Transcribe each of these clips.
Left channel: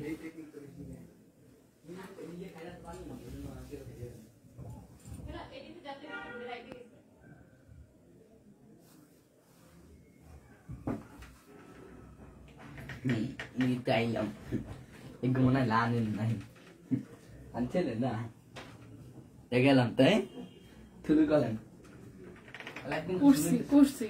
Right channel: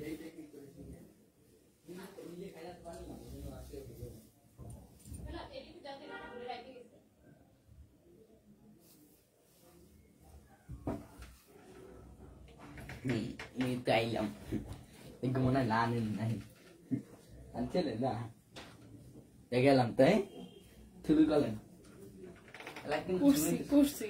Ni tay lắm. Anh cũng muốn này lan lên này. Anh chết rồi đó. Để ra làm tế. Thứ đưa coi lần. Kursi.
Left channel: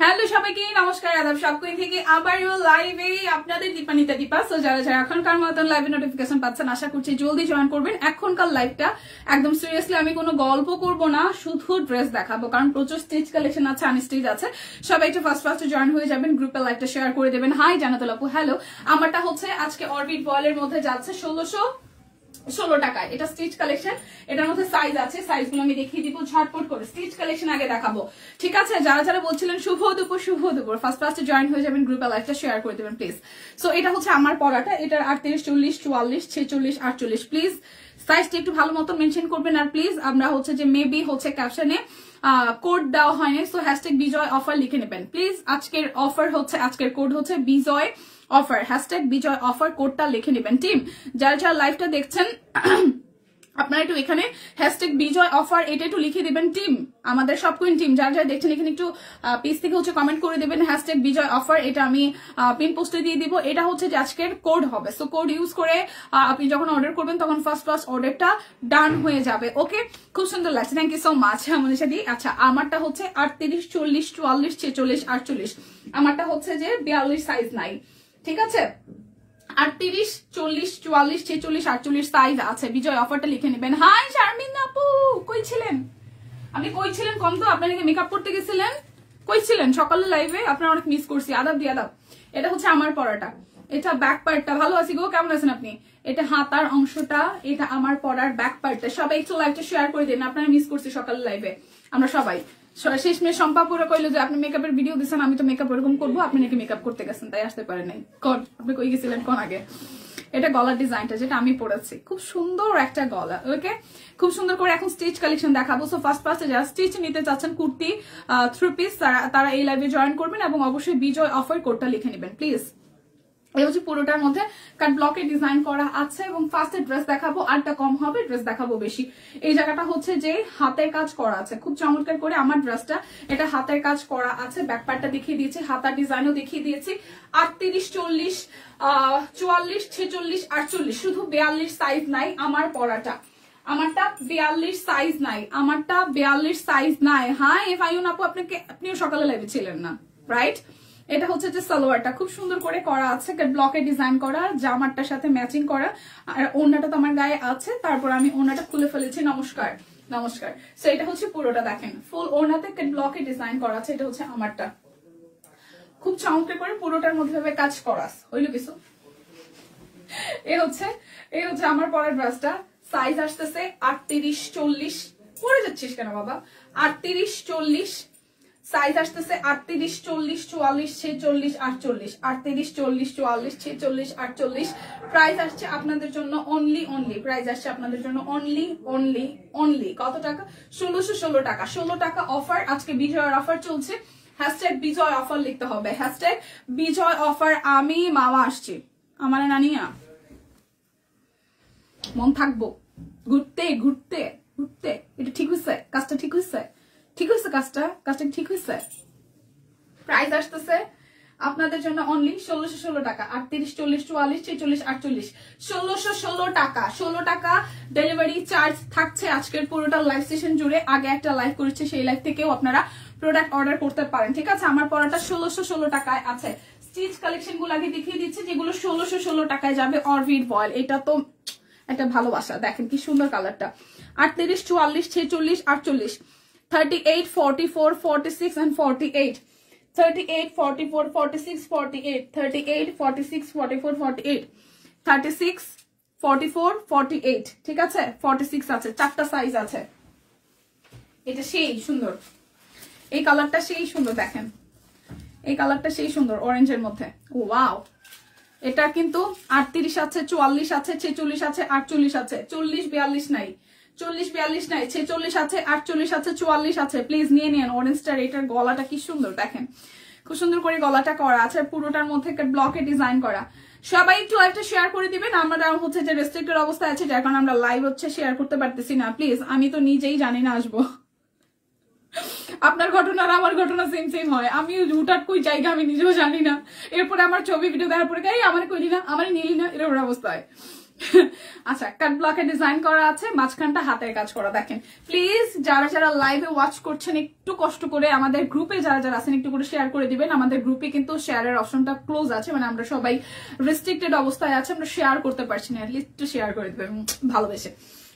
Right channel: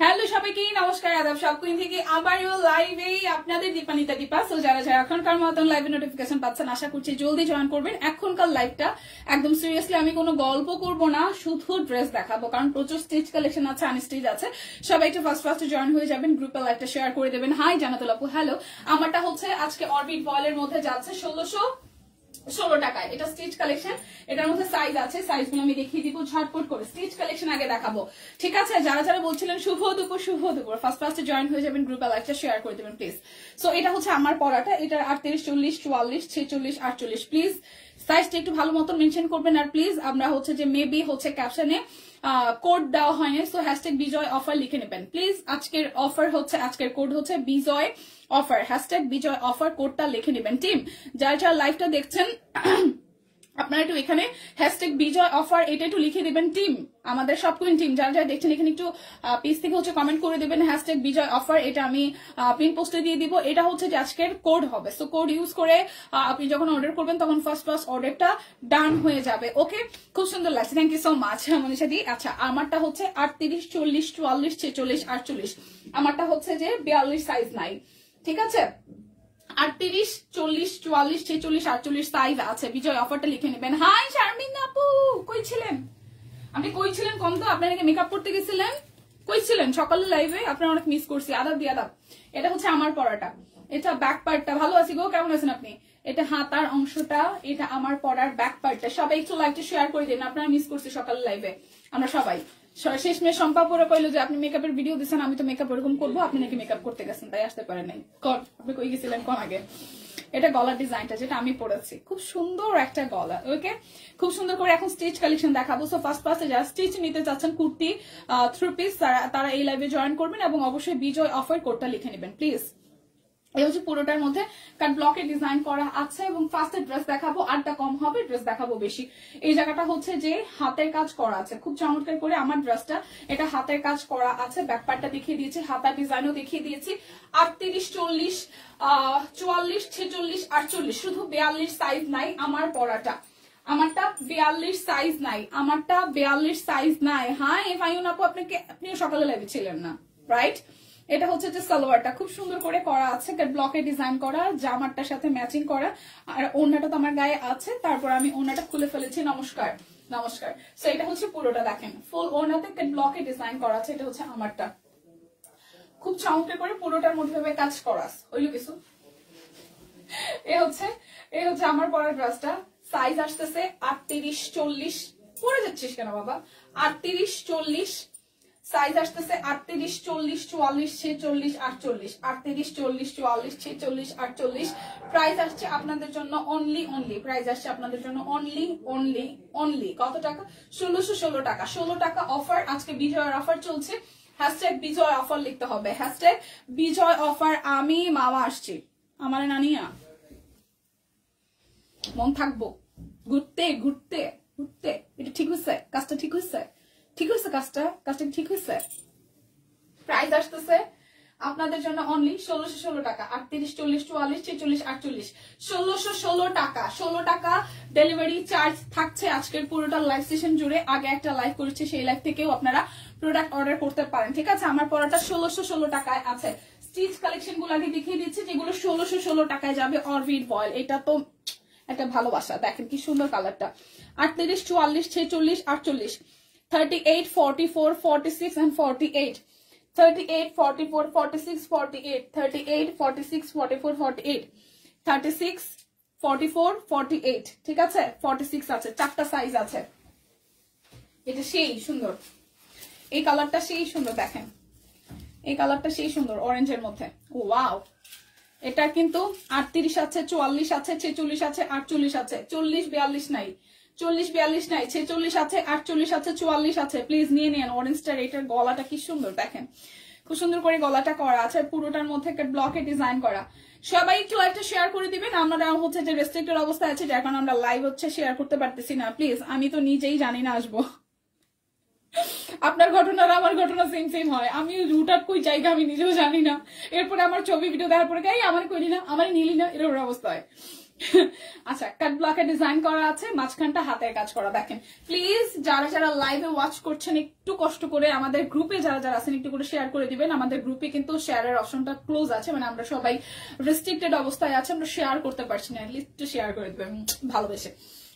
Hello সবাইকে নমস্কার, আদাব। সব queen থেকে আবারও লাইভে আপনাদের দীপানিতা দীপা। সো যারা যারা এখনকার মতন লাইভে নোটিফিকেশন পাচ্ছেন, আশা করছি জলদি জয়েন করবেন। এখনকার লাইভটা একদম সিরিয়াসলি, আমি কোনো গল্প করব না, শুধু ড্রেস দেখাবো, কারণ প্রচুর স্টিচ কালেকশন আছে, আনস্টিচ আছে। সবাই একটু ফার্স্ট জয়েন হয়ে যাবেন, গ্রুপে লাইভটা শেয়ার করে দেবেন। হাই জানাতুল আপু, হ্যালো। আমারটা হচ্ছে আজকে অরবিট বয়েলের মধ্যে যাচ্ছে 1616 টাকায়। এটা স্টিচ কালেকশন, এটার মধ্যে সাইজ আছে, সাইজগুলো আমি দেখিয়ে দিব ঝটপট করে। স্টিচ কালেকশন আগে দেখাবো, ঠিক আছে? যারা যারা বলছিলেন শুভ দুপুর ফার্স্ট জয়েন হয়ে যাবেন, গ্রুপে লাইভটা শেয়ার করে দেবেন প্লিজ। সো এটা হচ্ছে আমার পড়াটা, এটার 38, 40, 44, 46, 48। প্লিজ সাইজটা একটু ভালো মতো মেনশন করবেন। আর প্লিজ আমরা হচ্ছে যে মেবি হচ্ছে ক্যাপশনে কোড দেওয়া হয়নি, সো হ্যাশট্যাগ বিজয় অফার লিখে নেবেন প্লিজ। আজকের অফার হচ্ছে, আজকের কোড হচ্ছে বিজয় অফার, হ্যাশট্যাগ বিজয় অফার, কোডটা লিখে নেবেন। টিম যারা যারা লাইভটা দেখছেন আপনারা একটু এখানে হ্যাশট্যাগ বিজয় অফার এটা একটু লিখে দেবেন। টিম আমাদের সব কুইন টিম যারা যারা দেখছেন এখানে একটু পেজ থেকে হচ্ছে কমেন্ট করে দেবেন হ্যাশট্যাগ বিজয় অফার, এটা আমি পিন পোস্টে দিয়ে দিব। এটা হচ্ছে যে আজকের কোড হবে, সো কোড ইউজ করে আপনি যখন অর্ডার করবেন তখন ফার্স্ট অর্ডারটা ডান হয়ে যাবে। ওকে, খুব সুন্দর লাগছে, thank you so much Manisha দি। আচ্ছা, আমারটা হচ্ছে 38, 40, 44, 46, 48। আমারটা হচ্ছে যে 42 সাইজ নাই, ঠিক আছে? 38, 40, 44, 46, 48 সাইজ আছে। বিজয় অফারটা লিখে নেবেন। হাই শারমিন আপু, কই ছিলেন আপনি? কই ছিলেন কম তো? আপনার নাকি মেকআপ করতে গেছিলেন? কই ছিলেন সকালে লাইভে? আপনার অনেক মিস করছি। আদাব দিয়ে আদাব। এটা হচ্ছে আমার পড়াটা, এটা ব্যাক পার্টটা। ভালো আছি গো, কেমন আছেন আপনি? এটা হাতার অংশটা, এটা আমার পড়ার ব্যাক পার্টটা। সবাই একটু লাইভটা শেয়ার করে দিন, আপনারা মিস করছি সকালে লাইভে আমরা সবাই। শেষমেশ সম্পাপুরা কইলো যে আপনি মেকআপের ভিডিও দিচ্ছেন, আমি তো মেকআপ ওরকম করবো, আপনি নাকি মেকআপ করতে গেছেন তাই আসতে পারেন নাই। কোন আপনি কই গেছিলেন কোন আগে? এটা গলার ডিজাইনটা যেটা আমি পরেছি, খুব সুন্দর একটা গলা। ওকে, খুব সুন্দর করে এখন স্টিচ কালেকশন দেখাবো। সো ফার্স্টে যারা স্টিচ নিতে চাচ্ছেন কুর্তি 3 পিস, তারা এই লাইভে জয়েন করবেন এবং অবশ্যই বিজয় অফার কোডটা লিখে নেবেন প্লিজ। এই হচ্ছে পুরোটার মধ্যে কাট ব্লকে ডিজাইন করা আছে এবং ফার্স্টে ড্রেস দেখাবো, আরটা কম হবে, ড্রেস দেখাবো বেশি। এই জায়গাটা হচ্ছে যে হাতের কাজ করা আছে খুব চমৎকার করে। আমার ড্রেসটা এটা হাতের কাজ করা আছে, ব্যাক পার্টটা দেখিয়ে দিয়েছি, হাতার ডিজাইনও দেখিয়ে দিয়েছি। 38, 40, 44, 46, 48, শুধু 42 সাইজ নাই আমার পরাটা। আমারটা 42 সাইজ নাই, আমারটা 42 সাইজ নাই। হ্যাঁ ফাইন আপু, আপনিও সকালে লাইভে ছিলেন না, রাইট? এটা হচ্ছে যে সালোয়ারটা খুব সুন্দর করে করা আছে, ব্লকে ডিজাইন করা, জামারটার সাথে ম্যাচিং করা। আর ওড়নাটা তো আমার গায়ে আছে, তারপর আমি ওড়নাটা খুলে ফেলেছি। নমস্কার নমস্কার। সো এটা হচ্ছে পুরোটা দেখেন, ফুল ওড়নাতে ব্লকে ডিজাইন করা আছে। এটা হচ্ছে আমারটা, খুব চমৎকার করে পুরোটার মধ্যে কাজ করা হইল কিছু। এ হচ্ছে আমার পরের ড্রেসটা। সাইজ আসতেছে 38, 40। পরে যাচ্ছিস কেন বাবা? 38, 40 সাইজ আসতেছে, 38, 40, 44, 46, 48, 38, 40, 44, 46, 48। প্রাইস আসছে আপনাদের জন্য অনলি প্রাইস আসছে আপনাদের জন্য অনলি কত টাকা? 1616 টাকা। 16 টাকা অফার, আজকে বিজয়ের অফার চলছে। হ্যাশট্যাগ বিজয় অফার লিখতে হবে, হ্যাশট্যাগ বিজয় অফার। আমি মামা আসছি, আমার নানিয়া মন থাকবো ঘুরতে ঘুরতে ঘুরতে। এটা ঠিক হয়েছে, কাজটা ঠিক হয়েছে, ঠিক হয়েছে কাজটা ঠিক হয়েছে। প্রাইস আসতেছে আপনাদের জন্য অনলি 1616 টাকা। 38, 40, 44, 46, 48, 1616 টাকা। 16 টাকা ডেলিভারি চার্জ থাকছে আজকের পুরোটা লাইভ সেশন জুড়ে। আগে একটা লাইভ করেছে, সেই লাইভ থেকেও আপনারা প্রোডাক্ট অর্ডার করতে পারেন, ঠিক আছে? আমার পড়াটা 1616 টাকায় আছে। স্টিচ কালেকশন গুলো আগে দেখিয়ে দিচ্ছি যেগুলো 1616 টাকায় যাবে। অরবিট বয়েল, এটা তো একটা ভালোবাসা, দেখেন কি সুন্দর কালারটা। 38, 44, 46, 48, 38, 44, 46 and 48, 38, 44, 46, 48, 38, 46, 44, 48, 36, 44, 48, ঠিক আছে? 46 আছে, 4টা সাইজ আছে। এটা সেই সুন্দর, এই কালারটা সেই সুন্দর, দেখেন এই কালারটা সেই সুন্দর অরেঞ্জের মধ্যে। ও ওয়াও, এটা কিন্তু 38 আছে, 44 আছে, 46 আছে, 48 আছে, 40, 42 নাই, 40-42 নাই, 46 আছে, 48 আছে, 44 আছে। প্লিজ নিয়ে নেন অরেঞ্জটার। এটার গলাটা কি সুন্দর দেখেন, খুব সুন্দর করে গলাটা করা আছে, পুরোটার মধ্যে ব্লকে ডিজাইন করা। সবাই একটু লাইভটা শেয়ার করে দিবেন। আমরা হচ্ছে যে রেস্ট্রিক্টেড অবস্থায় আছে, যার কারণে আমরা লাইভ হচ্ছে শেয়ার করতে পারতেছি না। প্লিজ, আমি তো নিজেই জানি না আসবো। আপনার ঘটনা আর আমার ঘটনা সেম সেম হয়। আমি হুটাট কই জায়গা আমি নিজেও জানি না, এরপরে আমার ছবি ভিডিও দেওয়ার পরে গাই আমার কইলি না, আমার নিলি না, এরকম অবস্থায়। আচ্ছা, কাট ব্লকে ডিজাইন করা আছে, মাঝখানটা হাতের কাজ করা। দেখেন প্লিজ, যারা যারা লাইভে ওয়াচ করছেন একটু কষ্ট করে আমাদের গ্রুপে যারা যারা আছেন একটু করে শেয়ার করে দিবেন। আমাদের গ্রুপে কিন্তু শেয়ারের অপশনটা ক্লোজ আছে, মানে আমরা সবাই রেস্ট্রিক্টেড অবস্থায় আছে, আমরা শেয়ার করতে পারছি না। লিস্ট শেয়ার করে দিবেন ভালোবেসে।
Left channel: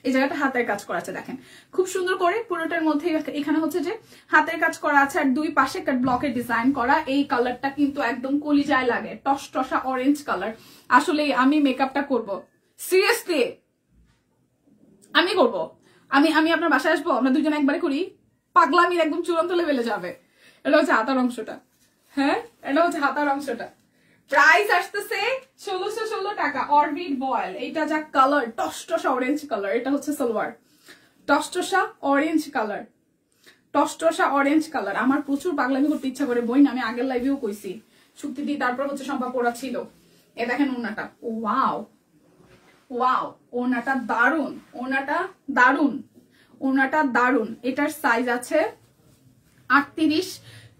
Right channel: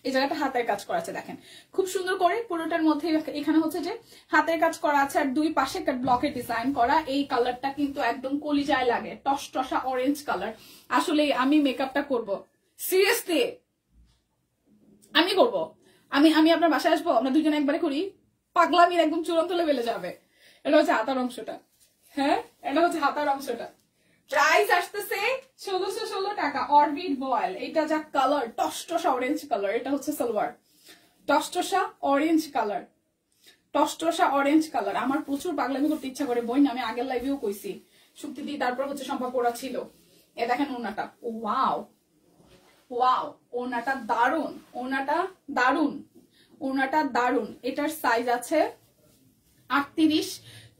এই জায়গাটা হাতের কাজ করা আছে, দেখেন খুব সুন্দর করে পুরোটার মধ্যে। এখানে হচ্ছে যে হাতের কাজ করা আছে আর দুই পাশে কাট ব্লকে ডিজাইন করা। এই কালারটা কিন্তু একদম কলিজায় লাগে, টসটসা অরেঞ্জ কালার। আসলে আমি মেকআপটা করব, সিরিয়াসলি আমি করব। আমি আপনার বাসায় আসবো, আমরা দুজন একবারে করি, পাগলামির একদম চূড়ান্ত লেভেলে যাবে। এটা হচ্ছে হাতার অংশটা, হ্যাঁ এটা হচ্ছে হাতার অংশটা। প্রাইস আসতেছে 1616 টাকা। অরবিট বয়েল, এটা যা কালার টসটসা অরেঞ্জ কালার। এটা হচ্ছে সালোয়ার, টসটসা অরেঞ্জ কালার, টসটসা অরেঞ্জ কালার। আমার প্রচুর পাগলামি করতে ইচ্ছা করে বই না, আমি আগের লাইভেও কইছি। শুক্তি দিয়ে তারপর হচ্ছে সম্পা পড়া ছিল। এ দেখেন ওনাটা, ওয়াও ওয়াও, ওনাটা দারুন, ওনাটা দারুন, ওনাটা দারুন। এটার সাইজ আছে 38,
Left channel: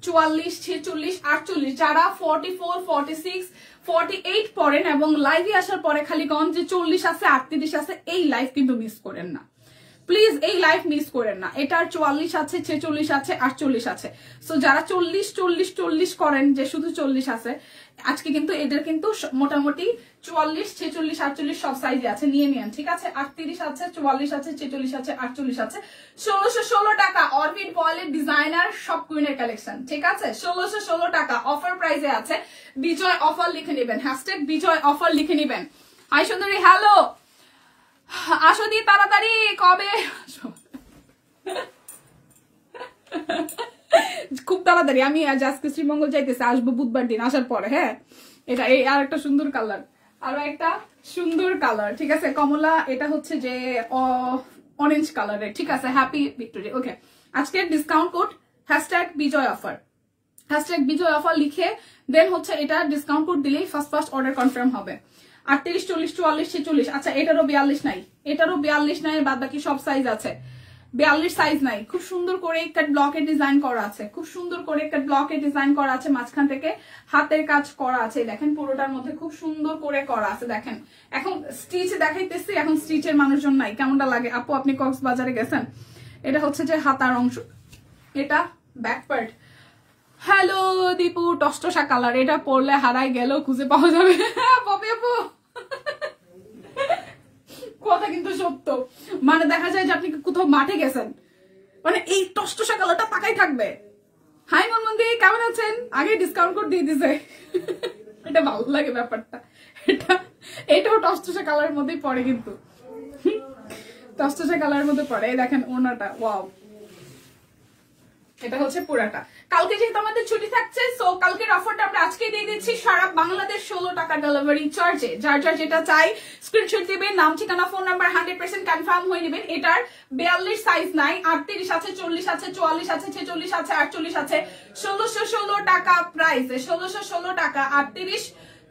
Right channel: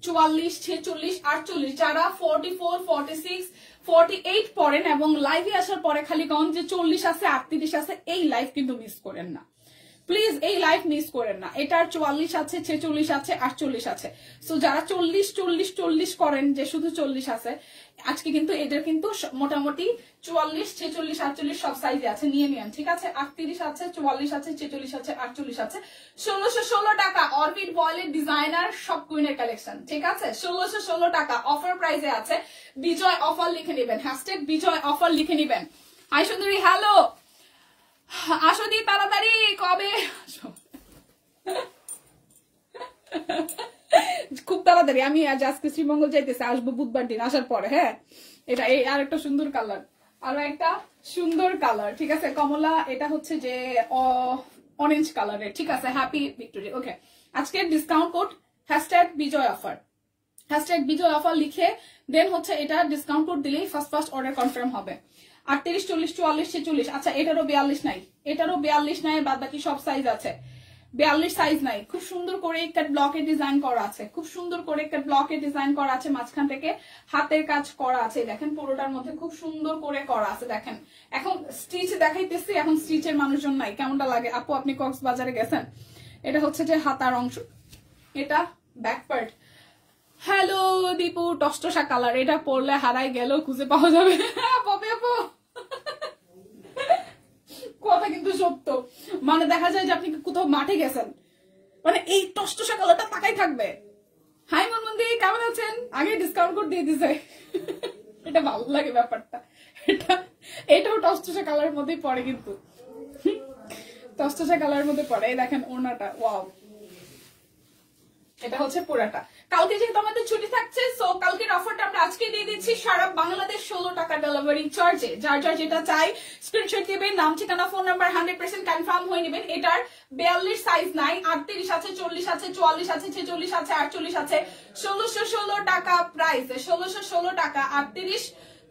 44, 46, 48। যারা 44, 46, 48 পড়েন এবং লাইভে আসার পরে খালি কন যে 40 আছে, 38 আছে, এই লাইভ কিন্তু মিস করেন না প্লিজ, এই লাইভ মিস করেন না। এটার 44 আছে, 46 আছে, 48 আছে। সো যারা 40, 40, 40 করেন যে শুধু 40 আছে, আজকে কিন্তু এদের কিন্তু মোটামুটি 44, 46, 48 সব সাইজে আছে, নিয়ে নিন, ঠিক আছে। 38 আছে, 44 আছে, 46 আছে, 48 আছে। 1616 টাকা অরবিট বয়েলের ডিজাইনার সব কুইনের কালেকশন, ঠিক আছে। 1616 টাকা অফার প্রাইসে আছে। বিজয় অফার লিখে নেবেন, হ্যাশট্যাগ বিজয় অফার লিখে নেবেন। হাই সুন্দরী, হ্যালো, আসো দি তাড়াতাড়ি, কবে খুব তাড়াতাড়ি। আমি আজকে শ্রীমঙ্গল যাইতেছি, আসবো বুধবার দিন, আসার পরে। হ্যাঁ, এটা এই আর একটা সুন্দর কালার, আর একটা সুন্দর কালার, ঠিক আছে, কমলা। এটা হচ্ছে যে অরেঞ্জ কালারের, ঠিক আছে। হ্যাপি ভিক্টোরি, ওকে। আজকে ডিসকাউন্ট কোড হ্যাশট্যাগ বিজয় অফার, হ্যাশট্যাগ বিজয় অফার লিখে দেন হচ্ছে এটা ডিসকাউন্ট কোড দিলেই ফার্স্ট অর্ডার কনফার্ম হবে। 38, 40, 44, 46। আচ্ছা, এটারও 42 নাই, এটারও 42 নাই, বাদ বাকি সব সাইজ আছে। 42 সাইজ নাই। খুব সুন্দর করে কাট ব্লকে ডিজাইন করা আছে, খুব সুন্দর করে কাট ব্লকে ডিজাইন করা আছে, মাঝখান থেকে হাতের কাজ করা আছে। দেখেন পুরোটার মধ্যে খুব সুন্দর করে করা আছে। দেখেন এখন স্টিচ দেখাইতেছি, এখন স্টিচের মানুষজন নাই, কেমনটা লাগে আপু? আপনি কক্সবাজারে গেছেন। এটা হচ্ছে যে হাতার অংশ, এটা ব্যাক পার্ট। হ্যালো দীপু, টসটসা কালার। এটা পরলে হারাই গেলেও খুঁজে পাওয়া যাবে। পপি আপু কথা কিন্তু সত্য, মানে দেখা যায় যে আপনি কোথাও মাঠে গেছেন, মানে এই টসটসা কালারটা তাকাই থাকবে। হাই মনমন্দি, কেমন আছেন? আগে ডিসকাউন্ট কোড দিয়ে দিছে। এটা ভালো লাগে ব্যাপারটা। এটাও টসটসা কালারের মধ্যেই পড়ে, কিন্তু টসটসা কালারের মধ্যে পড়ে। এই দেখেন ওনাটা, ওয়াও। এটা হচ্ছে পুরাটা। কালকে যেহেতু আমাদের ছুটি থাকছে, সো কালকের অফারটা আমরা আজকে দিয়ে দিচ্ছি সারা বাংলাদেশ 16 টাকা ডেলিভারি চার্জে। যার যার যেটা চাই স্ক্রিনশট দিবেন, নাম ঠিকানা ফোন নাম্বার 100% কনফার্ম হয়ে নেবেন। এটার 42 সাইজ নাই, 38 আছে, 40 আছে, 44 আছে, 46 আছে, 48 আছে। 1616 টাকা প্রাইস, 1616 টাকা। 38,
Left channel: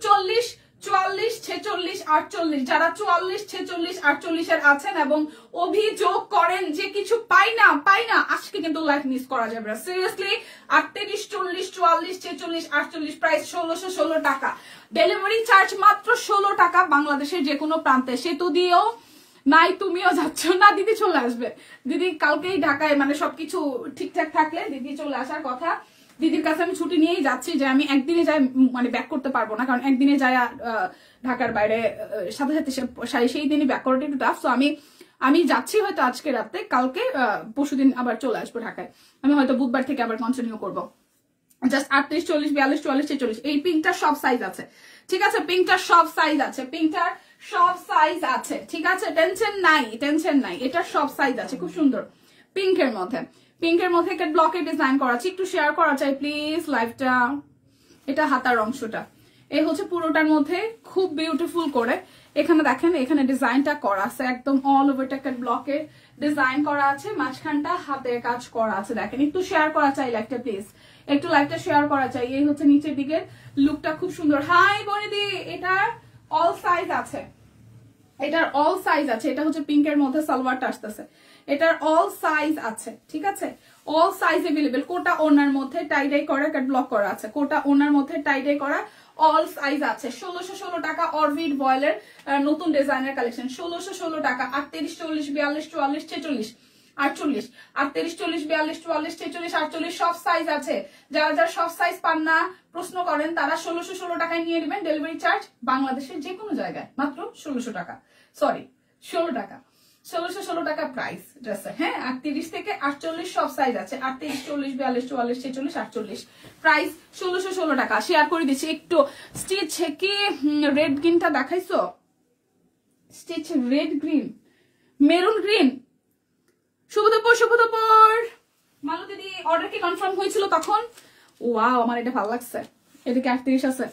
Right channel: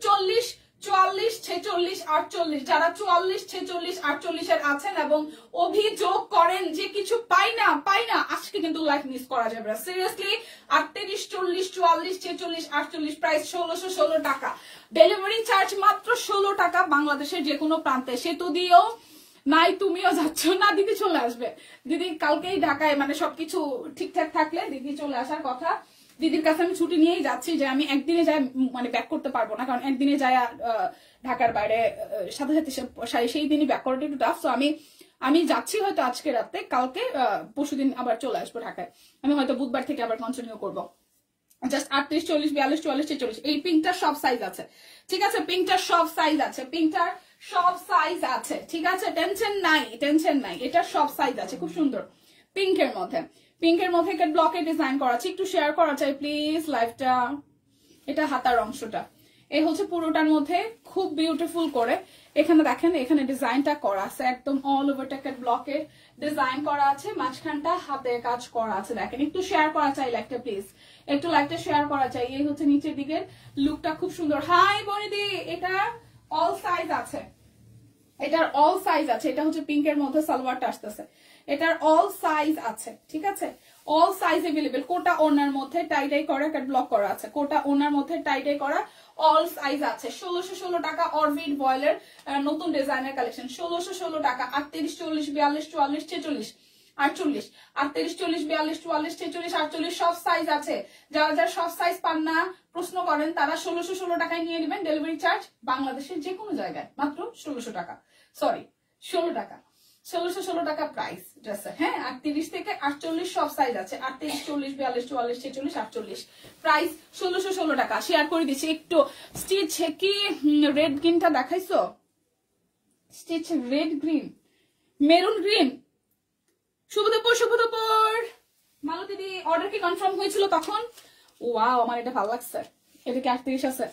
40, 44, 46, 48। যারা 44, 46, 48 এর আছেন এবং অভিযোগ করেন যে কিছু পাই না, আজকে কিন্তু লাইভ মিস করা যাবে না, সিরিয়াসলি। 38, 40, 44, 46, 48 প্রাইস 1616 টাকা। ডেলিভারি চার্জ মাত্র 16 টাকা বাংলাদেশের যে কোনো প্রান্তে। সেতু দিয়েও নাই, তুমিও যাচ্ছ না, দিদি চলে আসবে। দিদি কালকেই ঢাকায়, মানে সবকিছু ঠিকঠাক থাকলে দিদি চলে আসার কথা। দিদির কাছে আমি ছুটি নিয়েই যাচ্ছি, যে আমি একদিনে যাই মানে ব্যাক করতে পারবো না, কারণ একদিনে যাই ঢাকার বাইরে সাথে সাথে সেই দিনই ব্যাক করাটা একটু টাফ। তো আমি যাচ্ছি হয়তো আজকে রাতে, কালকে পরশুদিন আবার চলে আসবো ঢাকায়। আমি হয়তো বুধবার থেকে আবার কন্টিনিউ করবো। জাস্ট 38, 40, 42, 44, 46 এই পিঙ্কটার সব সাইজ আছে, ঠিক আছে। পিঙ্কটার সব সাইজ আছে, পিঙ্কটার সব সাইজ আছে, ঠিক আছে। টেনশন নাই, এটার সব সাইজ আছে। খুব সুন্দর পিঙ্কের মধ্যে, একটা ব্লকে ডিজাইন করা আছে। একটু শেয়ার করা চাই প্লিজ লাইভটা। এটা হাতার অংশটা, এই হচ্ছে পুরোটার মধ্যে খুব বিউটিফুল করে এখানে দেখেন এখানে ডিজাইনটা করা আছে একদম অল ওভারটা একটা ব্লকে ডিজাইন করা আছে, মাঝখানটা হাতে কাজ করা আছে। দেখেন একটু শেয়ার করা চাই লাইকটা, প্লিজ একটু লাইকটা শেয়ার করা চাই। এই হচ্ছে নিচের দিকের লুকটা খুব সুন্দর। হাই বনিদি, এটা অল সাইজ আছে, এটার অল সাইজ আছে। এটা হচ্ছে পিঙ্কের মধ্যে সালোয়ারটা আসতেছে, এটার অল সাইজ আছে, ঠিক আছে, অল সাইজ এভেলেবেল। কোটা ওনার মধ্যে টাইডাই করা কাট ব্লক করা আছে, কোটা ওনার মধ্যে টাইডাই করা অল সাইজ আছে। 1616 টাকা অরবিট বয়েলের নতুন ডিজাইনের কালেকশন, 1616 টাকা। 38 40 42 44 46 48 38 40 42 44 46 48 সব সাইজ আছে। যারা যারা সব সাইজ পান না প্রশ্ন করেন তারা 1616 টাকায় নিয়ে নেবেন। ডেলিভারি চার্জ বাংলাদেশের যে কোনো জায়গায় মাত্র 1600 টাকা, সরি 16 টাকা, 1616 টাকা প্রাইস ড্রেসের। হ্যাঁ, 38 থেকে 48 সব সাইজ আছে, 38 40 42 44 46 48 প্রাইস 1616 টাকা। শেয়ার করে দিচ্ছি একটু। স্টিচ কি রেড গ্রিনটা দেখাইছো? Stitch red green, maroon green. শুভ দুপুর মালু দিদি, অর্ডার কি কনফার্ম হয়েছিল তখন? ওয়াও, আমার এটা ভালো লাগছে। এদিকে 38 আছে,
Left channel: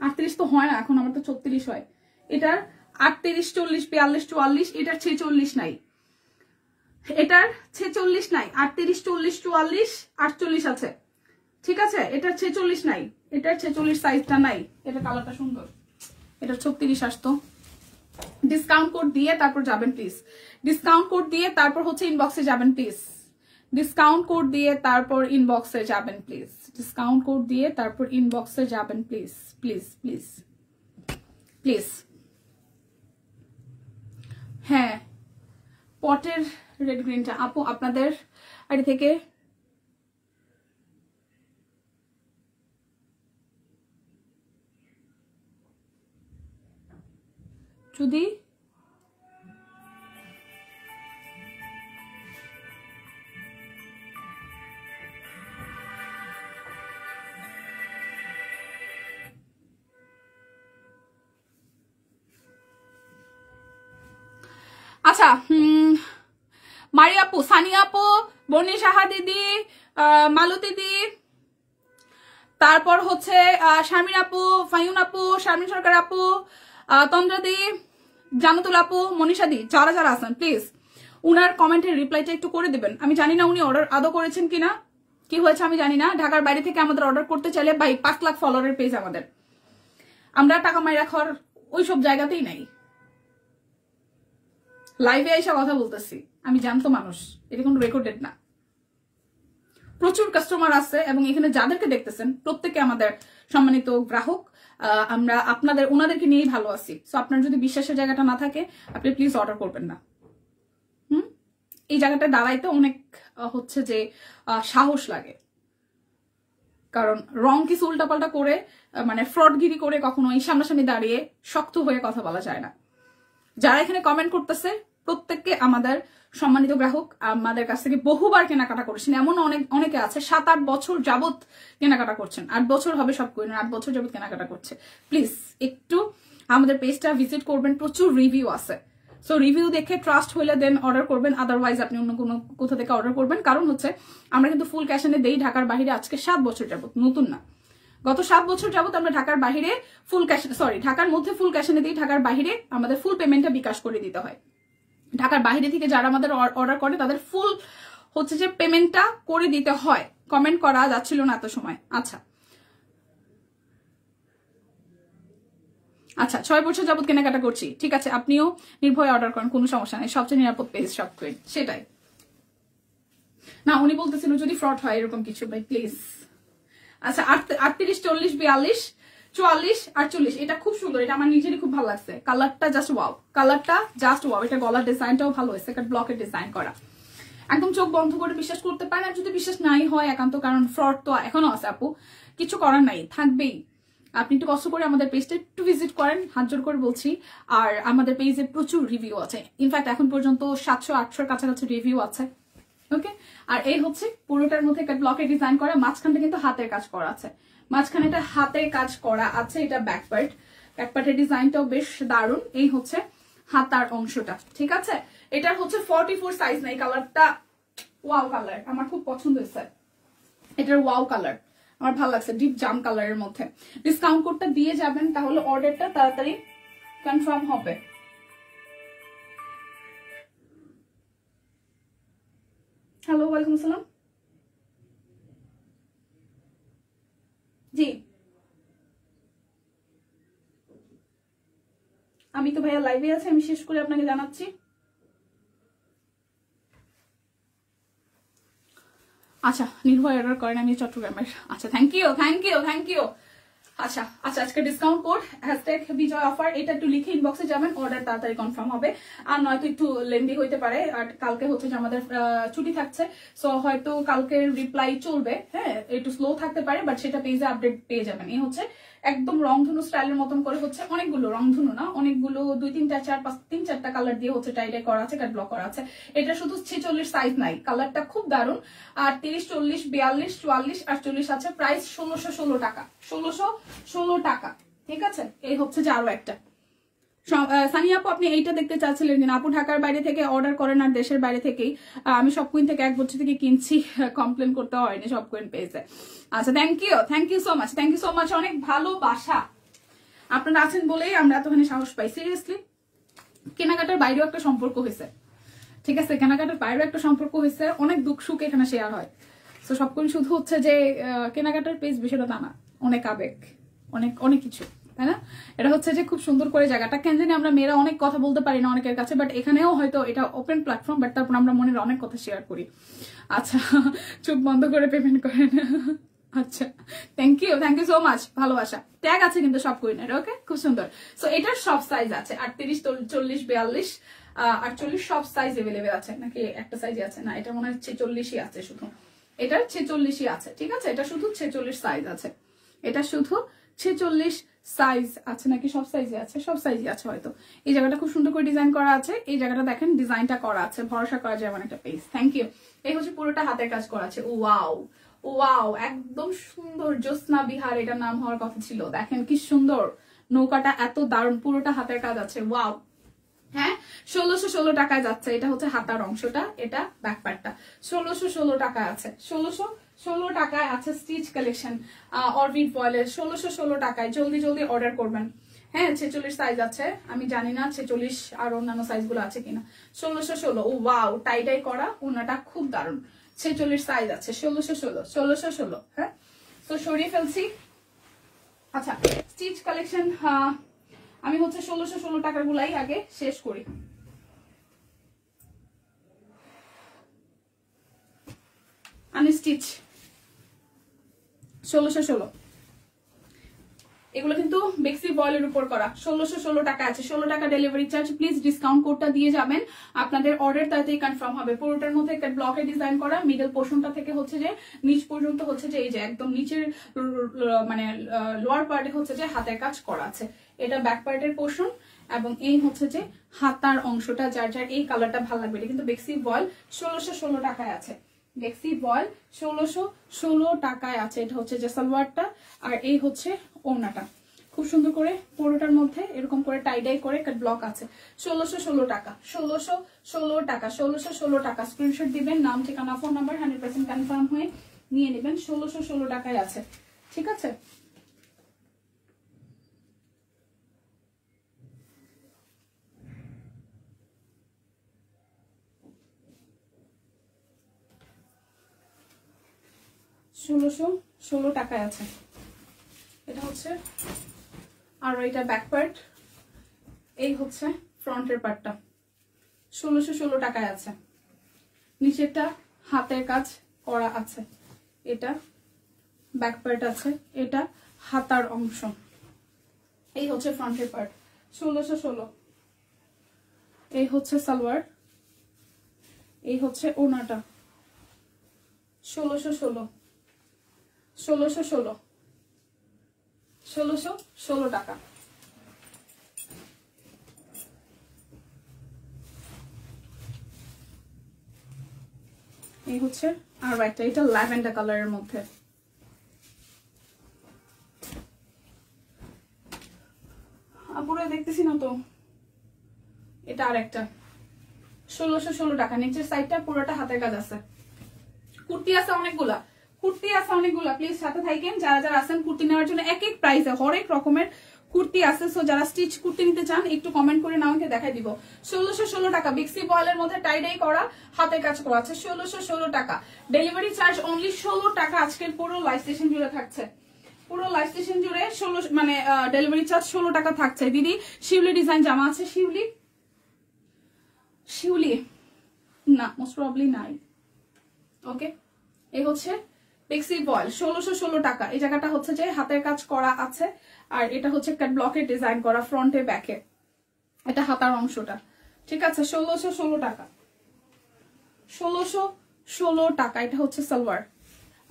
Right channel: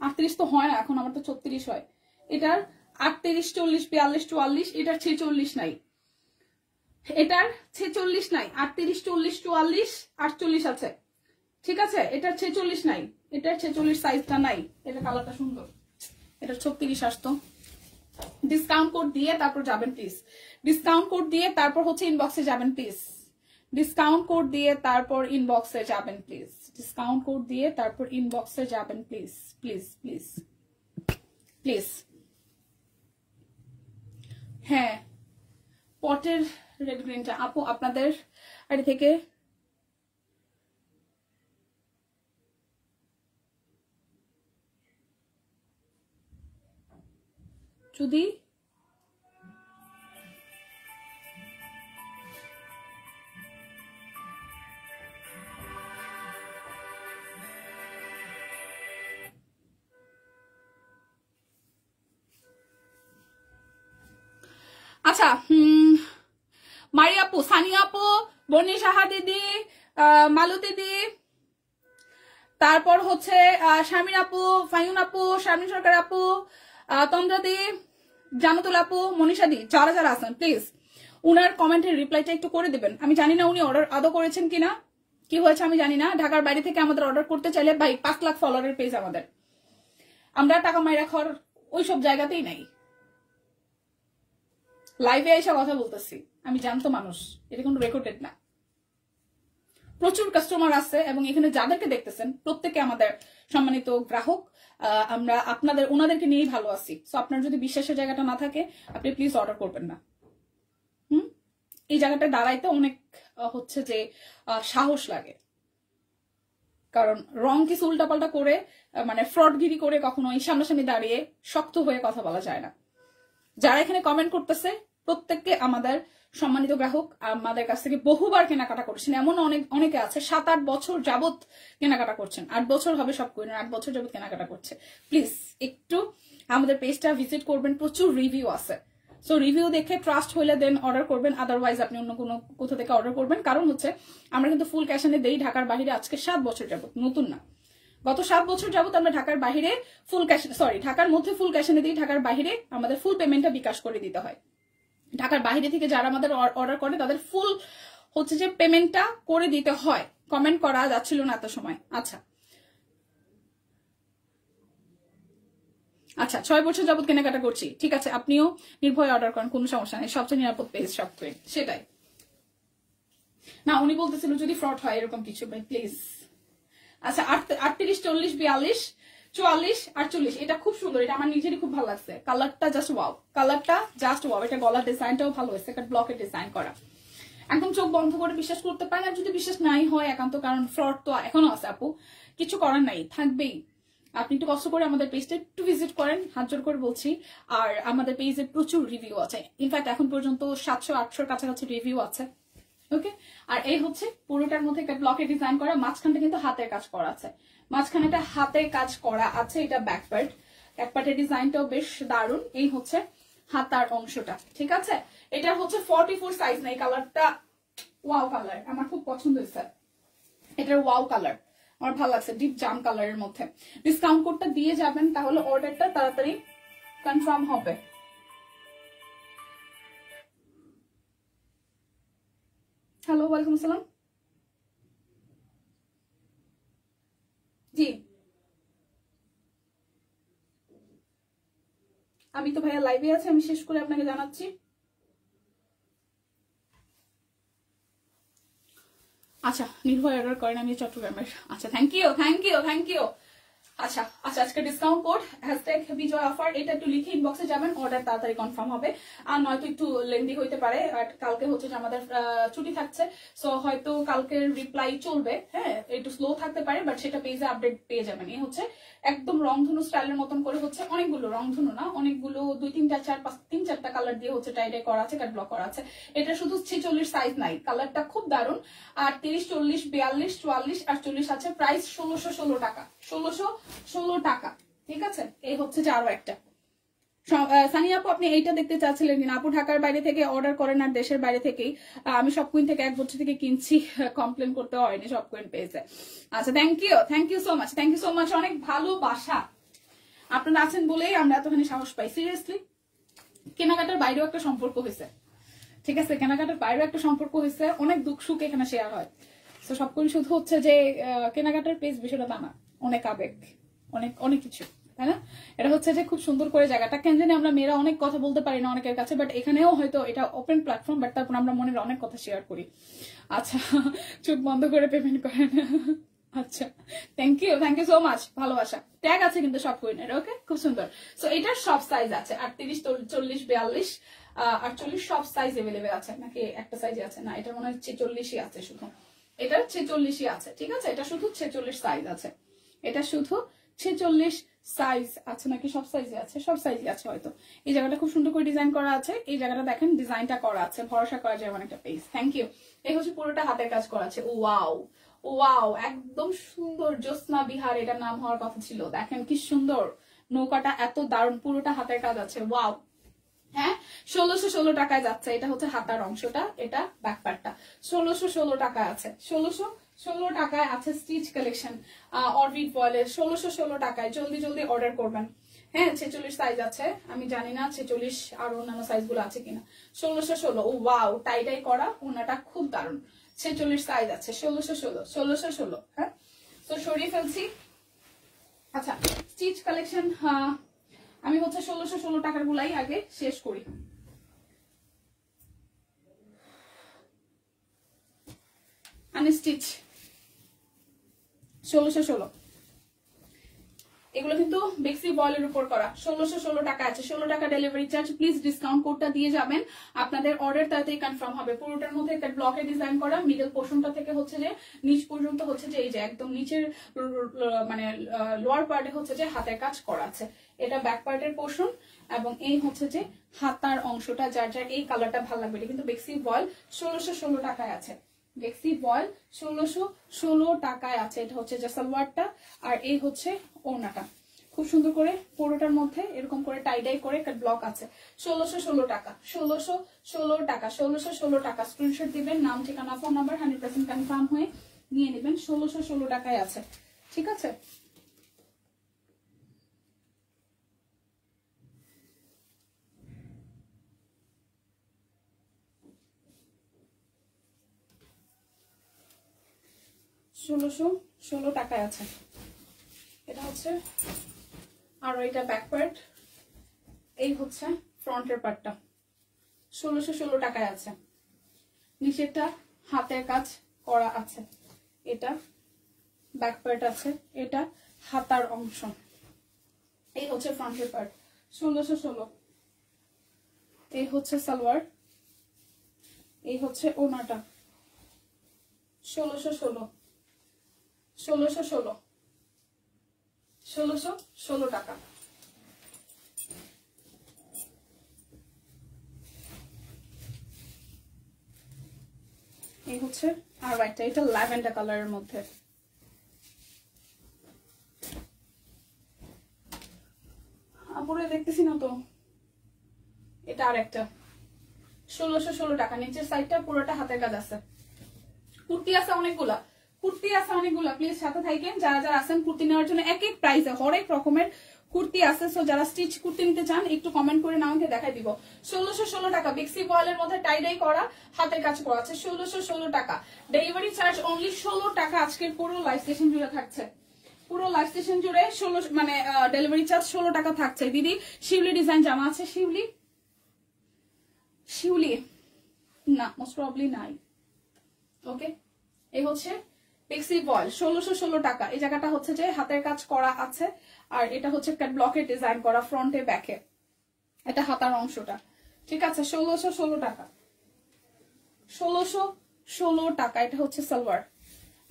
38 তো হয় না এখন, আমার তো 36 হয়। এটার 38 40 42 44, এটার 46 নাই, এটার 46 নাই। 38 40 44 48 আছে, ঠিক আছে। এটার 46 নাই, এটার 46 সাইজটা নাই। এটা কালারটা সুন্দর, এটা 36 আসতো। ডিসকাউন্ট কোড দিয়ে তারপর যাবেন প্লিজ, ডিসকাউন্ট কোড দিয়ে তারপর হচ্ছে ইনবক্সে যাবেন প্লিজ, ডিসকাউন্ট কোড দিয়ে তারপর ইনবক্সে যাবেন প্লিজ, ডিসকাউন্ট কোড দিয়ে তারপর ইনবক্সে যাবেন প্লিজ, প্লিজ প্লিজ প্লিজ। হ্যাঁ, পটের রেড গ্রিনটা আপু আপনাদের আইডি থেকে যদি আচ্ছা, মারি আপু, সানি আপু, বনি সাহা দিদি, মালু দিদি, তারপর হচ্ছে শারমিন আপু, ফাইউন আপু, শারমিন সরকার আপু, তন্দ্রা দি, জানাতুল আপু, মনীষা দি, যারা যারা আছেন প্লিজ উনার কমেন্টের রিপ্লাইটা একটু করে দিবেন। আমি জানি না উনি অর্ডার আদৌ করেছেন কিনা, কি হয়েছে আমি জানি না। ঢাকার বাইরে থেকে আমাদের অর্ডার করতে চাইলে ভাই 5 লাখ ফলোয়ারের পেজ আমাদের, আমরা টাকা মাইরা খাওয়ার ওইসব জায়গাতেই নাই। লাইভে এসে কথা বলতেছি, আমি জানতো মানুষ, এটা কোনো রেকর্ডেড না। প্রচুর কাস্টমার আছে এবং এখানে যাদেরকে দেখতেছেন প্রত্যেকে আমাদের সম্মানিত গ্রাহক। আমরা আপনাদের ওনাদেরকে নিয়েই ভালো আছি। সো আপনার যদি বিশ্বাসের জায়গাটা না থাকে আপনি প্লিজ অর্ডার করবেন না। এই জায়গাটা দাঁড়াইতে অনেক হচ্ছে যে সাহস লাগে, কারণ রং কিছু উল্টাপাল্টা করে মানে ফ্রডগিরি করে কখনো এই সামনাসামনি দাঁড়িয়ে শক্ত হয়ে কথা বলা যায় না। যারা এখানে কমেন্ট করতেছে প্রত্যেককে আমাদের সম্মানিত গ্রাহক, আমাদের কাছ থেকে বহুবার কেনাকাটা করেছেন। এমন অনেকে আছে 7-8 বছর যাবত কেনাকাটা করছেন, 8 বছর হবে সব করে 8 বছর যাবত কেনাকাটা করছে। প্লিজ একটু আমাদের পেজটা ভিজিট করবেন, প্রচুর রিভিউ আছে। সো রিভিউ দেখে ট্রাস্ট হইলে দেন অর্ডার করবেন, আদারওয়াইজ আপনি অন্য কোনো কোথা থেকে অর্ডার করবেন। কারণ হচ্ছে আমরা কিন্তু ফুল ক্যাশ এনে দেই ঢাকার বাইরে আজকে 7 বছর যাবত, নতুন না, গত 7 বছর যাবত আমরা ঢাকার বাইরে ফুল ক্যাশ, সরি ঢাকার মধ্যে ফুল ক্যাশ এনে দিই, ঢাকার বাইরে আমাদের ফুল পেমেন্টটা বিকাশ করে দিতে হয়। ঢাকার বাইরে থেকে যারা আমাদের অর্ডার করে তাদের ফুল হচ্ছে যে পেমেন্টটা করে দিতে হয়। কমেন্ট করা যাচ্ছিল না এত সময়। আচ্ছা আচ্ছা, 6 বছর যাবত কেনাকাটা করছি, ঠিক আছে, আপনিও নির্ভয়ে অর্ডার করেন, কোনো সমস্যা নেই, সবচেয়ে নিরাপদ পেজ সবচেয়ে, সেটাই না। উনি বলতেছিল যদি ফ্রড হয় এরকম কিছু, ভাই প্লিজ। আচ্ছা 38 40 42 44 48, এটা খুব সুন্দর, এটা আমার নিজেরই খুব ভালো লাগছে। কালারটা জাস্ট ওয়াও, কালারটা জাস্ট ওয়াও। এটা গলার ডিজাইনটাও ভালো হয়েছে, একটা ব্লকের ডিজাইন করা, একদম চোখ বন্ধ করে বিশ্বাস করতে পারেন। আর যদি বিশ্বাস নাই হয় একান্ত, কারণ ফ্রড তো এখনো আছে আপু, কিছু করার নাই, থাকবেই। আপনি একটু কষ্ট করে আমাদের পেজটা একটু ভিজিট করেন, হাত জোর করে বলছি। আর আমাদের পেজে প্রচুর রিভিউ আছে, ইনফ্যাক্ট এখন পর্যন্ত 700-800 কাছাকাছি রিভিউ আছে। ওকে, আর এই হচ্ছে পুরোটার মধ্যে একটা ব্লকের ডিজাইন করা, মাঝখানটা কিন্তু হাতের কাজ করা আছে, মাঝখানে এটা হাতের কাজ করা আছে। এটা ব্যাক পার্টের ডিজাইনটাও বেশ দারুণ। এই হচ্ছে হাতার অংশটা, ঠিক আছে। এটা হচ্ছে 44 সাইজ না, এই কালারটা ওয়াও কালার, আমার খুব পছন্দ হয়েছে। এটার ওয়াও কালার আমার ভালো লাগছে, ডিপ জাম কালারের মধ্যে। ডিসকাউন্ট কোডটা দিয়ে যাবেন, তাহলে অর্ডারটা তাড়াতাড়ি কনফার্ম হবে। হ্যালো, ওয়ালাইকুম আসসালাম। জি, আমি তো ভাইয়া লাইভে আছি, আমি শেষ করে আপনাকে জানাচ্ছি। আচ্ছা, নির্ভয় অর্ডার করেন, আমি চট্টগ্রামের। আচ্ছা, thank you thank you thank you. আচ্ছা আচ্ছা, আজকে ডিসকাউন্ট কোড #বিজয় অফার, এটা একটু লিখে ইনবক্সে যাবেন, অর্ডার তাড়াতাড়ি কনফার্ম হবে। আর নয়তো একটু লেন্দি হইতে পারে, আর কালকে হচ্ছে যে আমাদের ছুটি থাকছে, সো হয়তো কালকে রিপ্লাই চলবে, হ্যাঁ একটু স্লো থাকতে পারে, বাট সেটা পেজে আপডেট পেয়ে যাবেন। এই হচ্ছে একদম রংধনু স্টাইলের মতন করে হচ্ছে অনেকগুলো, রংধনু না অনেকগুলো, 2 3 4 5 3 4টা কালার দিয়ে হচ্ছে টাইডাই করা আছে, কাট ব্লক করা আছে। এটা শুধু 46 সাইজ নাই, কালারটা খুব দারুণ। আর 30 40 42 44 48 আছে। প্রাইস 1616 টাকা, 1616 টাকা, ঠিক আছে। এই হচ্ছে যে আরো একটা সানি আপু, আপনি এইটা দেখতে চাচ্ছিলেন কিনা? আপু ঢাকার বাইরে থেকে অর্ডার করেন আর দেশের বাইরে থেকেই। আমি সব কুইন থেকে 1 বছর থেকে কিনছি, কমপ্লেন করতে হয়নি, সব কুইন পেয়েছে। আচ্ছা, thank you so much, thank you so much, অনেক ভালোবাসা আপনারা আছেন বলেই আমরা এতখানি সাহস পাই। সিরিয়াসলি কেনাকাটার বাইরেও একটা সম্পর্ক হয়েছে, ঠিক আছে, কেনাকাটার বাইরেও একটা সম্পর্ক হয়েছে, অনেক দুঃখ সুখ এখানে শেয়ার হয়। তো সবকিছু শুধু হচ্ছে যে কেনাকাটার পেজ বিষয়টা তা না, অনেক আবেগ, অনেক অনেক কিছু, তাই না? এটা হচ্ছে যে খুব সুন্দর করে জায়গাটা, কেন জানি আমরা মেয়েরা অনেক কথা বলতে পারি না অনেকের কাছে, বাট এখানেও হয়তো এটা ওপেন প্ল্যাটফর্ম, বাট তারপর আমরা মনের অনেক কথা শেয়ার করি। আচ্ছা, চোখ বন্ধ করে পেমেন্ট করেন। আচ্ছা, থ্যাংক ইউ সো মাচ, ভালোবাসা। ট্যাগ আছে কিন্তু সব কুইনের, ওকে, খুব সুন্দর। সো এটার সব সাইজ আছে, 38 40 42 48 সব সাইজ এভেলেবেল আছে। নাকি একটা সাইজে আছে? না, এটা মনে হয় 46ই আছে শুধু, এটা 46ই আছে, ঠিক আছে, এটা শুধু 46 সাইজ আছে, এটা শুধু 46 সাইজ আছে। নাকি সব সাইজে আছে? সব সাইজে আছে হয়তো। এই জায়গাটা খুব সুন্দর করে ডিজাইন করা আছে, এই জায়গাটা দেখেন ডিজাইনটা করা আছে, ভরসা করা যায় এমন একটা পেজ। Thank you. এই হচ্ছে পুরোটা হাতের কাজ করা আছে। ওয়াও ওয়াও, একদম সুন্দর, জ্যোৎস্না বিহার এটার নাম হওয়ার কথা ছিল। দেখেন কি সুন্দর, নৌকাটা এত দারুণ, পুরোটা হাতের কাজ আছে। ওয়াও, হ্যাঁ 1616 টাকায় যাচ্ছে। এটা হচ্ছে হাতার অংশটা, এটা ব্যাক পার্টটা। 1616 টাকায় আছে, 1616 টাকায় আছে স্টিচ কালেকশন অরবিট বয়েলের, 1616 টাকায়। জলদি জলদি অর্ডার করবেন। হ্যাঁ 46 সাইজ আছে, আমি জানি না 46 আর অন্যান্য সাইজ গুলো আছে কিনা। 1616, ও ওয়াও, টাই টাই করা, ওনাটা খুব দারুণ। 46 সাইজ আছে, 1616। হ্যাঁ, তো সরিয়ে ফেলছি। আচ্ছা, স্টিচ কালেকশন আমি হচ্ছে 1616 টাকার গুলাই আগে শেষ করি। আনস্টিচ 1616, এগুলো কিন্তু বেক্সি বয়েলের উপর করা। 1616 টাকা আছে, 16 টাকা ডেলিভারি চার্জ। প্লিজ ডিসকাউন্ট কোডটা দিয়ে যাবেন, আপনাদের অর্ডার তাড়াতাড়ি কনফার্ম হবে। পুরোটার মধ্যে একটা ব্লকে ডিজাইন করা, মিডল পোর্শনটা থেকে হচ্ছে যে নিচ পর্যন্ত হচ্ছে যে এই যে একদম নিচের মানে লোয়ার পার্টে হচ্ছে যে হাতের কাজ করা আছে। এটা ব্যাক পার্টের পোর্শন, এবং এই হচ্ছে যে হাতার অংশটা। যার যার এই কালারটা ভালো লাগবে, এটা কিন্তু বেক্সি বয়েল 1616 টাকায় আছে। বেক্সি বয়েল 1616 টাকায় আছে। এটা হচ্ছে যে সালোয়ারটা, আর এই হচ্ছে ওড়নাটা। খুব সুন্দর করে পুরোটার মধ্যে এরকম করে টাই ডাই করে একটা ব্লক আছে। 1616 টাকা, 1616 টাকা, 1616 টাকা। স্ক্রিনশট দিবেন, নাম ঠিকানা ফোন নাম্বার 100% কনফার্ম হয়ে নিয়ে নেবেন। 1616 টাকায় আছে, ঠিক আছে। $1616 টাকায় আছে। এটা হচ্ছে, আর এটা ব্যাক পার্ট, এই হচ্ছে ফ্রন্টের পার্টটা। 1616 টাকায় আছে। নিচেরটা হাতের কাজ করা আছে, এটা ব্যাক পার্ট আছে, এটা হাতার অংশ। এই হচ্ছে ফ্রন্টের পার্ট, 1616। এই হচ্ছে সালোয়ার, এই হচ্ছে ওনাটা। 1616, 1616, 1616 টাকা। এই হচ্ছে আর একটা, এটা ল্যাভেন্ডার কালারের মধ্যে। আপুরে দেখতেছি না তো, এটা আর একটা। 1616 টাকা। নিচের সাইডটা পুরোটা হাতের কাজ আছে। কুর্তি আছে অনেকগুলা, কুর্তি আছে অনেকগুলা। প্লিজ সাথে থাকেন, যারা যারা আছেন কুর্তি নেওয়ার জন্য। এক এক প্রাইসে হরেক রকমের কুর্তি আছে। সো যারা স্টিচ কুর্তি নিতে চান একটু কমেন্ট করে আমাকে দেখাই দিব। 1616 টাকা বিক্সি বয়েলের মধ্যে টাইডাই করা, হাতে কাজ করা আছে। 1616 টাকা ডেলিভারি চার্জ অনলি 16 টাকা। আজকের পুরো লাইভ সেশন জুড়ে থাকছে, পুরো লাইভ সেশন জুড়ে 16 মানে ডেলিভারি চার্জ 16 টাকা থাকছে। দিদি শিউলি ডিজাইন জামা আছে, শিউলি শিউলি না, মোস্ট প্রবাবলি নাই। ওকে, এই হচ্ছে বিক্সি বয়েল 1616 টাকা। এই জায়গাটা হচ্ছে যে হাতের কাজ করা আছে, আর এটা হচ্ছে একটা ব্লকের ডিজাইন করা ফ্রন্টে ব্যাকে, এটা হাতার অংশটা। ঠিক আছে, 1616 টাকা, 1616 টাকা। এটা হচ্ছে সালোয়ার,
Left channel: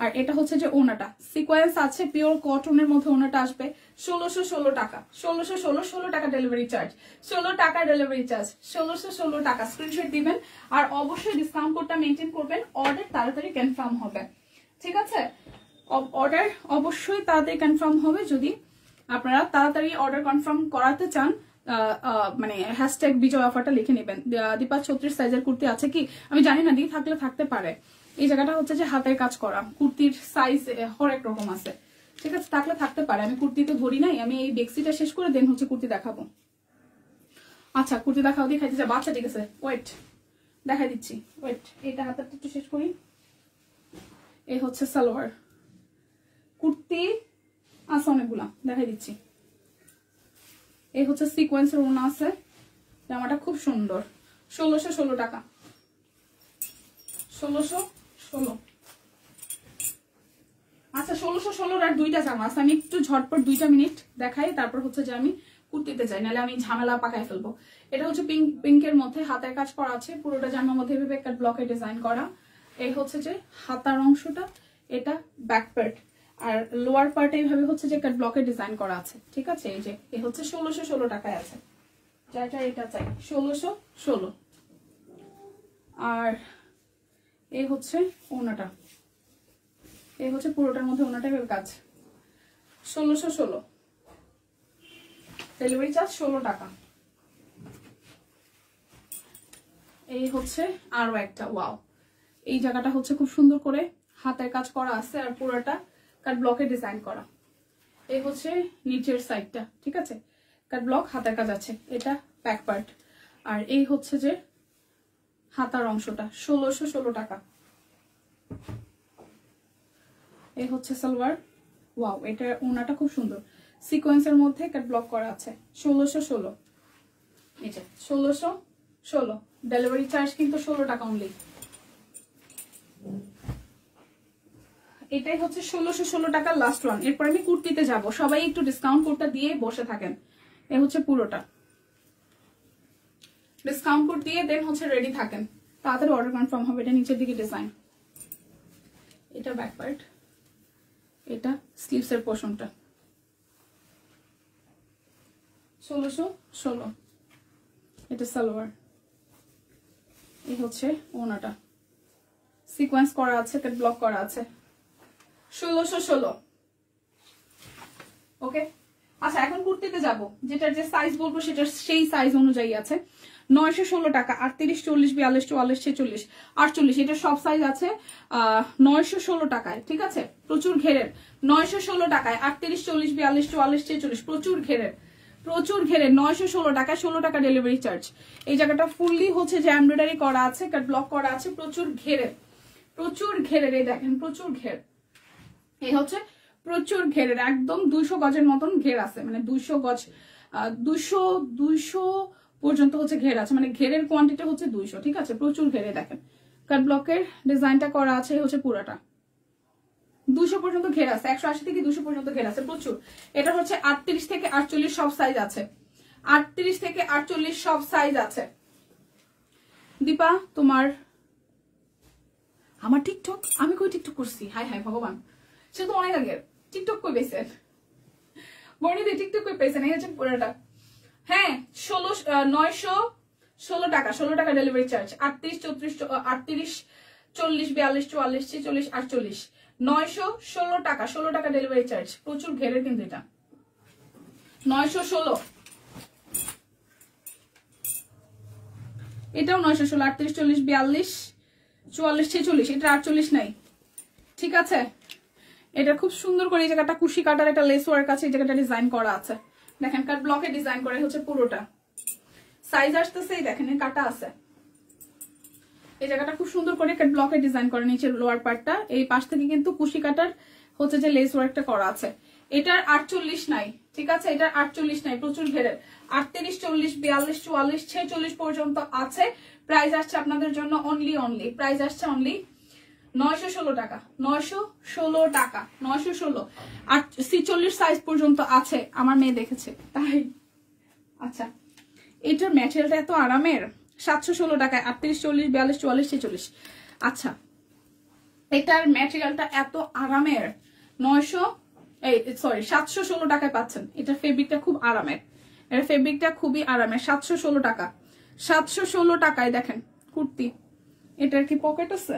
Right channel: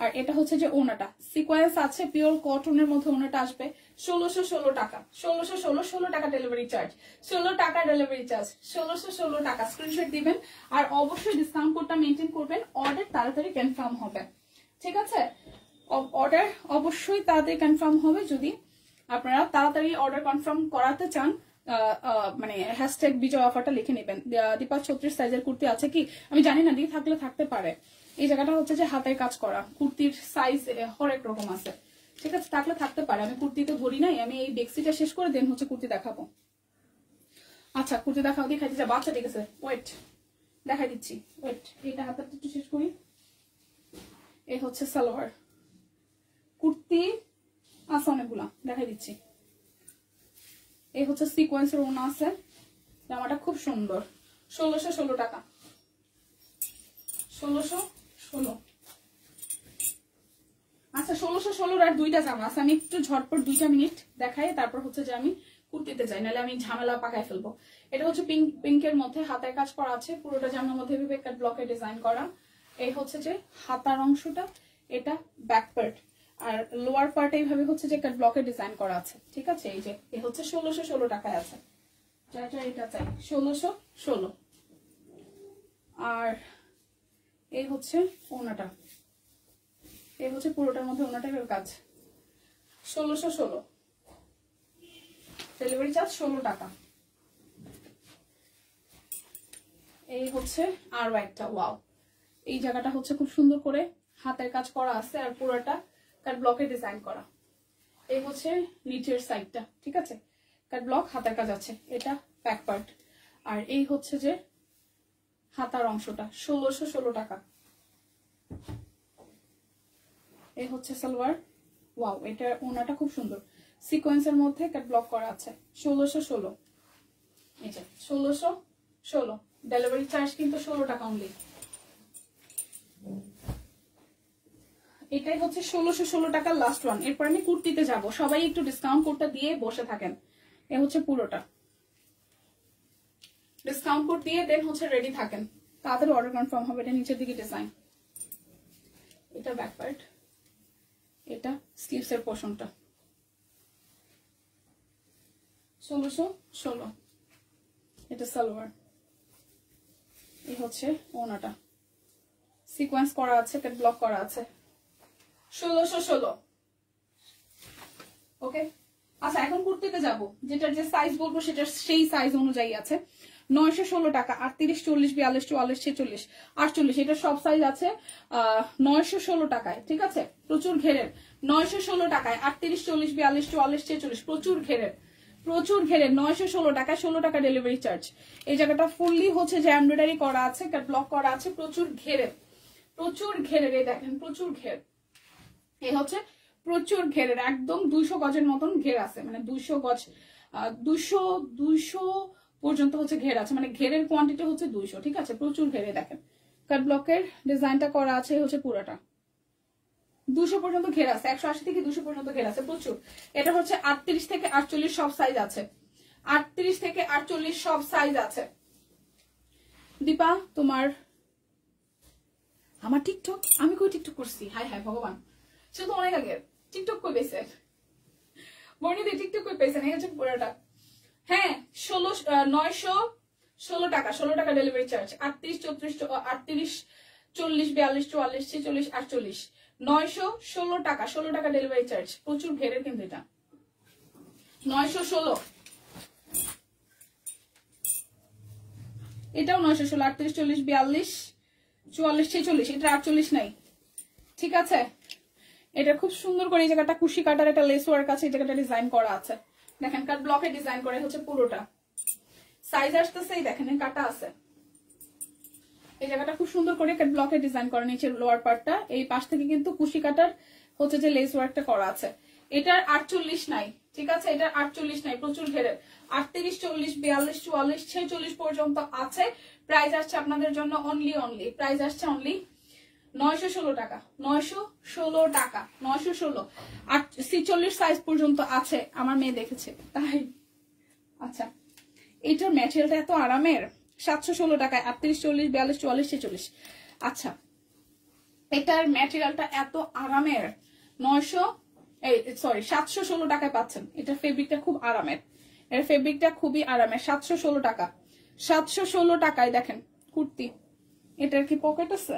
আর এটা হচ্ছে যে ওনাটা সিকোয়েন্স আছে, পিওর কটনের মধ্যে ওনাটা আসবে। 1616 টাকা, 1616 টাকা ডেলিভারি চার্জ, 16 টাকা ডেলিভারি চার্জ, 1616 টাকা। স্ক্রিনশট দিবেন আর অবশ্যই ডিসকাউন্ট কোডটা মেনটেন করবেন, অর্ডার তাড়াতাড়ি কনফার্ম হবে। ঠিক আছে, অর্ডার অবশ্যই তাড়াতাড়ি কনফার্ম হবে। যদি আপনারা তাড়াতাড়ি অর্ডার কনফার্ম করাতে চান, মানে হ্যাশট্যাগ বিজয় অফারটা লিখে নেবেন। দীপা 36 সাইজের কুর্তি আছে কি? আমি জানি না, দিয়ে থাকলে থাকতে পারে। এই জায়গাটা হচ্ছে যে হাতের কাজ করা, কুর্তির সাইজ হরেক রকম আছে। ঠিক আছে, থাকলে থাকতে পারে। আমি কুর্তিতে ধরি নাই, আমি এই বেক্সিটা শেষ করে দেন হচ্ছে কুর্তি দেখাবো। আচ্ছা, কুর্তি দেখাও, দিয়ে খাইতে যাবো। আচ্ছা ঠিক আছে, ওয়েট দেখাই দিচ্ছি, ওয়েট। এটা হাতেরটা একটু শেষ করি। এই হচ্ছে সালোয়ার, কুর্তি আছে অনেকগুলা, দেখাই দিচ্ছি। এই হচ্ছে সিকোয়েন্সের ওড়না আছে, জামাটা খুব সুন্দর। 1616 টাকা, 1616। আচ্ছা, 1616 আর দুইটা জামা আছে। আমি একটু ঝটপট 2 মিনিট দেখাই, তারপর হচ্ছে যে আমি কুর্তিতে যাই, নাহলে আমি ঝামেলা পাকায় ফেলবো। এটা হচ্ছে পিঙ্কের মধ্যে হাতের কাজ করা আছে, পুরোটা জামার মধ্যে এভাবে একটা ব্লকে ডিজাইন করা। এই হচ্ছে যে হাতার অংশটা, এটা ব্যাক পার্ট, আর লোয়ার পার্টে এইভাবে হচ্ছে যে একটা ব্লকে ডিজাইন করা আছে। ঠিক আছে, এই যে এই হচ্ছে 1616 টাকায় আছে। যাইটা এটা চাই 1616। আর এই হচ্ছে ওনাটা, এই হচ্ছে পুরোটার মধ্যে ওনাটা কাজ। 1616 ডেলিভারি চার্জ 16 টাকা। এই হচ্ছে আরো একটা, ওয়াও, এই জায়গাটা হচ্ছে খুব সুন্দর করে হাতের কাজ করা আছে, আর পুরোটা কাট ব্লকে ডিজাইন করা। এই হচ্ছে নিচের সাইডটা। ঠিক আছে, কাট ব্লক হাতের কাজ আছে, এটা ব্যাক পার্ট। আর এই হচ্ছে যে হাতার অংশটা, 1616 টাকা। এই হচ্ছে সালোয়ার, ওয়াও, এটা ওনাটা খুব সুন্দর, সিকোয়েন্সের মধ্যে কাট ব্লক করা আছে। 1616, এটা 1616 ডেলিভারি চার্জ কিন্তু 16 টাকা অনলি। এটাই হচ্ছে 1616 টাকা লাস্ট ওয়ান। এরপর আমি কুর্তিতে যাব, সবাই একটু ডিসকাউন্ট কোডটা দিয়ে বসে থাকেন। এ হচ্ছে পুরোটা, ডিসকাউন্ট কোড দিয়ে দেন হচ্ছে রেডি থাকেন, তাড়াতাড়ি অর্ডার কনফার্ম হবে। এটা নিচের দিকে ডিজাইন, এটা ব্যাক পার্ট, এটা স্লিভস এর পোর্শনটা। 1616, এটা সালোয়ার। এই হচ্ছে ওনাটা, সিকোয়েন্স করা আছে, কাট ব্লক করা আছে। 1616, ওকে। আচ্ছা, এখন কুর্তিতে যাব, যেটার যে সাইজ বলবো সেটা সেই সাইজ অনুযায়ী আছে। 916 টাকা, 38, 40, 42, 44, 46, 48, এটা সব সাইজ আছে 916 টাকায়। ঠিক আছে, প্রচুর ঘেরের, 916 টাকায় 38, 40, 42, 44, 46, প্রচুর ঘেরের, প্রচুর ঘেরের। 916 টাকা, 16 টাকা ডেলিভারি চার্জ। এই জায়গাটা ফুললি হচ্ছে যে এমব্রয়ডারি করা আছে, কাট ব্লক করা আছে, প্রচুর ঘেরের, প্রচুর ঘেরের। এই দেখেন, প্রচুর ঘের, এই হচ্ছে প্রচুর ঘেরের, একদম 200 গজের মতন ঘের আছে, মানে 200 গজ, 200 পর্যন্ত হচ্ছে ঘের আছে, মানে ঘেরের কোয়ান্টিটি হচ্ছে 200। ঠিক আছে, প্রচুর ঘেরে। দেখেন কাট ব্লকের ডিজাইনটা করা আছে, হচ্ছে পুরোটা 200 পর্যন্ত ঘের আছে, 180 থেকে 200 পর্যন্ত ঘের আছে, প্রচুর। এটা হচ্ছে 38 থেকে 48 সব সাইজ আছে, 38 থেকে 48 সব সাইজ আছে। দীপা তোমার, আমার টিকটক, আমি কই টিকটক করছি? হাই হাই ভগবান, সে তো অনেক আগের। টিকটক কই পেয়েছেন বর্ণিদি, টিকটক কই পেয়েছেন? এই হচ্ছে পুরোটা। হ্যাঁ, 916 টাকা, 16 টাকা ডেলিভারি চার্জ। 38, 34, 40, 42, 44, 46, 48, 916 টাকা, 16 টাকা ডেলিভারি চার্জ। প্রচুর ঘেরের কিন্তু এটা, 916। এটাও 916, 38, 40, 42, 44, 46, এটা 48 নাই। ঠিক আছে, এটা খুব সুন্দর করে এই জায়গাটা কুশি কাটার একটা লেস ওয়ার্ক আছে, এই জায়গাটা ডিজাইন করা আছে। দেখেন কাট ব্লকে ডিজাইন করে হচ্ছে পুরোটা। সাইজ আসতেছে এই দেখেন কাটা আছে, এই জায়গাটা খুব সুন্দর করে কাট ব্লকে ডিজাইন করে নিচের লোয়ার পার্টটা। এই পাশ থেকে কিন্তু কুশি কাটার হচ্ছে যে লেস ওয়ার্কটা করা আছে। এটার 48 নাই, ঠিক আছে, এটার 48 নাই, প্রচুর ঘেরের। 38, 40, 42, 44, 46 পর্যন্ত আছে। প্রাইস আসছে আপনাদের জন্য অনলি প্রাইস আসছে অনলি 916 টাকা, 916 টাকা, 916। আর 46 সাইজ পর্যন্ত আছে, আমার মেয়ে দেখেছে তাই। আচ্ছা, এটার ম্যাটেরিয়ালটা এত আরামের, 716 টাকায় 38, 40, 42, 44, 46। আচ্ছা, এটার ম্যাটেরিয়ালটা এত আরামের 716 টাকায় পাচ্ছেন। এটার ফেব্রিকটা খুব আরামের, এর ফেব্রিকটা খুবই আরামের। 716 টাকা, 716 টাকায় দেখেন কুর্তি। এটার কি পকেট আছে?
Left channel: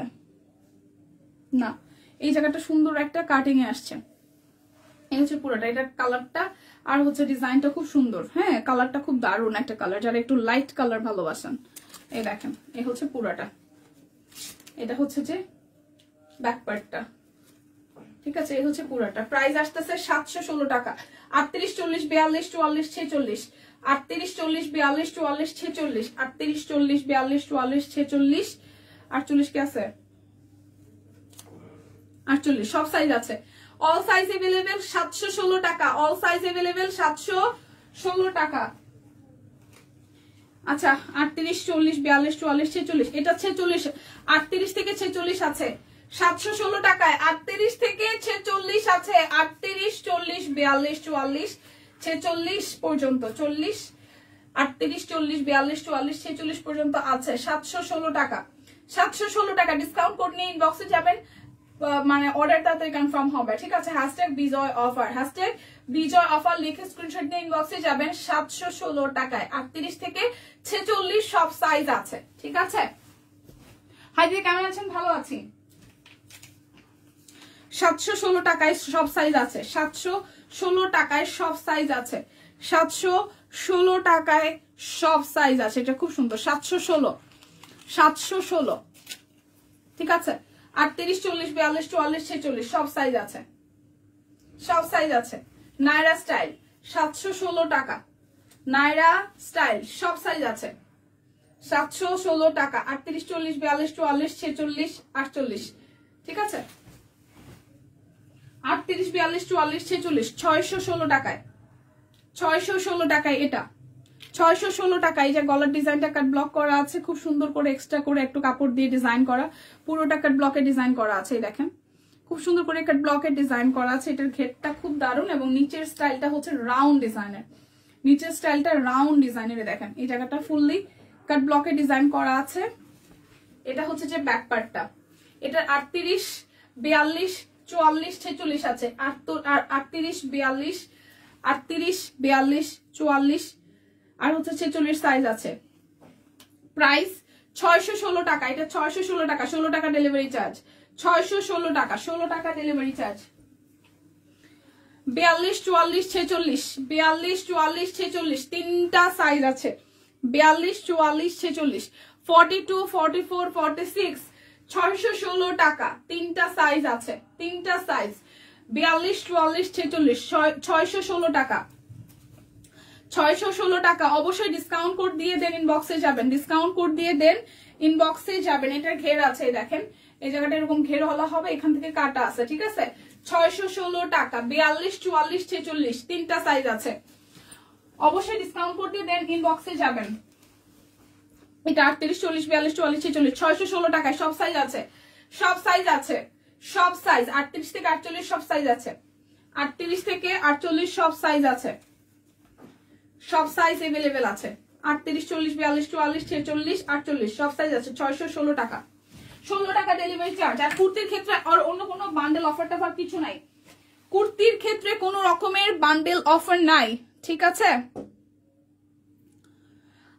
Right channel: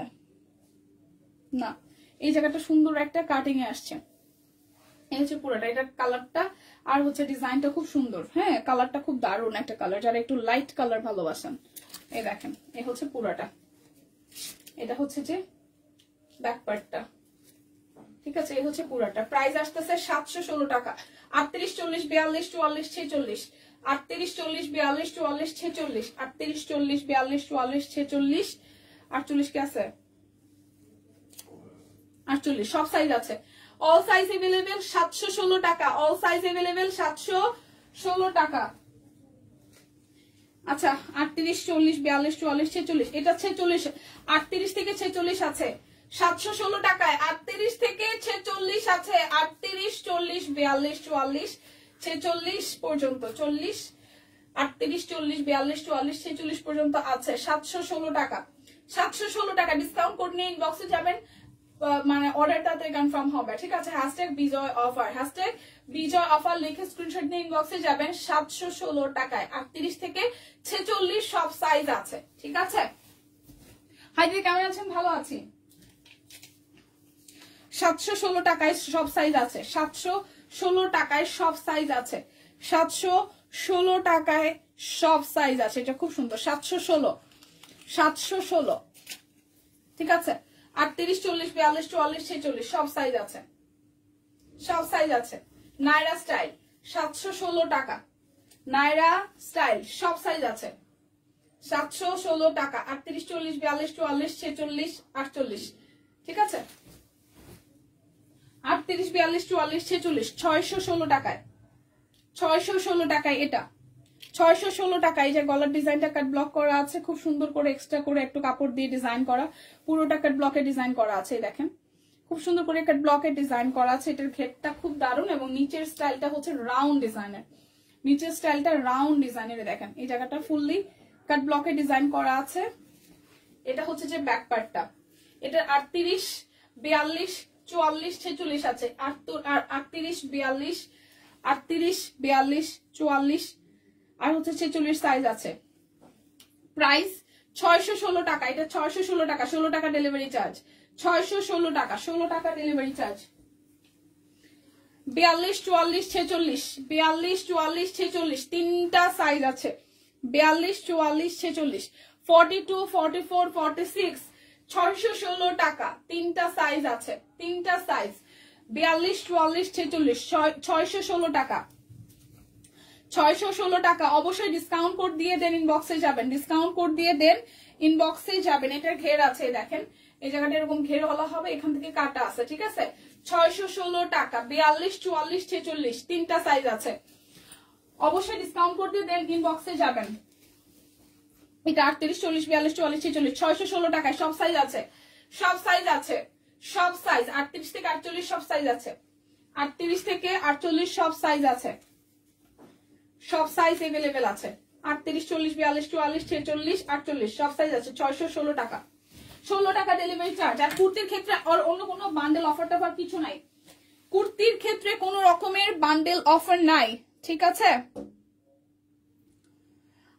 না, এই জায়গাটা সুন্দর একটা কাটিং এ আসছে। এই হচ্ছে পুরোটা, এটার কালারটা আর হচ্ছে ডিজাইনটা খুব সুন্দর। হ্যাঁ, কালারটা খুব দারুণ একটা কালার, যারা একটু লাইট কালার ভালোবাসেন। এই দেখেন, এই হচ্ছে পুরোটা, এটা হচ্ছে যে ব্যাক পার্টটা, ঠিক আছে, এই হচ্ছে পুরোটা। প্রাইস আসতেছে 716 টাকা। 38, 40, 42, 44, 46, 38, 40, 42, 44, 46, 38, 40, 42, 44, 46, 48 কি আছে? 48, সব সাইজ আছে, অল সাইজ अवेलेबल। 716 টাকা, অল সাইজ अवेलेबल, 716 টাকা। আচ্ছা, 38, 40, 42, 44, 46, এটা 46, 38 থেকে 46 আছে 716 টাকায়। 38 থেকে 46 আছে, 38, 40, 42, 44, 46 পর্যন্ত, 40, 38, 40, 42, 44, 46 পর্যন্ত আছে 716 টাকা। 716 টাকা ডিসকাউন্ট কোড নিয়ে ইনবক্সে যাবেন, মানে অর্ডার তাড়াতাড়ি কনফার্ম হবে, ঠিক আছে। #বিজয় অফার, #বিজয় অফার লিখে স্ক্রিনশট নিয়ে ইনবক্সে যাবেন। 716 টাকায় 38 থেকে 46 সব সাইজ আছে, ঠিক আছে। হাই দিদি, কেমন আছেন? ভালো আছি। 716 টাকায় সব সাইজ আছে, 716 টাকায় সব সাইজ আছে, 716 টাকায় সব সাইজ আছে। এটা খুব সুন্দর, 716, ঠিক আছে। 38, 40, 42, 44, 46 সব সাইজ আছে, সব সাইজ আছে। নায়রা স্টাইল 716 টাকা, নায়রা স্টাইল সব সাইজ আছে, 716 টাকা। 38, 40, 42, 44, 46, 48, ঠিক আছে। 38, 42, 44, 46, 616 টাকায়, 616 টাকায় এটা, 616 টাকায়। যে গলার ডিজাইনটা কাট ব্লক করা আছে, খুব সুন্দর করে এক্সট্রা করে একটু কাপড় দিয়ে ডিজাইন করা, পুরোটা কাট ব্লকে ডিজাইন করা আছে। দেখেন খুব সুন্দর করে কাট ব্লকে ডিজাইন করা আছে। এটার ঘেরটা খুব দারুণ এবং নিচের স্টাইলটা হচ্ছে রাউন্ড ডিজাইনের, নিচের স্টাইলটা রাউন্ড ডিজাইনের। দেখেন এই জায়গাটা ফুললি কাট ব্লকে ডিজাইন করা আছে। এটা হচ্ছে যে ব্যাক পার্টটা, এটার 38, 42, 44, 46 আছে, 38, 42, 38, 42, 44 আর হচ্ছে 46 সাইজ আছে। প্রাইস 616 টাকা, এটা 616 টাকা, 16 টাকা ডেলিভারি চার্জ, 616 টাকা, 16 টাকা ডেলিভারি চার্জ। 42, 44, 46, 42, 44, 46 তিনটা সাইজ আছে, 42, 44, 46, 42, 44, 46, 616 টাকা, তিনটা সাইজ আছে, তিনটা সাইজ। 42, 44, 46, 616 টাকা, 616 টাকা। অবশ্যই ডিসকাউন্ট কোড দিয়ে দেন, ইনবক্সে যাবেন, ডিসকাউন্ট কোড দিয়ে দেন, ইনবক্সে যাবেন। এটার ঘের আছে, দেখেন এই জায়গাটা এরকম ঘের হলা হবে, এখান থেকে কাটা আছে, ঠিক আছে। 616 টাকা, 42, 44, 46 তিনটা সাইজ আছে। অবশ্যই ডিসকাউন্ট কোড দিয়ে দেন, ইনবক্সে যাবেন। এটা 38, 40, 42, 44, 46 616 টাকায় সব সাইজ আছে, সব সাইজ আছে, সব সাইজ। 38 থেকে 48 সব সাইজ আছে, 38 থেকে 48 সব সাইজ আছে, সব সাইজ अवेलेबल আছে। 38, 40, 42, 44, 46, 48 সব সাইজ আছে। 616 টাকা, 16 টাকা ডেলিভারি চার্জ। আর কুর্তির ক্ষেত্রে আর অন্য কোনো বান্ডেল অফার টাফার কিছু নাই, কুর্তির ক্ষেত্রে কোনো রকমের বান্ডেল অফার নাই, ঠিক আছে।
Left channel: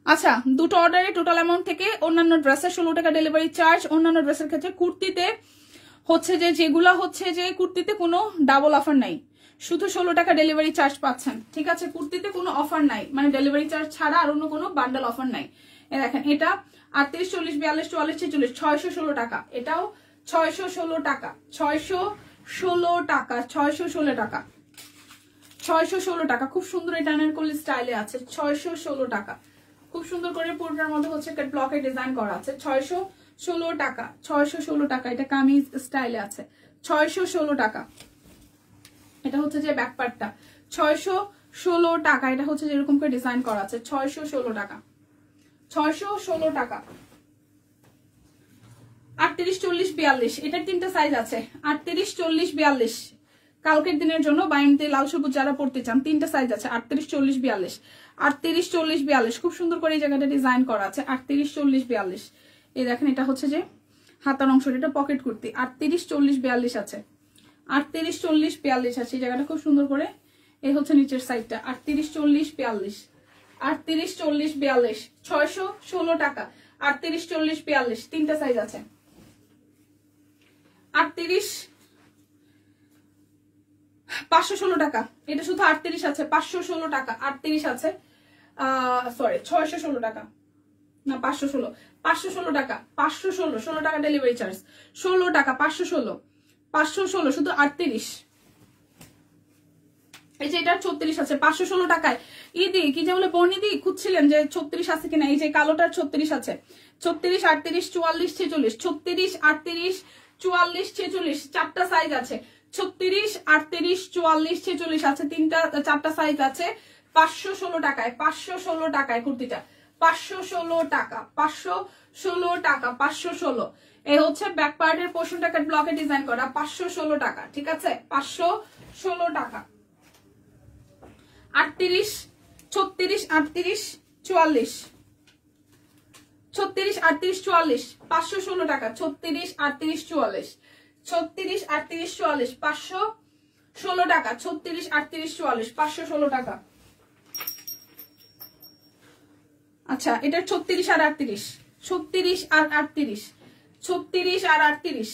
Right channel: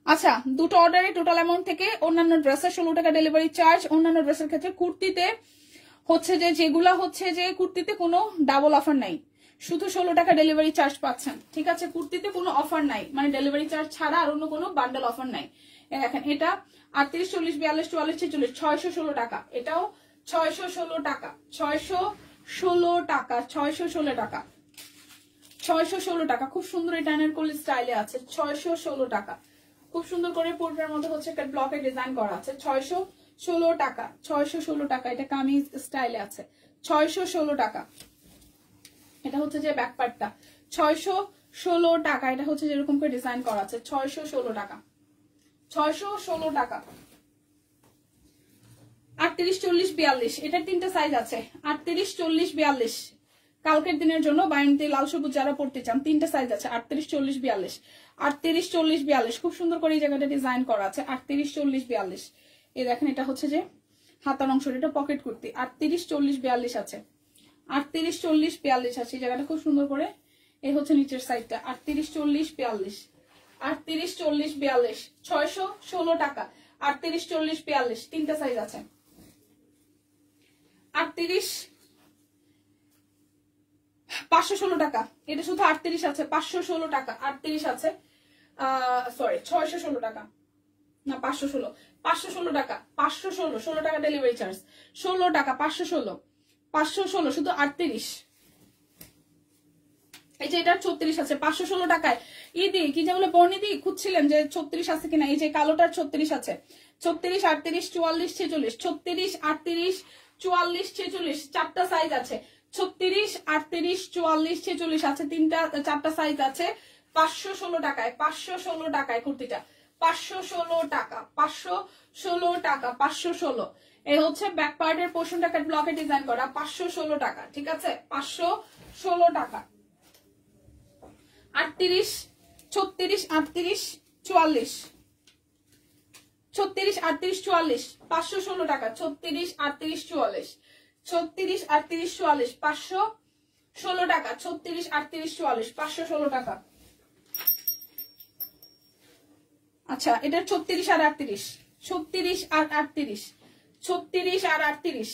আচ্ছা, দুটো অর্ডারে টোটাল অ্যামাউন্ট থেকে অন্যান্য ড্রেসের 16 টাকা ডেলিভারি চার্জ। অন্যান্য ড্রেসের ক্ষেত্রে কুর্তিতে হচ্ছে যে যেগুলা হচ্ছে যে কুর্তিতে কোনো ডাবল অফার নাই, শুধু 16 টাকা ডেলিভারি চার্জ পাচ্ছেন, ঠিক আছে। কুর্তিতে কোনো অফার নাই, মানে ডেলিভারি চার্জ ছাড়া আর অন্য কোনো বান্ডেল অফার নাই। দেখেন এটা 38, 40, 42, 44, 46 616 টাকা, এটাও 616 টাকা, 616 টাকা, 616 টাকা, 616 টাকা, খুব সুন্দর এটা আনারকলি স্টাইলে আছে, 616 টাকা, খুব সুন্দর করে পুরোটার মধ্যে হচ্ছে একটা ব্লকে ডিজাইন করা আছে, 616 টাকা, 616 টাকা, এটা কামিজ স্টাইলে আছে, 616 টাকা। এটা হচ্ছে যে ব্যাক পার্টটা, 616 টাকা, এটা হচ্ছে যেরকম করে ডিজাইন করা আছে, 616 টাকা, 616 টাকা। 38, 40, 42, এটার 3টা সাইজ আছে, 38, 40, 42, কালকের দিনের জন্য বায়ান্তি লাল সবুজ যারা পড়তে চান 3টা সাইজ আছে, 38, 40, 42, 38, 40, 42, খুব সুন্দর করে এই জায়গাটা ডিজাইন করা আছে, 38, 40, 42। এই দেখেন এটা হচ্ছে যে হাতার অংশ, এটা পকেট কুর্তি, 38, 40, 42 আছে, 38, 40, 42 আছে, এই জায়গাটা খুব সুন্দর করে। এই হচ্ছে নিচের সাইডটা, 38, 40, 42, 38, 40, 42, 616 টাকা, 38, 40, 42, 3টা সাইজ আছে, 38, 516 টাকা, এটা শুধু 38 আছে, 516 টাকা, 38 আছে, সরি 616 টাকা না 516, 516 টাকা, 516, 16 টাকা ডেলিভারি চার্জ, 16 টাকা, 516, 516 শুধু 38। এই যে এটা 36 আছে 516 টাকায়। ইদি কি যে বলে বর্ণিদি খুঁজছিলেন যে 36 আছে কিনা, এই যে কালোটার 36 আছে, 36, 38, 44, 46, 36, 38, 44, 46, 4টা সাইজ আছে, 36, 38, 44, 46 আছে, 4টা সাইজ আছে, 516 টাকায়, 516 টাকায় কুর্তিটা, 516 টাকা, 516 টাকা, 516। এই হচ্ছে ব্যাক পার্টের পোর্শনটা কাট ব্লকে ডিজাইন করা, 516 টাকা, ঠিক আছে, 516 টাকা। 38, 36, 38, 44, 36, 38, 44, 516 টাকা, 36, 38, 44, 36, 38, 44, 516 টাকা, 36, 38, 44, 516 টাকা। আচ্ছা এটা 36 আর 38, 36 আর 38, 36 আর 38,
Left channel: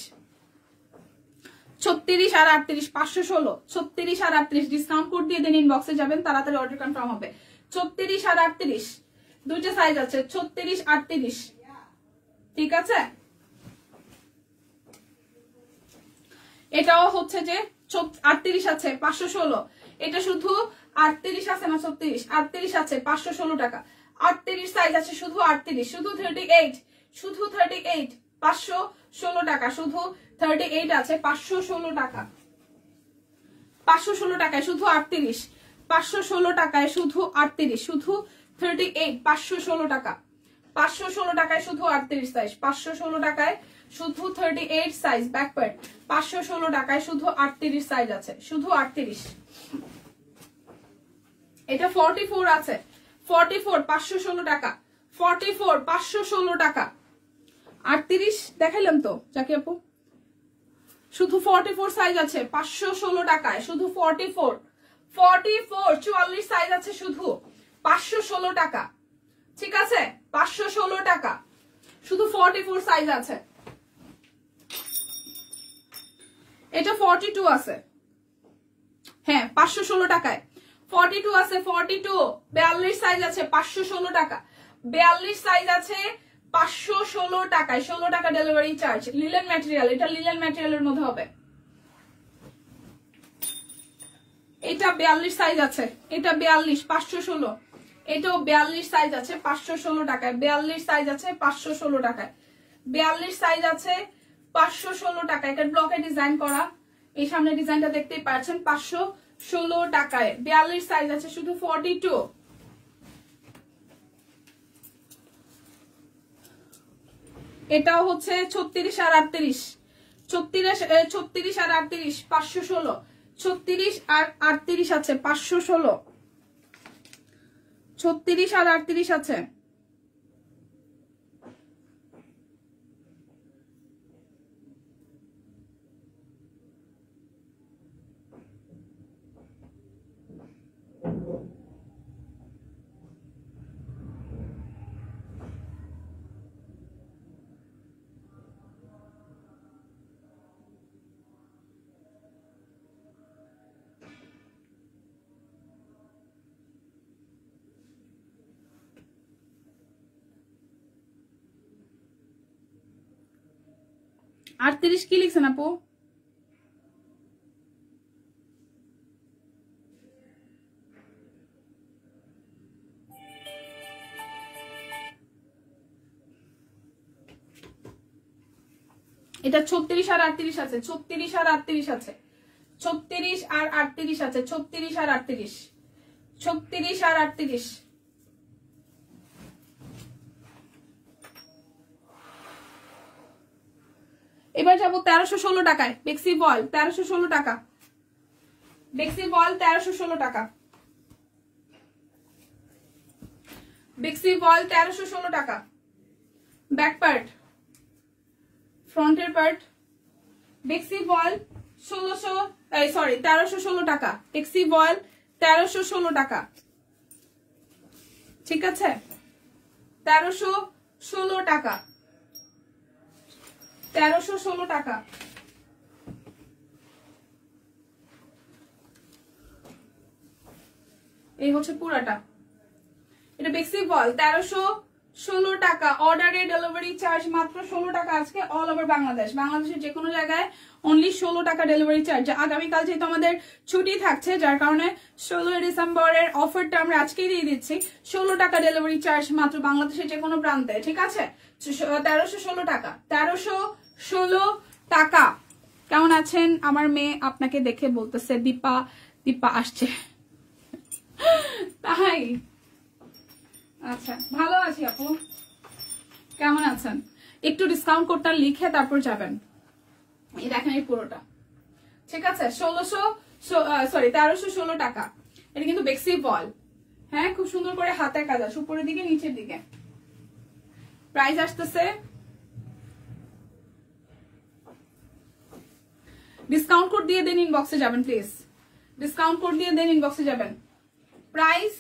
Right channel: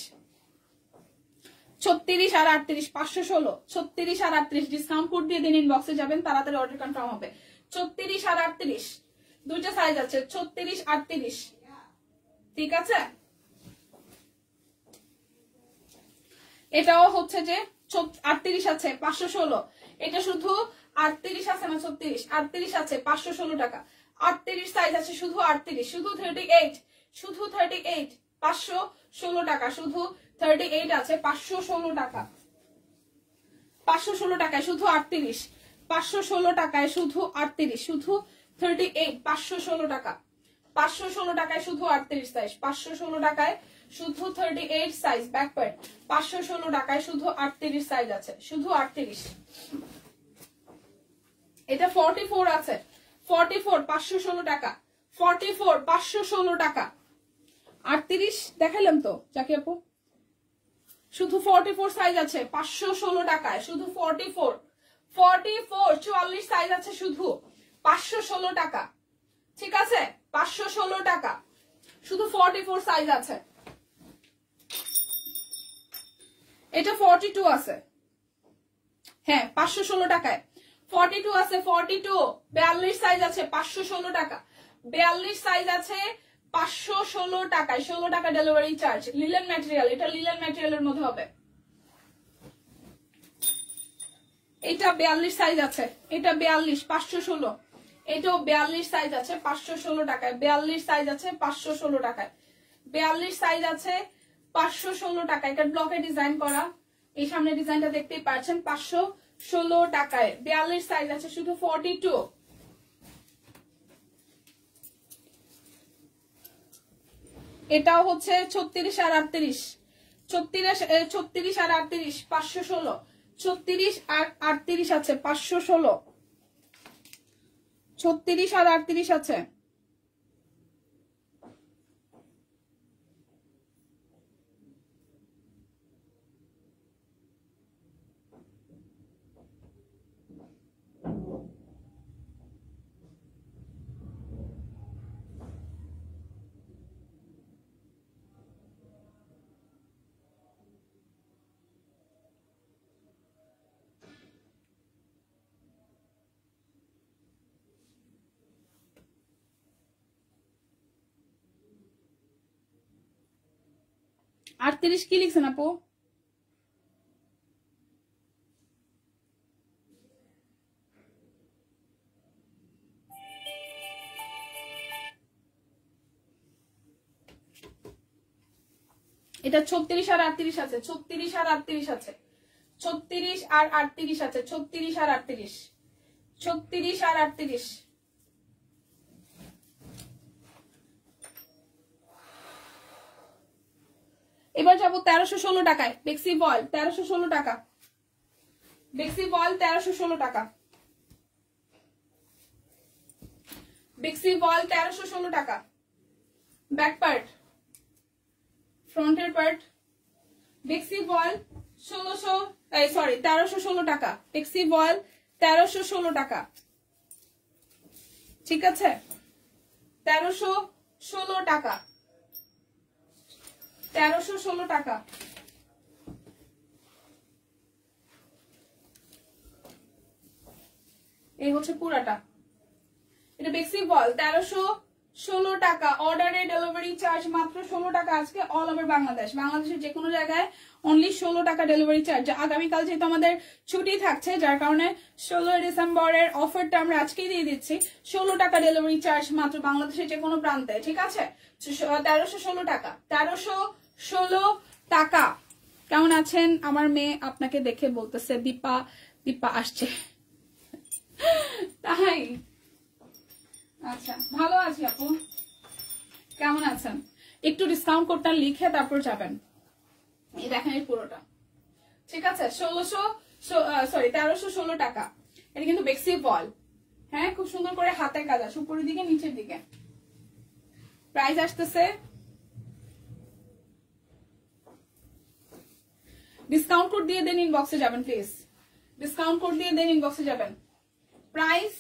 36 আর 38, 516, 36 আর 38, ডিসকাউন্ট কোড দিয়ে দেন, ইনবক্সে যাবেন, তাড়াতাড়ি অর্ডার কনফার্ম হবে। 36 আর 38, দুইটা সাইজ আছে, 36, 38, ঠিক আছে। এটাও হচ্ছে যে 38 আছে, 516, এটা শুধু 38 আছে না 36, 38 আছে, 516 টাকা, 38 সাইজ আছে, শুধু 38, শুধু 38, শুধু 38, 516 টাকা, শুধু 38 আছে, 516 টাকা, 516 টাকায় শুধু 38, 516 টাকায় শুধু 38, শুধু 38, 516 টাকা, 516 টাকায় শুধু 38 সাইজ, 516 টাকায় শুধু 38 সাইজ ব্যাক পার্ট, 516 টাকায় শুধু 38 সাইজ আছে, শুধু 38। এটা 44 আছে, 44, 516 টাকা, 44, 516 টাকা, 38 দেখাইলাম তো জাকি আপু, শুধু 44 সাইজ আছে, 516 টাকায়, শুধু 44, 44, 44 সাইজ আছে, শুধু 516 টাকা, ঠিক আছে, 516 টাকা, শুধু 44 সাইজ আছে। এটা 42 আছে, হ্যাঁ 516 টাকায়, 42 আছে, 42, 42 সাইজ আছে, 516 টাকা, 42 সাইজ আছে, 516 টাকায়, 16 টাকা ডেলিভারি চার্জ, লিলেন ম্যাটেরিয়াল, এটা লিলেন ম্যাটেরিয়ালের মধ্যে হবে। এটা 42 সাইজ আছে, এটা 42, 516, এটাও 42 সাইজ আছে, 516 টাকায়, 42 সাইজ আছে, 516 টাকায়, 42 সাইজ আছে, 516 টাকা, এটা ব্লকে ডিজাইন করা, এই সামনে ডিজাইনটা দেখতেই পাচ্ছেন, 516 টাকায়, 42 সাইজ আছে, শুধু 42। এটাও হচ্ছে 36 আর 38, 36 আর 38, 516, 36 আর 38 আছে, 516, 36 আর 38 আছে। আর 30 কি লিখছেন আপু? এটা 36 আর 38 আছে, 36 আর 38 আছে, 36 আর 38 আছে, 36 আর 38, 36 আর 38। এবার যাবো 1316 টাকায় বেক্সি বল, 1316 টাকা, বেক্সি বল 1316 টাকা, বেক্সি বল 1316 টাকা। ব্যাক পার্ট, ফ্রন্টের পার্ট, বেক্সি বল 1316 টাকা, বেক্সি বল 1316 টাকা, ঠিক আছে, 1316 টাকা, 1316 টাকা। এই হচ্ছে পুরাটা, এটা বেক্সি বল 1316 টাকা। অর্ডারে ডেলিভারি চার্জ মাত্র 16 টাকা আজকে অল ওভার বাংলাদেশ, বাংলাদেশের যে কোনো জায়গায় অনলি 16 টাকা ডেলিভারি চার্জ। আগামীকাল যেহেতু আমাদের ছুটি থাকছে যার কারণে 16 ডিসেম্বরের অফারটা আমরা আজকেই দিয়ে দিচ্ছি, 16 টাকা ডেলিভারি চার্জ মাত্র বাংলাদেশের যে কোনো প্রান্তে, ঠিক আছে। 1316 টাকা, 1316 টাকা। কেমন আছেন? আমার মেয়ে আপনাকে দেখে বলতেছে দীপা, দীপা আসছে, তাই? আচ্ছা, ভালো আছি আপু, কেমন আছেন? একটু ডিসকাউন্ট কোডটা লিখে তারপর যাবেন। এই দেখেন এই পুরোটা, ঠিক আছে, 1316 টাকা। এটা কিন্তু বেক্সি বল, হ্যাঁ, খুব সুন্দর করে হাতের কাজ আছে উপরের দিকে নিচের দিকে। প্রাইস আসতেছে, ডিসকাউন্ট কোড দিয়ে দেন, ইনবক্সে যাবেন প্লিজ, ডিসকাউন্ট কোড দিয়ে দেন, ইনবক্সে যাবেন। প্রাইস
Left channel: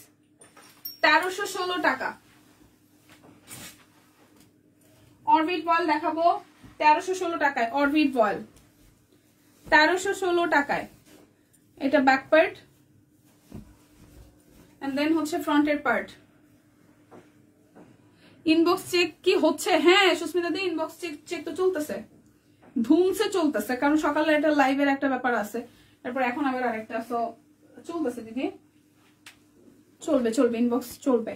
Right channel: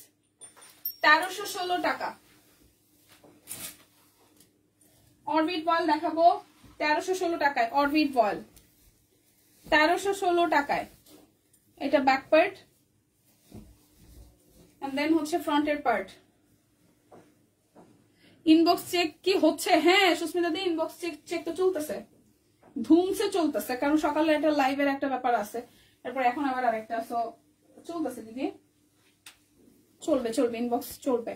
1316 টাকা। অরবিট বল দেখাবো 1316 টাকায়, অরবিট বল 1316 টাকায়। এটা ব্যাক পার্ট এন্ড দেন হচ্ছে ফ্রন্টের পার্ট। ইনবক্স চেক কি হচ্ছে? হ্যাঁ সুস্মিতা দি, ইনবক্স চেক তো চলতেছে, ধুমসে চলতেছে, কারণ সকালে একটা লাইভের একটা ব্যাপার আছে, তারপর এখন আবার আরেকটা, সো চলতেছে দিদি, চলবে চলবে, ইনবক্স চলবে,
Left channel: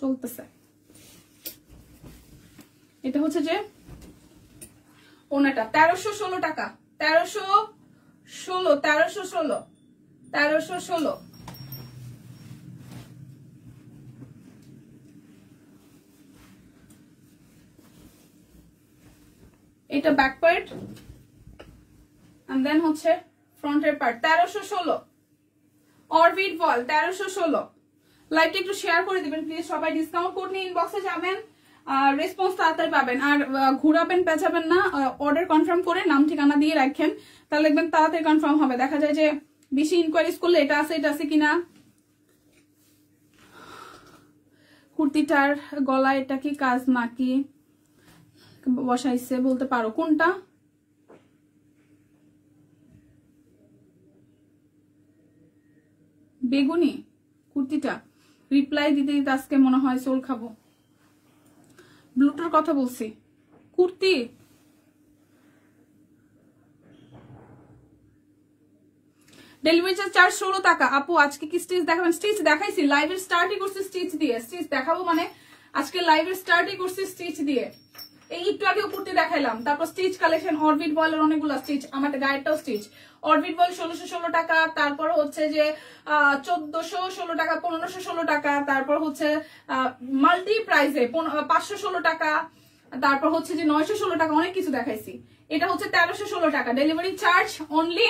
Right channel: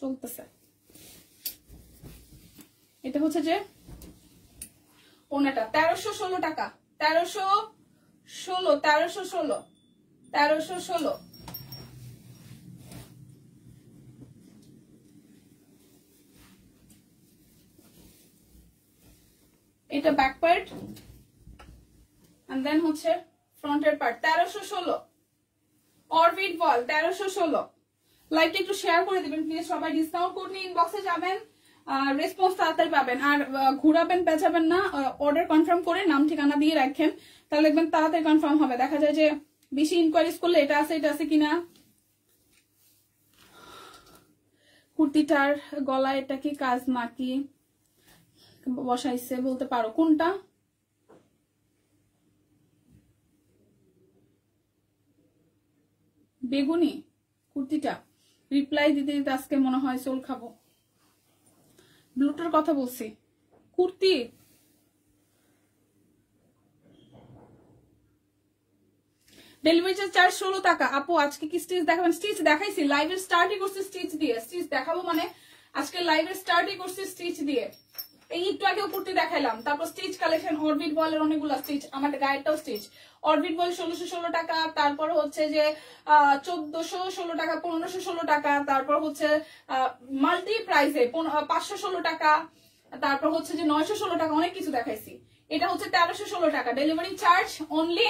চলতেছে। এটা হচ্ছে যে ওনাটা 1316 টাকা, 1316, 1316, 1316। এটা ব্যাক পার্ট এন্ড দেন হচ্ছে ফ্রন্টের পার্ট, 1316। অরবিট বল 1316। লাইকটা একটু শেয়ার করে দিবেন প্লিজ সবাই, ডিসকাউন্ট কোড নিয়ে ইনবক্সে যাবেন, রেসপন্স তাড়াতাড়ি পাবেন, আর ঘুরাবেন পেঁচাবেন না, অর্ডার কনফার্ম করে নাম ঠিকানা দিয়ে রাখেন, তাহলে দেখবেন তাড়াতাড়ি কনফার্ম হবে। দেখা যায় যে বেশি ইনকোয়ারিজ করলে এটা আছে কিনা। কুর্তিটার গলা এটা কি কাজ নাকি বসাইছে বলতে পারো কোনটা? বেগুনি কুর্তিটা, রিপ্লাই দিতে দিতে আজকে মনে হয় সোল খাবো। ব্লুটার কথা বলছি, কুর্তি ডেলিভারি চার্জ 16 টাকা। আপু আজকে কি স্টিচ দেখাবেন? স্টিচ দেখাইছি, লাইভের স্টার্টই করছি স্টিচ দিয়ে, স্টিচ দেখাবো মানে আজকে লাইভের স্টার্টই করছি স্টিচ দিয়ে। এই একটু আগেও কুর্তি দেখাইলাম, তারপর স্টিচ কালেকশন অরবিট বলের অনেকগুলো স্টিচ, আমাদের গায়েরটাও স্টিচ। অরবিট বল 1616 টাকা, তারপর হচ্ছে যে 1416 টাকা, 1516 টাকা, তারপর হচ্ছে মাল্টি প্রাইসে 516 টাকা, তারপর হচ্ছে যে 916 টাকা, অনেক কিছু দেখাইছি। এটা হচ্ছে 1316 টাকা, ডেলিভারি চার্জ অনলি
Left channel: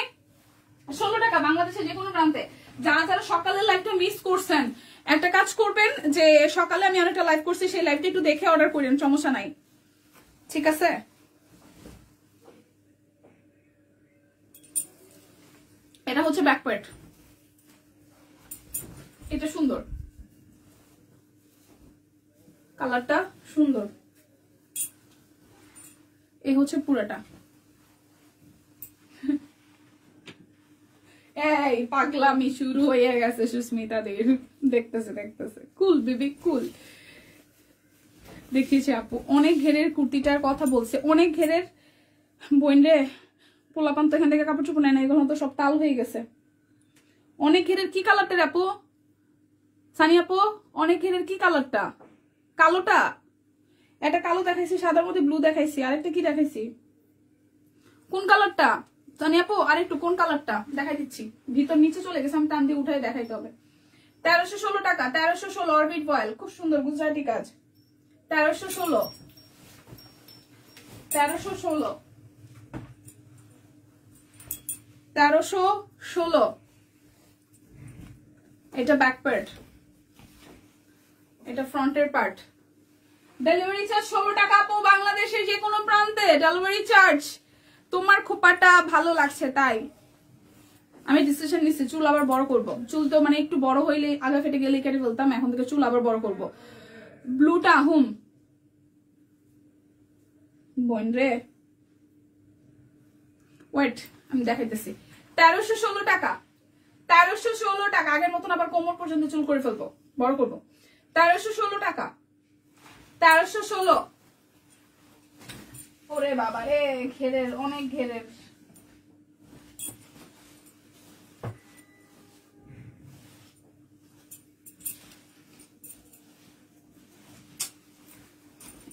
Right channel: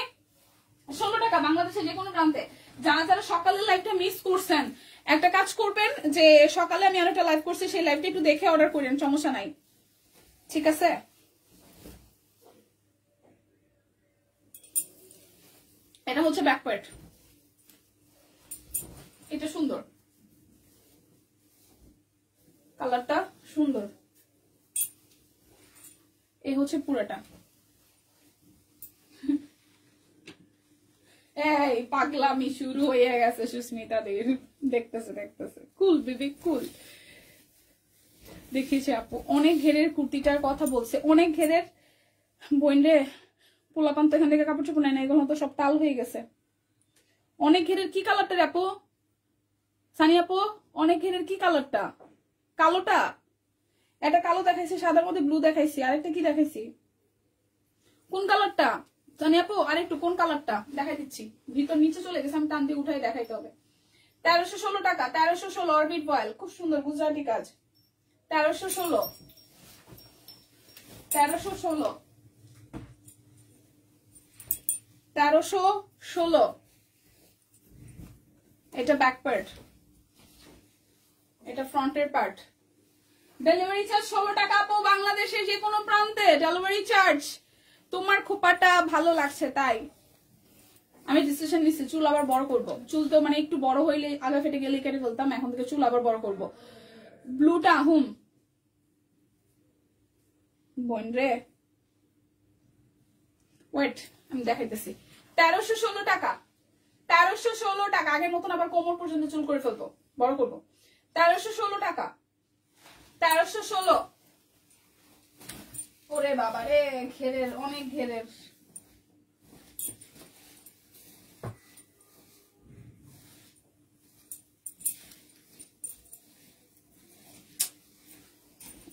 16 টাকা বাংলাদেশের যে কোনো প্রান্তে। যারা যারা সকালের লাইভটা মিস করছেন একটা কাজ করবেন, যে সকালে আমি আরেকটা লাইভ করছি, সেই লাইভটা একটু দেখে অর্ডার করেন, সমস্যা নাই, ঠিক আছে। এটা হচ্ছে ব্যাক পার্ট, এটা সুন্দর, কালারটা সুন্দর। এই হচ্ছে পুরাটা। এই পাগলামি শুরু হয়ে গেছে সুস্মিতাদের, দেখতেছে দেখতেছে, কুল বেবি কুল। দেখিয়েছি আপু অনেক ঘেরের কুর্তিটার কথা বলছে, অনেক ঘেরের বইন্ডে পোলাপান তো এখান থেকে কাপড় চোপড় নেয় না, এগুলো তো সব তাল হয়ে গেছে। অনেক ঘেরের কি কালারটা আপু? সানি আপু অনেক ঘেরের কি কালারটা? কালোটা, এটা কালো দেখাইছি, সাদার মধ্যে ব্লু দেখাইছি, আরেকটা কি দেখাইছি? কোন কালারটা জানি আপু? আর একটু কোন কালারটা দেখাই দিচ্ছি, ভিতর নিচে চলে গেছে, আমি টান দিয়ে উঠাই দেখাইতে হবে। 1316 টাকা, 1316 অরবিট বয়েল, খুব সুন্দর গুজরাটি কাজ। 1316, 1316, 1316। এটা ব্যাক পার্ট, এটা ফ্রন্টের পার্ট। ডেলিভারি চার্জ 16 টাকা আপু, বাংলাদেশের যে কোনো প্রান্তে ডেলিভারি চার্জ। তোমার খোপাটা ভালো লাগছে তাই আমি ডিসিশন নিচ্ছি চুল আবার বড় করব। চুল তো মানে একটু বড় হইলে আগা ফেটে গেলে কেটে ফেলতাম, এখন থেকে চুল আবার বড় করব। ব্লুটা হুম বোন রে, ওয়েট আমি দেখাইতেছি। 1316 টাকা, 1316 টাকা। আগের মতন আবার কোমর পর্যন্ত চুল করে ফেলবো, বড় করবো। 1316 টাকা, 1316। ওরে বাবা রে, ঘেরের অনেক ঘেরের।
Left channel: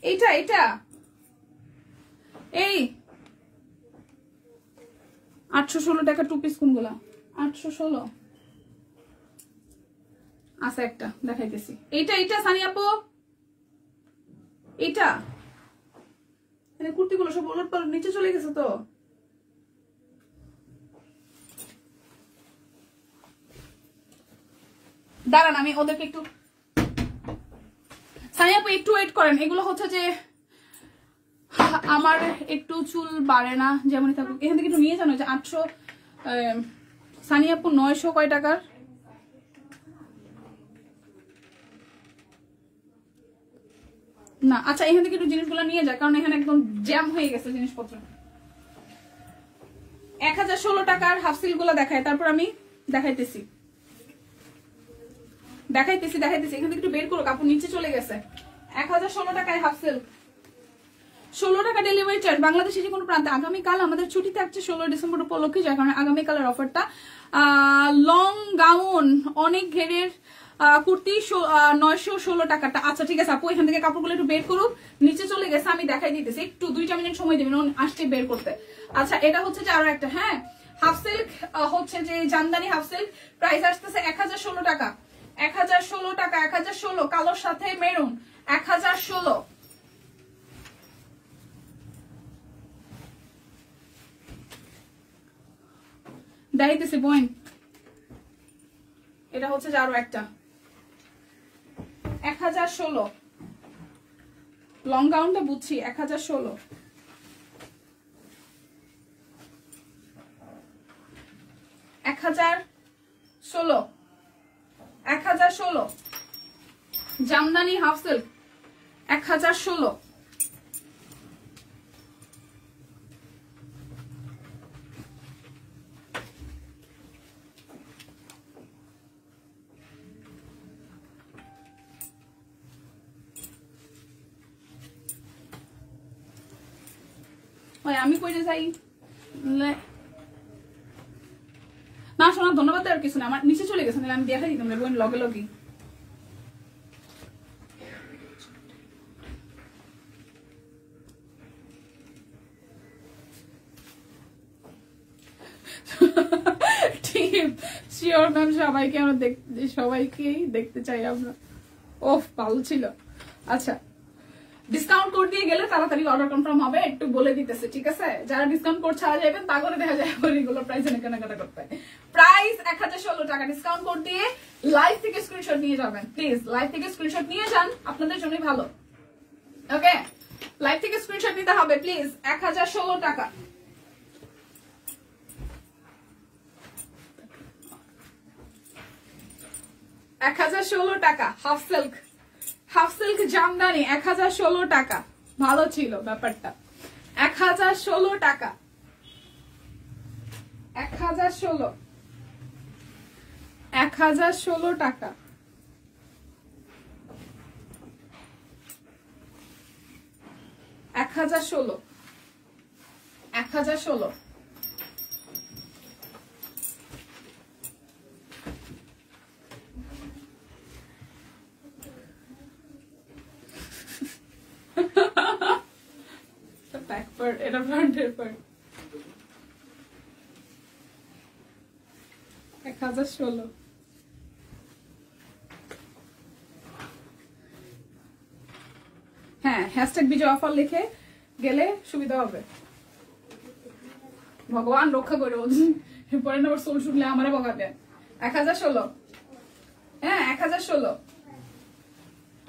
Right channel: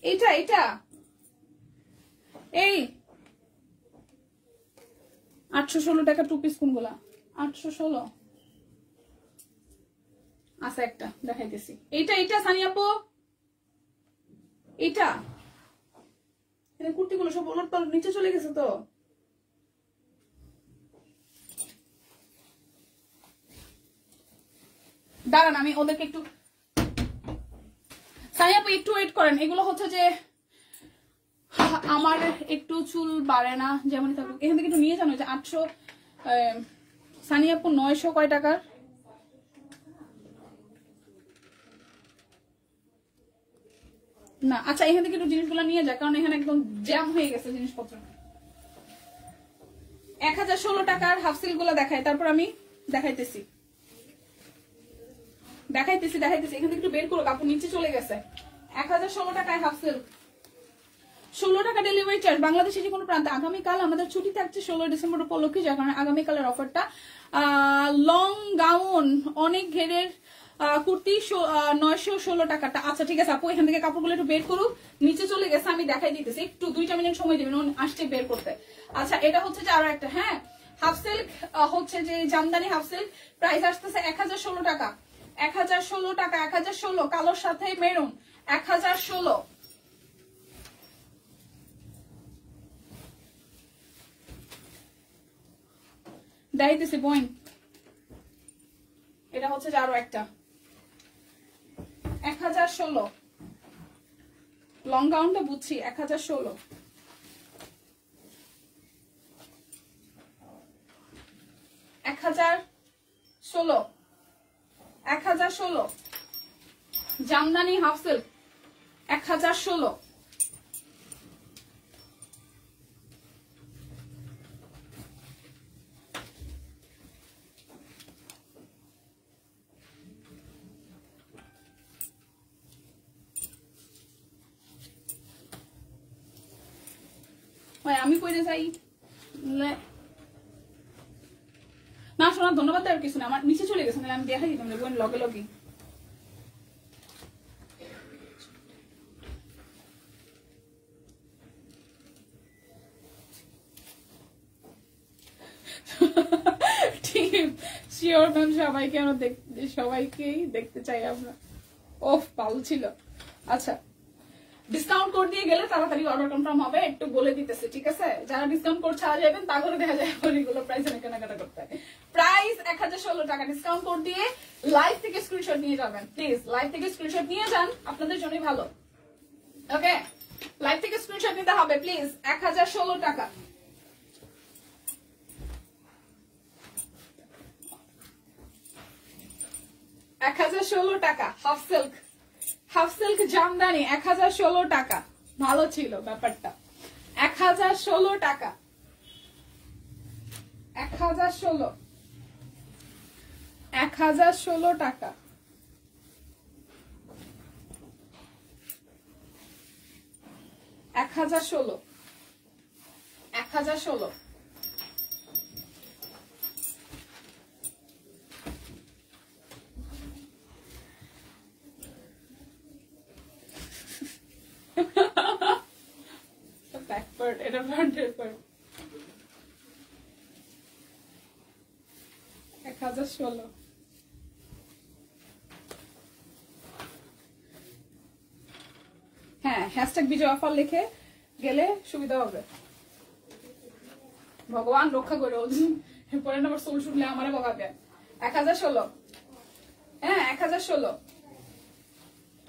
এইটা এটা এই 816 টাকা টু পিস কোনগুলা? 816 আচ্ছা একটা দেখাইতেছি। এইটা এইটা সানি আপু, এইটা কুর্তি গুলো সব ওলট পালট নিচে চলে গেছে তো। দাঁড়ান আমি ওদেরকে একটু, সানি আপু একটু ওয়েট করেন। এগুলো হচ্ছে যে আমার একটু চুল বাড়ে না যেমনই থাকুক, এখান থেকে একটু নিয়ে জানো যে 800। সানি আপু 900 কয় টাকার? না আচ্ছা এখান থেকে একটু জিনিসগুলো নিয়ে যায়, কারণ এখানে একদম জ্যাম হয়ে গেছে জিনিসপত্র। 1016 টাকার হাফ সিল্ক গুলো দেখায়, তারপর আমি দেখাইতেছি দেখাইতেছি দেখাইতেছি। এখান থেকে একটু বের করো, কাপড় নিচে চলে গেছে। 1016 টাকায় হাফ সিল্ক, 16 টাকা ডেলিভারি চার্জ, বাংলাদেশে যে কোনো প্রান্তে। আগামীকাল আমাদের ছুটি থাকছে 16 ডিসেম্বর উপলক্ষে, যার কারণে আগামীকালের অফারটা লং গাউন অনেক ঘেরের কুর্তি 916 টাকাটা। আচ্ছা ঠিক আছে আপু, এখান থেকে কাপড়গুলো একটু বের করুক, নিচে চলে গেছে, আমি দেখাই দিতেছি, একটু 2টা মিনিট সময় দেবেন আসতে বের করতে। আচ্ছা এটা হচ্ছে যে আরো একটা, হ্যাঁ হাফ সিল্ক হচ্ছে যে জামদানি হাফ সিল্ক, প্রাইস আসতেছে 1016 টাকা, 1016 টাকা, 1016 কালোর সাথে মেরুন, 1016। দেখাইতেছি বোন, এটা হচ্ছে যে আরো একটা 1016 লং গাউনটা বুঝছি, 1016, 1016, 1016 জামদানি হাফ সিল্ক 1016। আমি কইতে চাই না শোনা, ধন্যবাদ আর কিছু না, আমার নিচে চলে গেছে, আমি দেখাই দিতাম বোন লগে লগে। শিওর ম্যাম, সবাইকে আমরা সবাইকেই দেখতে চাই আমরা। ওফ ভালো ছিল। আচ্ছা ডিসকাউন্ট কোড দিয়ে গেলে তাড়াতাড়ি অর্ডার কনফার্ম হবে, একটু বলে দিতেছে ঠিক আছে। যারা ডিসকাউন্ট কোড ছাড়া যাবেন তা করে দেখা যায় এগুলো প্রাইস কেনাকাটা করতে হয়। প্রাইস 1016 টাকা, ডিসকাউন্ট কোড দিয়ে লাইভ থেকে স্ক্রিনশট নিয়ে যাবেন প্লিজ, লাইভ থেকে স্ক্রিনশট নিয়ে যান, আপনাদের জন্যই ভালো। ওকে লাইভ থেকে স্ক্রিনশট নিতে হবে প্লিজ। 1016 টাকা, 1016 টাকা half silk, half silk Jamdani 1016 টাকা। ভালো ছিল ব্যাপারটা। 1016 টাকা, 1016, 1016 টাকা, 1016, 1016। ব্যাক পার্ট, এটা ফ্রন্টের পার্ট। 1016। হ্যাঁ, হ্যাশট্যাগ বিজয় অফার লিখে গেলে সুবিধা হবে। ভগবান রক্ষা করো, পরে আবার সোল শুনলে আমারে বকা দেন। 1016। হ্যাঁ 1016,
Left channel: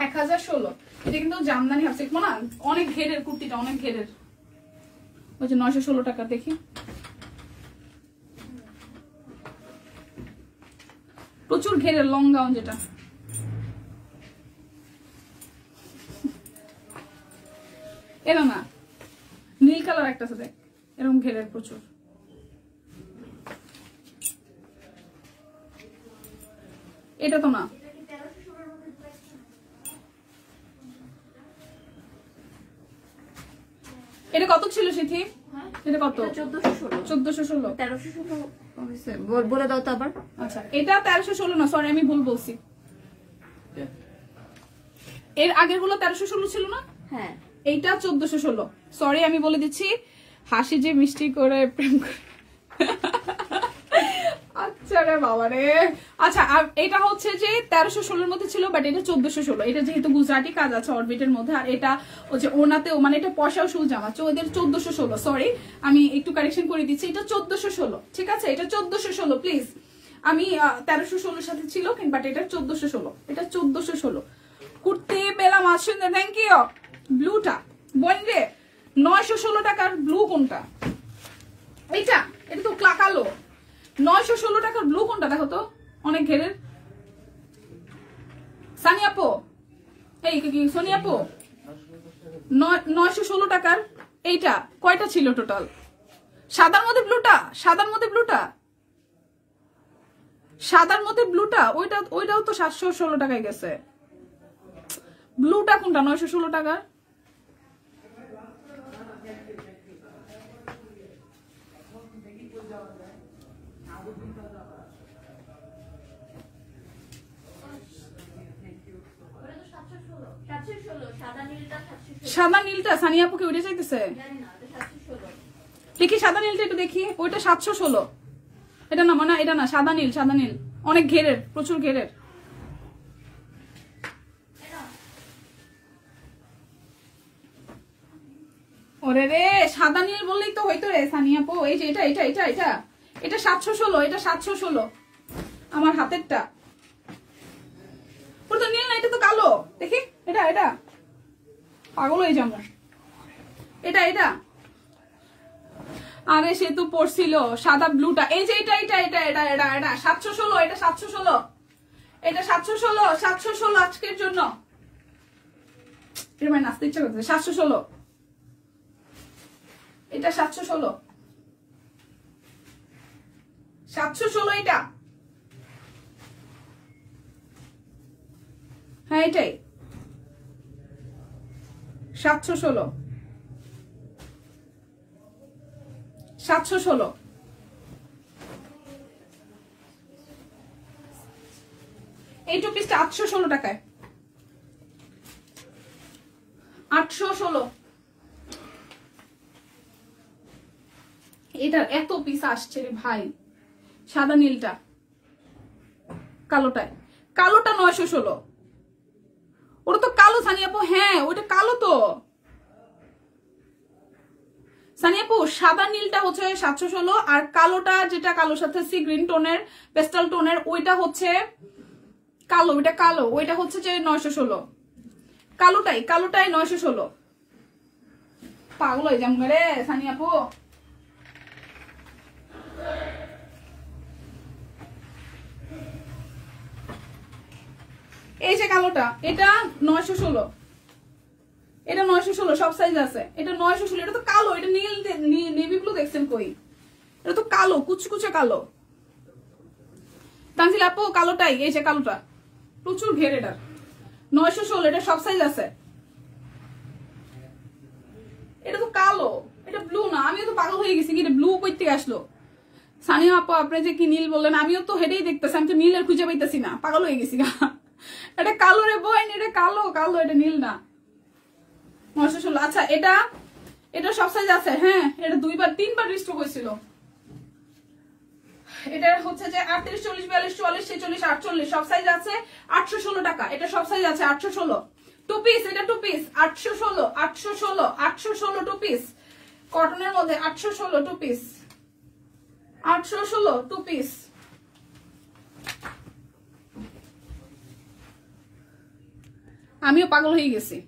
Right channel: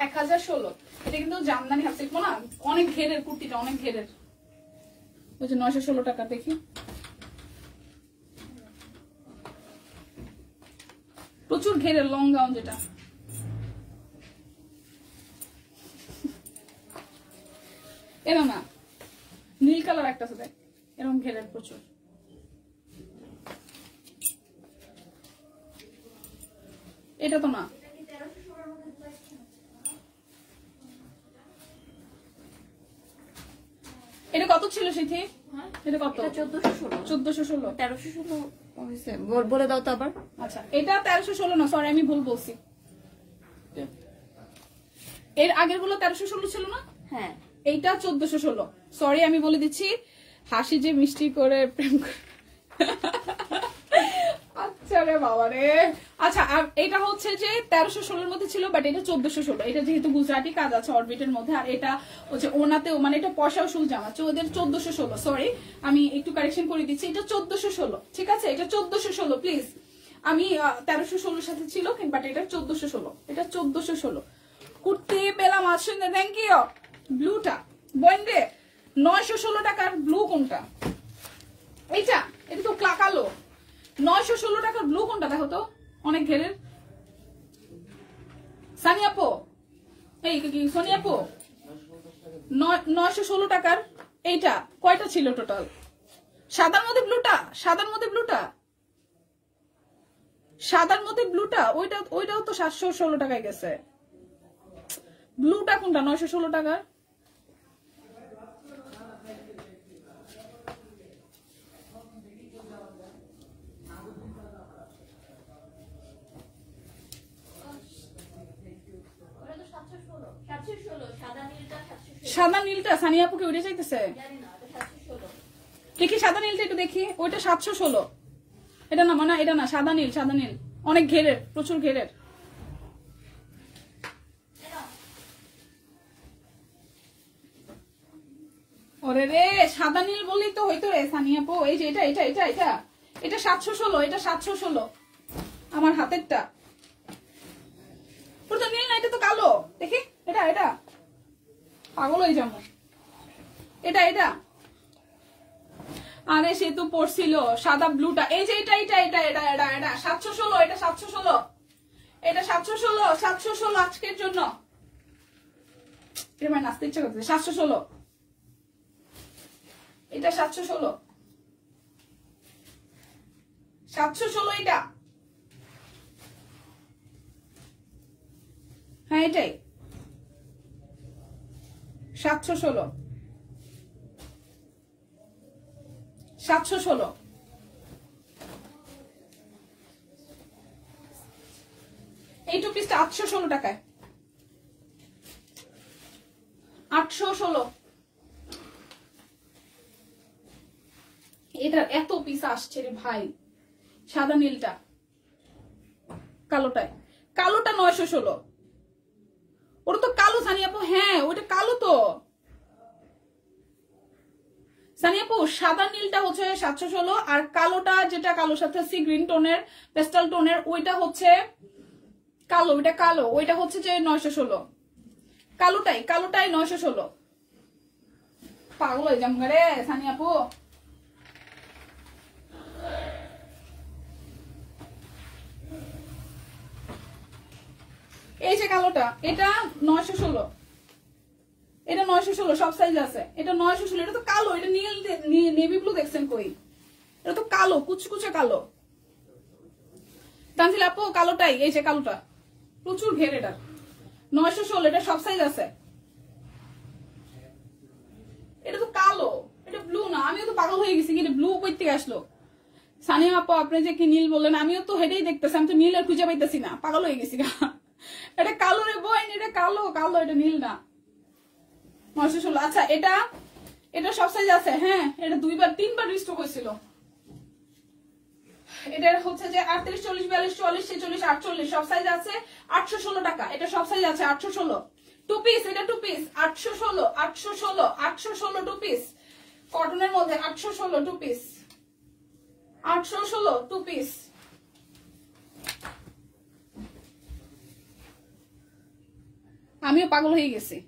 1016। এটা কিন্তু জামদানি হাফ সিল্ক না, অনেক ঘেরের কুর্তিটা, অনেক ঘেরের। ওই যে 916 টাকা। দেখি প্রচুর ঘেরের লং গাউন, যেটা এরকম না, নীল কালার একটা আছে, দেখ এরকম ঘেরের প্রচুর। এটা তো না, এটা কত ছিল শিখি? এটা কত? 1416। 1316 বলে দাও তো আবার। আচ্ছা, এটা 1316 না, সরি আমি ভুল বলছি। এর আগের গুলো 1316 ছিল না? হ্যাঁ, এইটা 1416। সরি আমি বলে দিচ্ছি, হাসি যে মিষ্টি করে প্রেম করে। আচ্ছা রে বাবা রে। আচ্ছা, আর এটা হচ্ছে যে 1316 মধ্যে ছিল, বাট এটা 1416। এটা যেহেতু গুজরাটি কাজ আছে অরবিটের মধ্যে, আর এটা হচ্ছে ওনাতেও, মানে এটা পশাল সুল জামা, ওদের 1416। সরি আমি একটু কারেকশন করে দিচ্ছি, এটা 1416। ঠিক আছে, এটা 1416 প্লিজ। আমি 1316 সাথে ছিল, বাট এটা 1416। এটা 1416 কুর্তি পেলাম। আসেন, থ্যাংক ইউ। ব্লুটা বইন রে, 916 টাকার ব্লু কোনটা? এইটা, এটা তো কালো। 916 টাকার ব্লু কোনটা দেখো তো, অনেক ঘেরের। সানিয়াপো, এই কি সোনিয়াপো, 916 টাকার এইটা কয়টা ছিল টোটাল? সাদার মধ্যে ব্লুটা, সাদার মধ্যে ব্লুটা, সাদার মধ্যে ব্লুটা, ওইটাও তো 716 টাকায় গেছে। ব্লুটা কোনটা 916 টাকার? সাদা নীলটা সানিয়াপুকে উড়ে যাইতেছে, দেখি সাদা নীলটা একটু দেখি। ওইটা 716। এটা না, মানে এটা না, সাদা নীল, সাদা নীল অনেক ঘেরের, প্রচুর ঘেরের। ওরে রে, সাদা নীল বললেই তো হইতো রে সানিয়াপু। এই যে এটা এটা এটা এটা এটা 716, এটা 716 আমার হাতেরটা। পুরো নীল না, এটা তো কালো। দেখি এটা, এটা পাগল হয়ে যাবো। এটা এটা, আরে সে তো পড়ছিল সাদা ব্লুটা। এই যে এটা এটা এটা এটা এটা এটা 716, এটা 716, এটা 716, 716 আজকের জন্য। নাচতে ইচ্ছা করতেছে। 716, এটা 716, 716 এটা। হ্যাঁ এটাই 716, 716। এই টু পিসটা 816 টাকায়, 816। এটার এত পিস আসছে রে ভাই। সাদা নীলটা, কালোটায়, কালোটা 916। ওটা তো কালো সানিয়াপু। হ্যাঁ ওইটা কালো তো সানিয়াপু। সাদা নীলটা হচ্ছে 716, আর কালোটা যেটা কালোর সাথে সি গ্রিন টোনের, পেস্টাল টোনের, ওইটা হচ্ছে কালো। ওইটা কালো, ওইটা হচ্ছে যে 916। কালোটাই, কালোটাই 916। পাগল হয়ে যাম রে সানিয়াপু। এই যে কালোটা, এটা 916, এটা 916, সব সাইজ আছে। এটা 916, এটা তো কালো, এটা নীল নেভি ব্লু দেখছেন কই? এটা তো কালো, কুচকুচে কালো। তানজিল আপু কালোটাই, এই যে কালোটা প্রচুর ঘের। এটা 916, এটা সব সাইজ আছে। এটা তো কালো, এটা ব্লু না। আমিও তো পাগল হয়ে গেছি, এটা ব্লু কই থেকে আসলো? সানিয়া আপু আপনি যে কি নীল বললেন, আমিও তো হেঁটেই দেখতেছি, আমি তো নীল আর খুঁজে পাইতেছি না, পাগল হয়ে গেছি। এটা কালো রে বোন, এটা কালো, কালো, এটা নীল না। 916। আচ্ছা এটা, এটা সব সাইজ আছে। হ্যাঁ এটা 2-3বার রিস্টক হয়েছিল। এটা হচ্ছে যে 38, 40, 42, 44, 46, 48 সব সাইজ আছে 816 টাকা। এটা সব সাইজ আছে 816 টু পিস। এটা টু পিস 816, 816, 816 টু পিস কটনের মধ্যে 816 টু পিস, 816 টু পিস। আমিও পাগল হয়ে গেছি।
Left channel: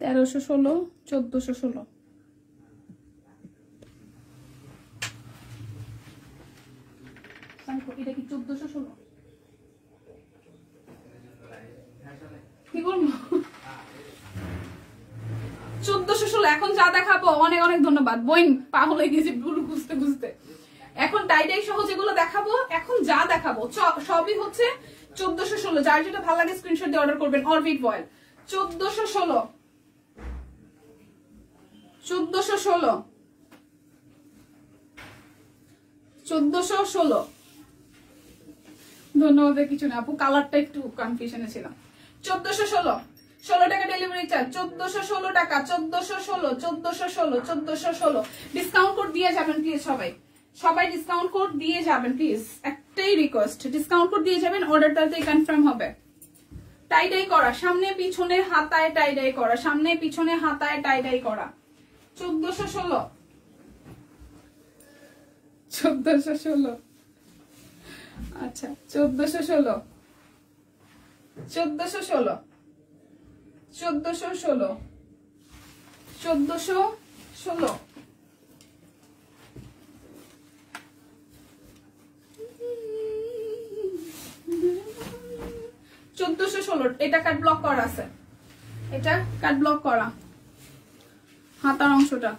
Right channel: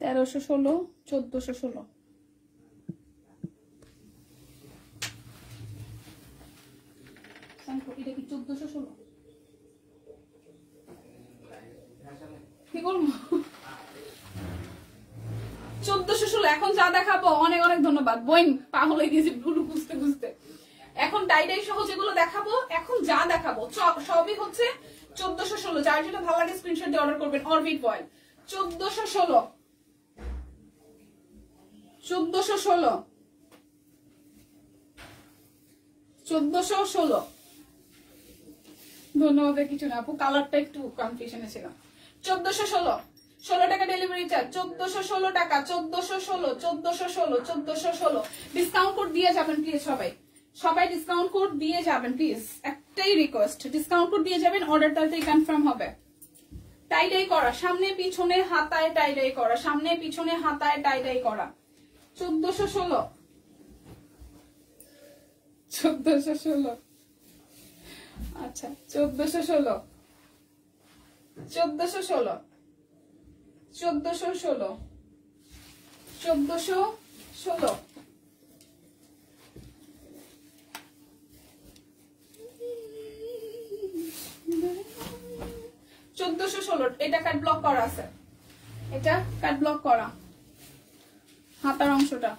তেরোশো ষোলো, 1416। এটা কি 1416? কি বলবো 1416। এখন যা দেখাবো অনেক অনেক ধন্যবাদ বইন, পাগল হয়ে গেছি ভুল খুঁজতে খুঁজতে। এখন টাইটাই সহ যেগুলো দেখাবো, এখন যা দেখাবো সবই হচ্ছে 1416। যার যেটা ভালো লাগে স্ক্রিনশট দিয়ে অর্ডার করবেন। অরবিট ভয়েল 1416, 1416, 1416। ধন্যবাদ। কিছু না আপু, কালারটা একটু কনফিউশনে ছিল। 1416, 16 টাকা ডেলিভারি চার্জ, 1416 টাকা, 1416, 1416, 1416। ডিসকাউন্ট কোড দিয়ে যাবেন প্লিজ সবাই, সবাই ডিসকাউন্ট কোড দিয়ে যাবেন প্লিজ, একটাই রিকোয়েস্ট, ডিসকাউন্ট কোড দিয়ে যাবেন, অর্ডার তাড়াতাড়ি কনফার্ম হবে। টাইডাই করা, সামনে পিছনে হাতায় টাইডাই করা, সামনে পিছনে হাতায় টাইডাই করা। 1416, 1416। আচ্ছা 1416, 1416, 1416, 1416। এটা কাট ব্লক করা আছে, এটা কাট ব্লক করা হাতার অংশটা।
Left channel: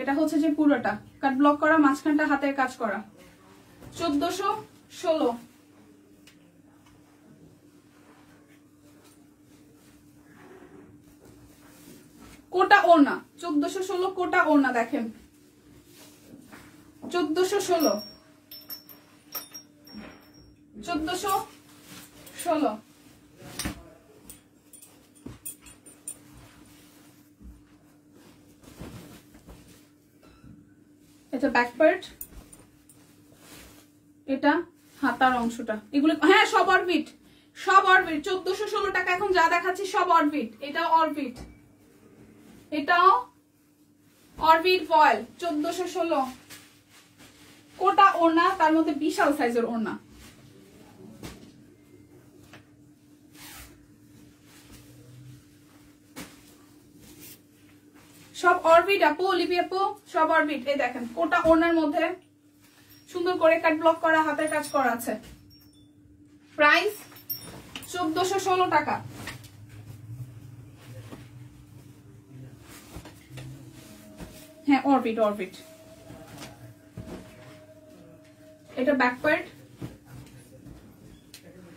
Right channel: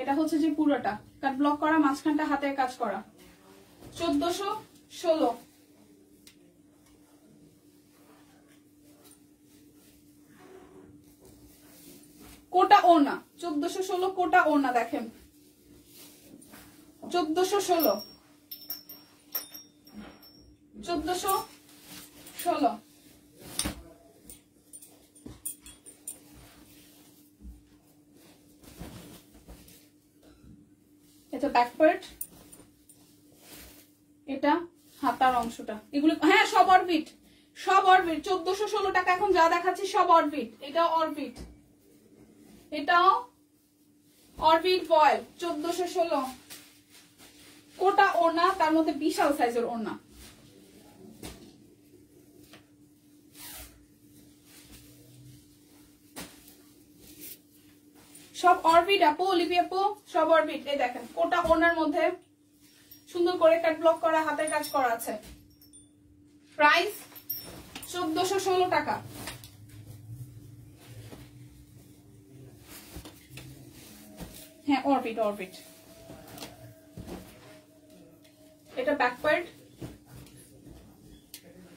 এটা হচ্ছে যে পুরোটা কাট ব্লক করা, মাঝখানটা হাতের কাজ করা। 1416। কোটা ওনা 1416, কোটা ওনা দেখেন 1416, 1416। এটা ব্যাক পার্ট, এটা হাতার অংশটা। এগুলো হ্যাঁ সব অরবিট, সব অরবিট। 1416 টাকা এখন যা দেখাচ্ছি সব অরবিট। এটা অরবিট, এটাও অরবিট ভয়েল 1416। কোটা ওড়না, তার মধ্যে বিশাল সাইজের ওড়না। সব অরবিট আপু, লিপি আপু, সব অরবিট। এই দেখেন কোটা ওড়নার মধ্যে সুন্দর করে কাট ব্লক করা হাতের কাজ করা আছে। প্রাইস 1416 টাকা। হ্যাঁ অরবিট, অরবিট। এটা ব্যাক পার্ট,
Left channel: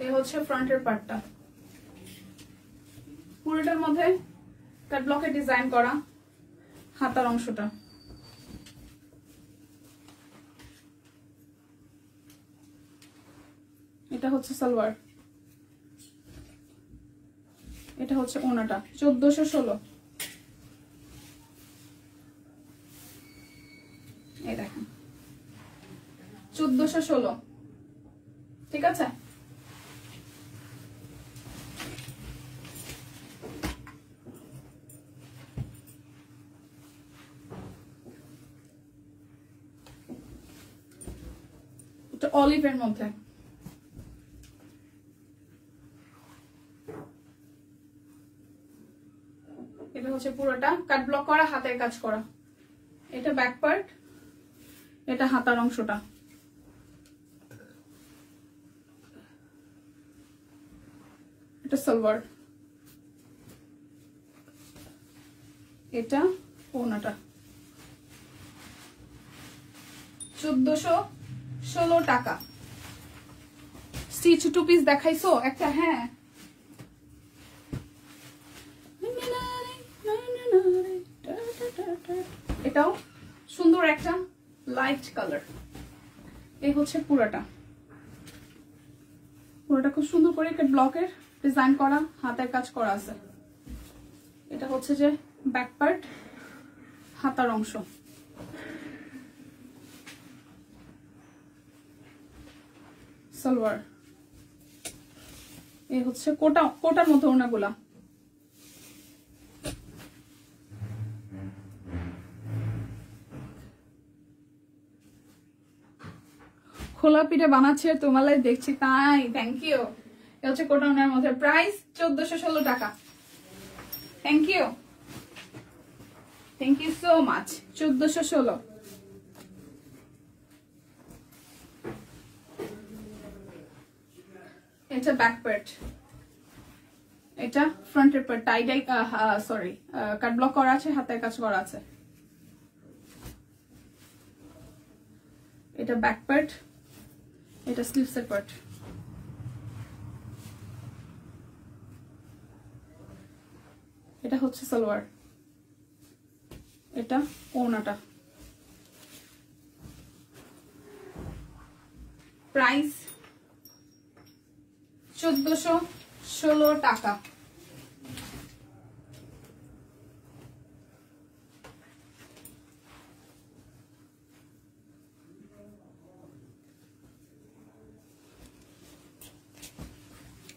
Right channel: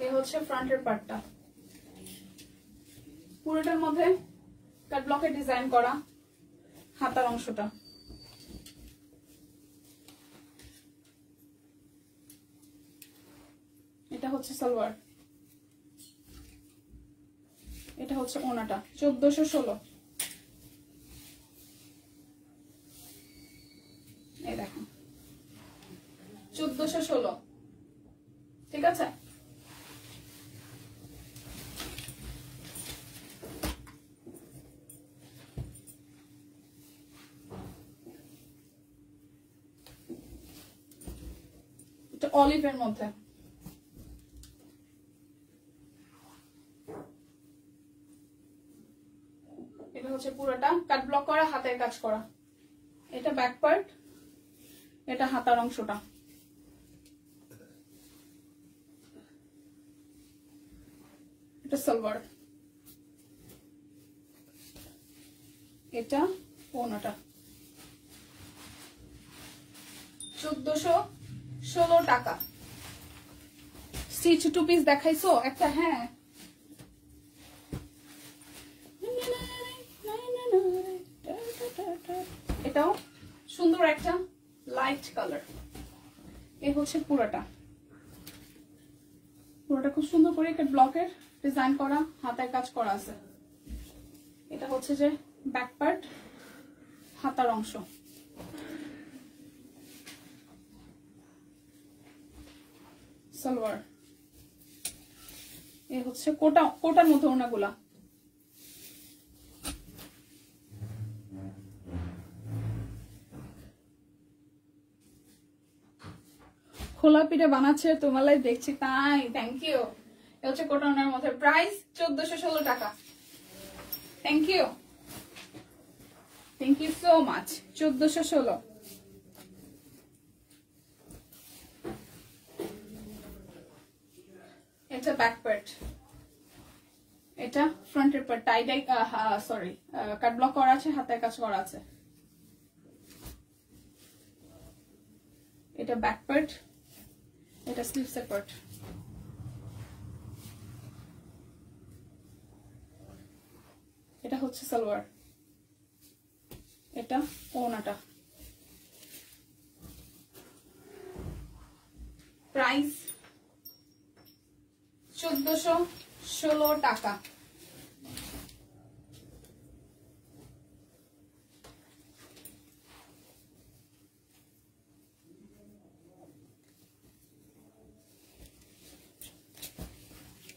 এই হচ্ছে ফ্রন্টের পার্টটা। পুরোটার মধ্যে কাট ব্লকে ডিজাইন করা হাতার অংশটা। এটা হচ্ছে সালোয়ার, এটা হচ্ছে ওনাটা। 1416। এই দেখেন 1416, ঠিক আছে। এটা অলিভের মধ্যে। এটা হচ্ছে পুরোটা কাট ব্লক করা হাতের কাজ করা। এটা ব্যাক পার্ট, এটা হাতার অংশটা। এটা সালোয়ার, এটা ওনাটা। 1416 টাকা। স্টিচ টু পিস দেখাইছো একটা? হ্যাঁ এটাও সুন্দর একটা লাইট কালার। এই হচ্ছে পুরাটা খুব সুন্দর করে একটা ব্লকের ডিজাইন করা, হাতের কাজ করা আছে। এটা হচ্ছে যে ব্যাক পার্ট, হাতার অংশ। সালোয়ার। এই হচ্ছে কোটার মতো ওনাগুলা। খোলা পিঠে বানাচ্ছে তোমার লাইভ দেখছি, তাই থ্যাংক ইউ। এটা হচ্ছে কোটা ওনার মধ্যে, প্রাইস 1416 টাকা। Thank you so much. 1416। এটা ব্যাক পার্ট, এটা ফ্রন্টের part, tie dye sorry cut block করা আছে, হাতের কাজ করা আছে। এটা ব্যাক পার্ট, এটা স্লিভসের পার্ট। এটা হচ্ছে সালোয়ার, এটা ওড়নাটা। প্রাইস 1416 টাকা।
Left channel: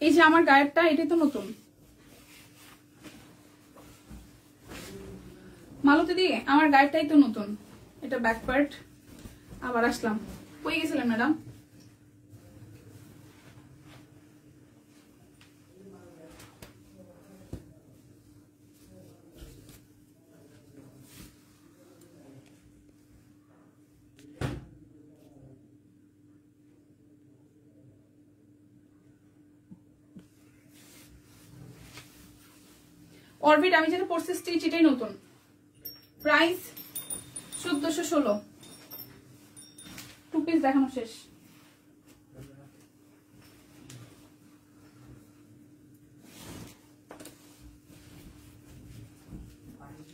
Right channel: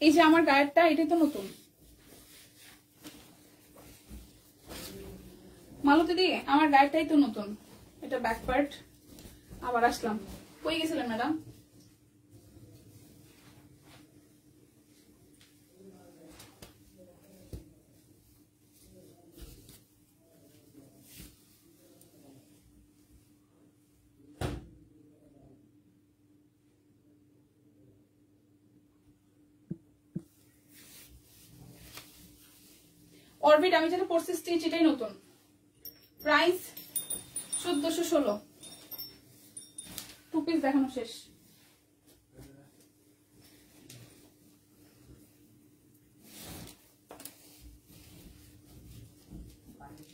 এই যে আমার গায়েরটা, এটাই তো নতুন। মালতী দি, আমার গায়েরটাই তো নতুন। এটা ব্যাক পার্ট। আবার আসলাম, কই গেছিলেন ম্যাডাম? অরবিট আমি যেটা পরছি স্টিচ, এটাই নতুন। প্রাইস 1416। টু পিস দেখানো শেষ।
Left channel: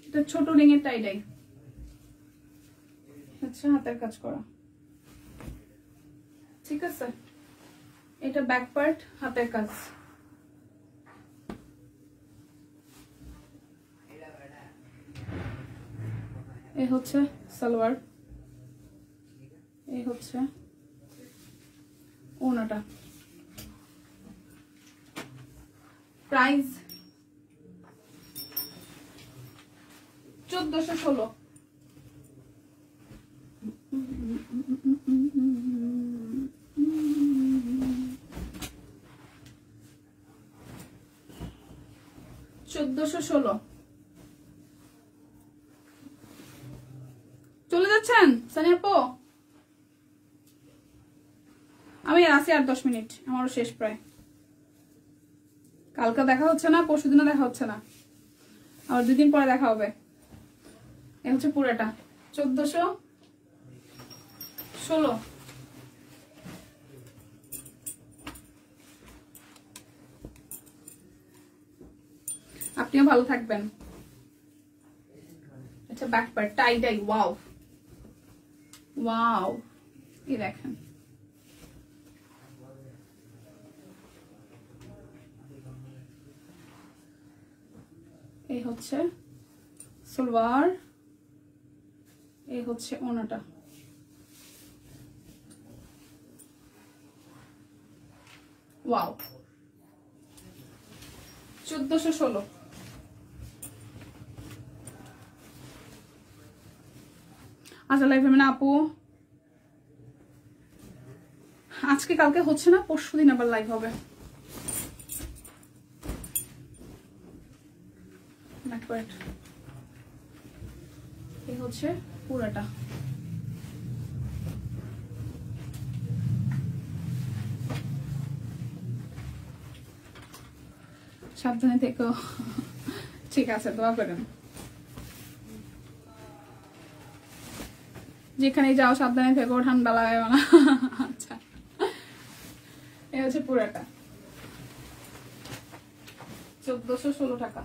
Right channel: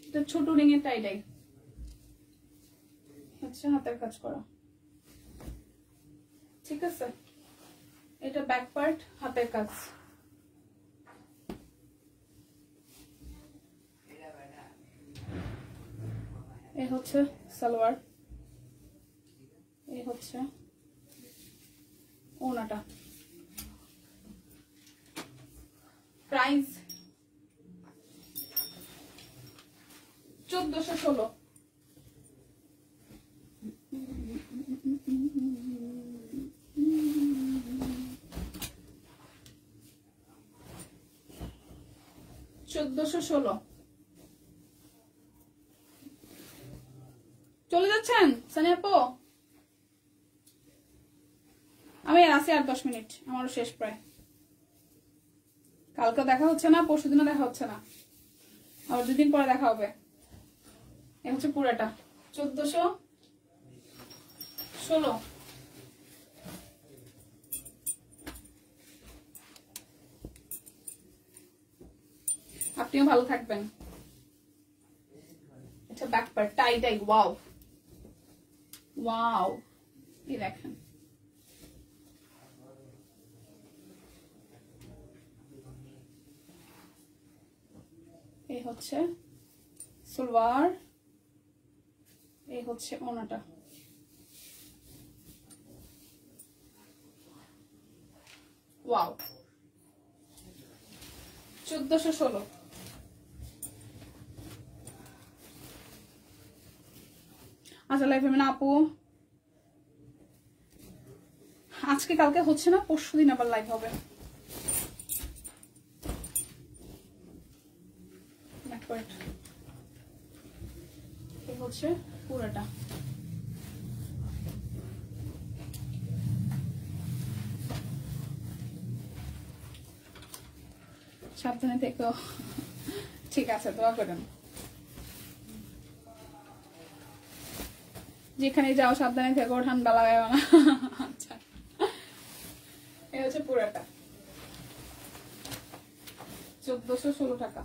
এটা ছোট রিং এর টাইডাই, আচ্ছা হাতের কাজ করা, ঠিক আছে। এটা ব্যাক পার্ট, হাতের কাজ। এই হচ্ছে সালোয়ার, এই হচ্ছে ওড়নাটা। প্রাইস 1416। চলে যাচ্ছেন সানিয়া আপু? আমি আসি আর 10 মিনিট, আমারও শেষ প্রায়। কালকে দেখা হচ্ছে না, পরশুদিনও দেখা হচ্ছে না, আবার 2 দিন পরে দেখা হবে। এ হচ্ছে পুরাটা 1416। আপনিও ভালো থাকবেন। আচ্ছা back part, tie die. Wow wow, এই দেখেন। এই হচ্ছে সালোয়ার, এই হচ্ছে ওড়নাটা। ওয়াও, 1416। আচ্ছা লাইভ না আপু, আজকে কালকে হচ্ছে না, পরশুদিন আবার লাইভ হবে। এই হচ্ছে পুরাটা। সাবধানে থেকো, ঠিক আছে, দোয়া করেন। যেখানে যাও সাবধানে থেকো, ঠান্ডা লাগায় না। আচ্ছা এই হচ্ছে পুরাটা 1416 টাকা।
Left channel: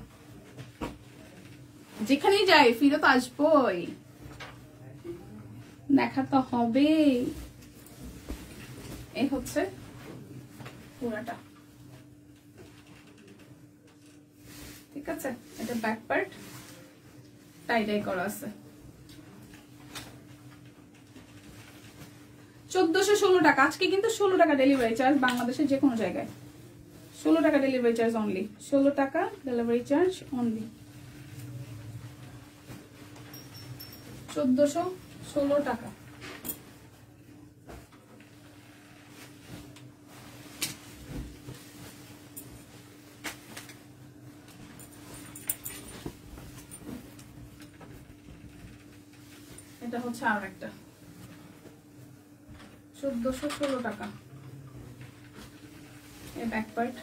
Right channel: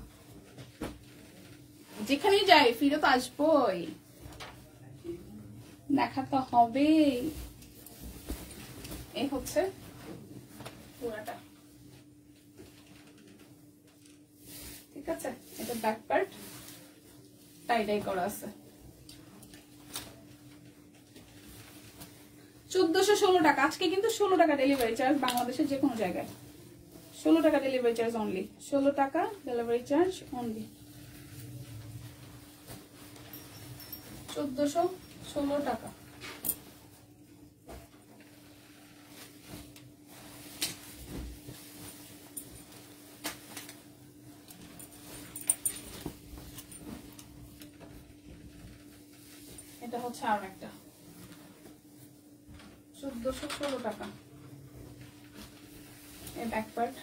যেখানেই যাই ফিরে তো আসবোই, দেখাতে হবে। এই হচ্ছে পুরাটা, ঠিক আছে। এটা ব্যাক পার্ট টাই ডাই করা আছে। 1416 টাকা। আজকে কিন্তু 16 টাকা ডেলিভারি চার্জ, বাংলাদেশের যে কোনো জায়গায় 16 টাকা ডেলিভারি চার্জ অনলি। 16 টাকা ডেলিভারি চার্জ অনলি। 1416 টাকা। এটা হচ্ছে আর একটা 1416 টাকা। এই ব্যাক পার্ট,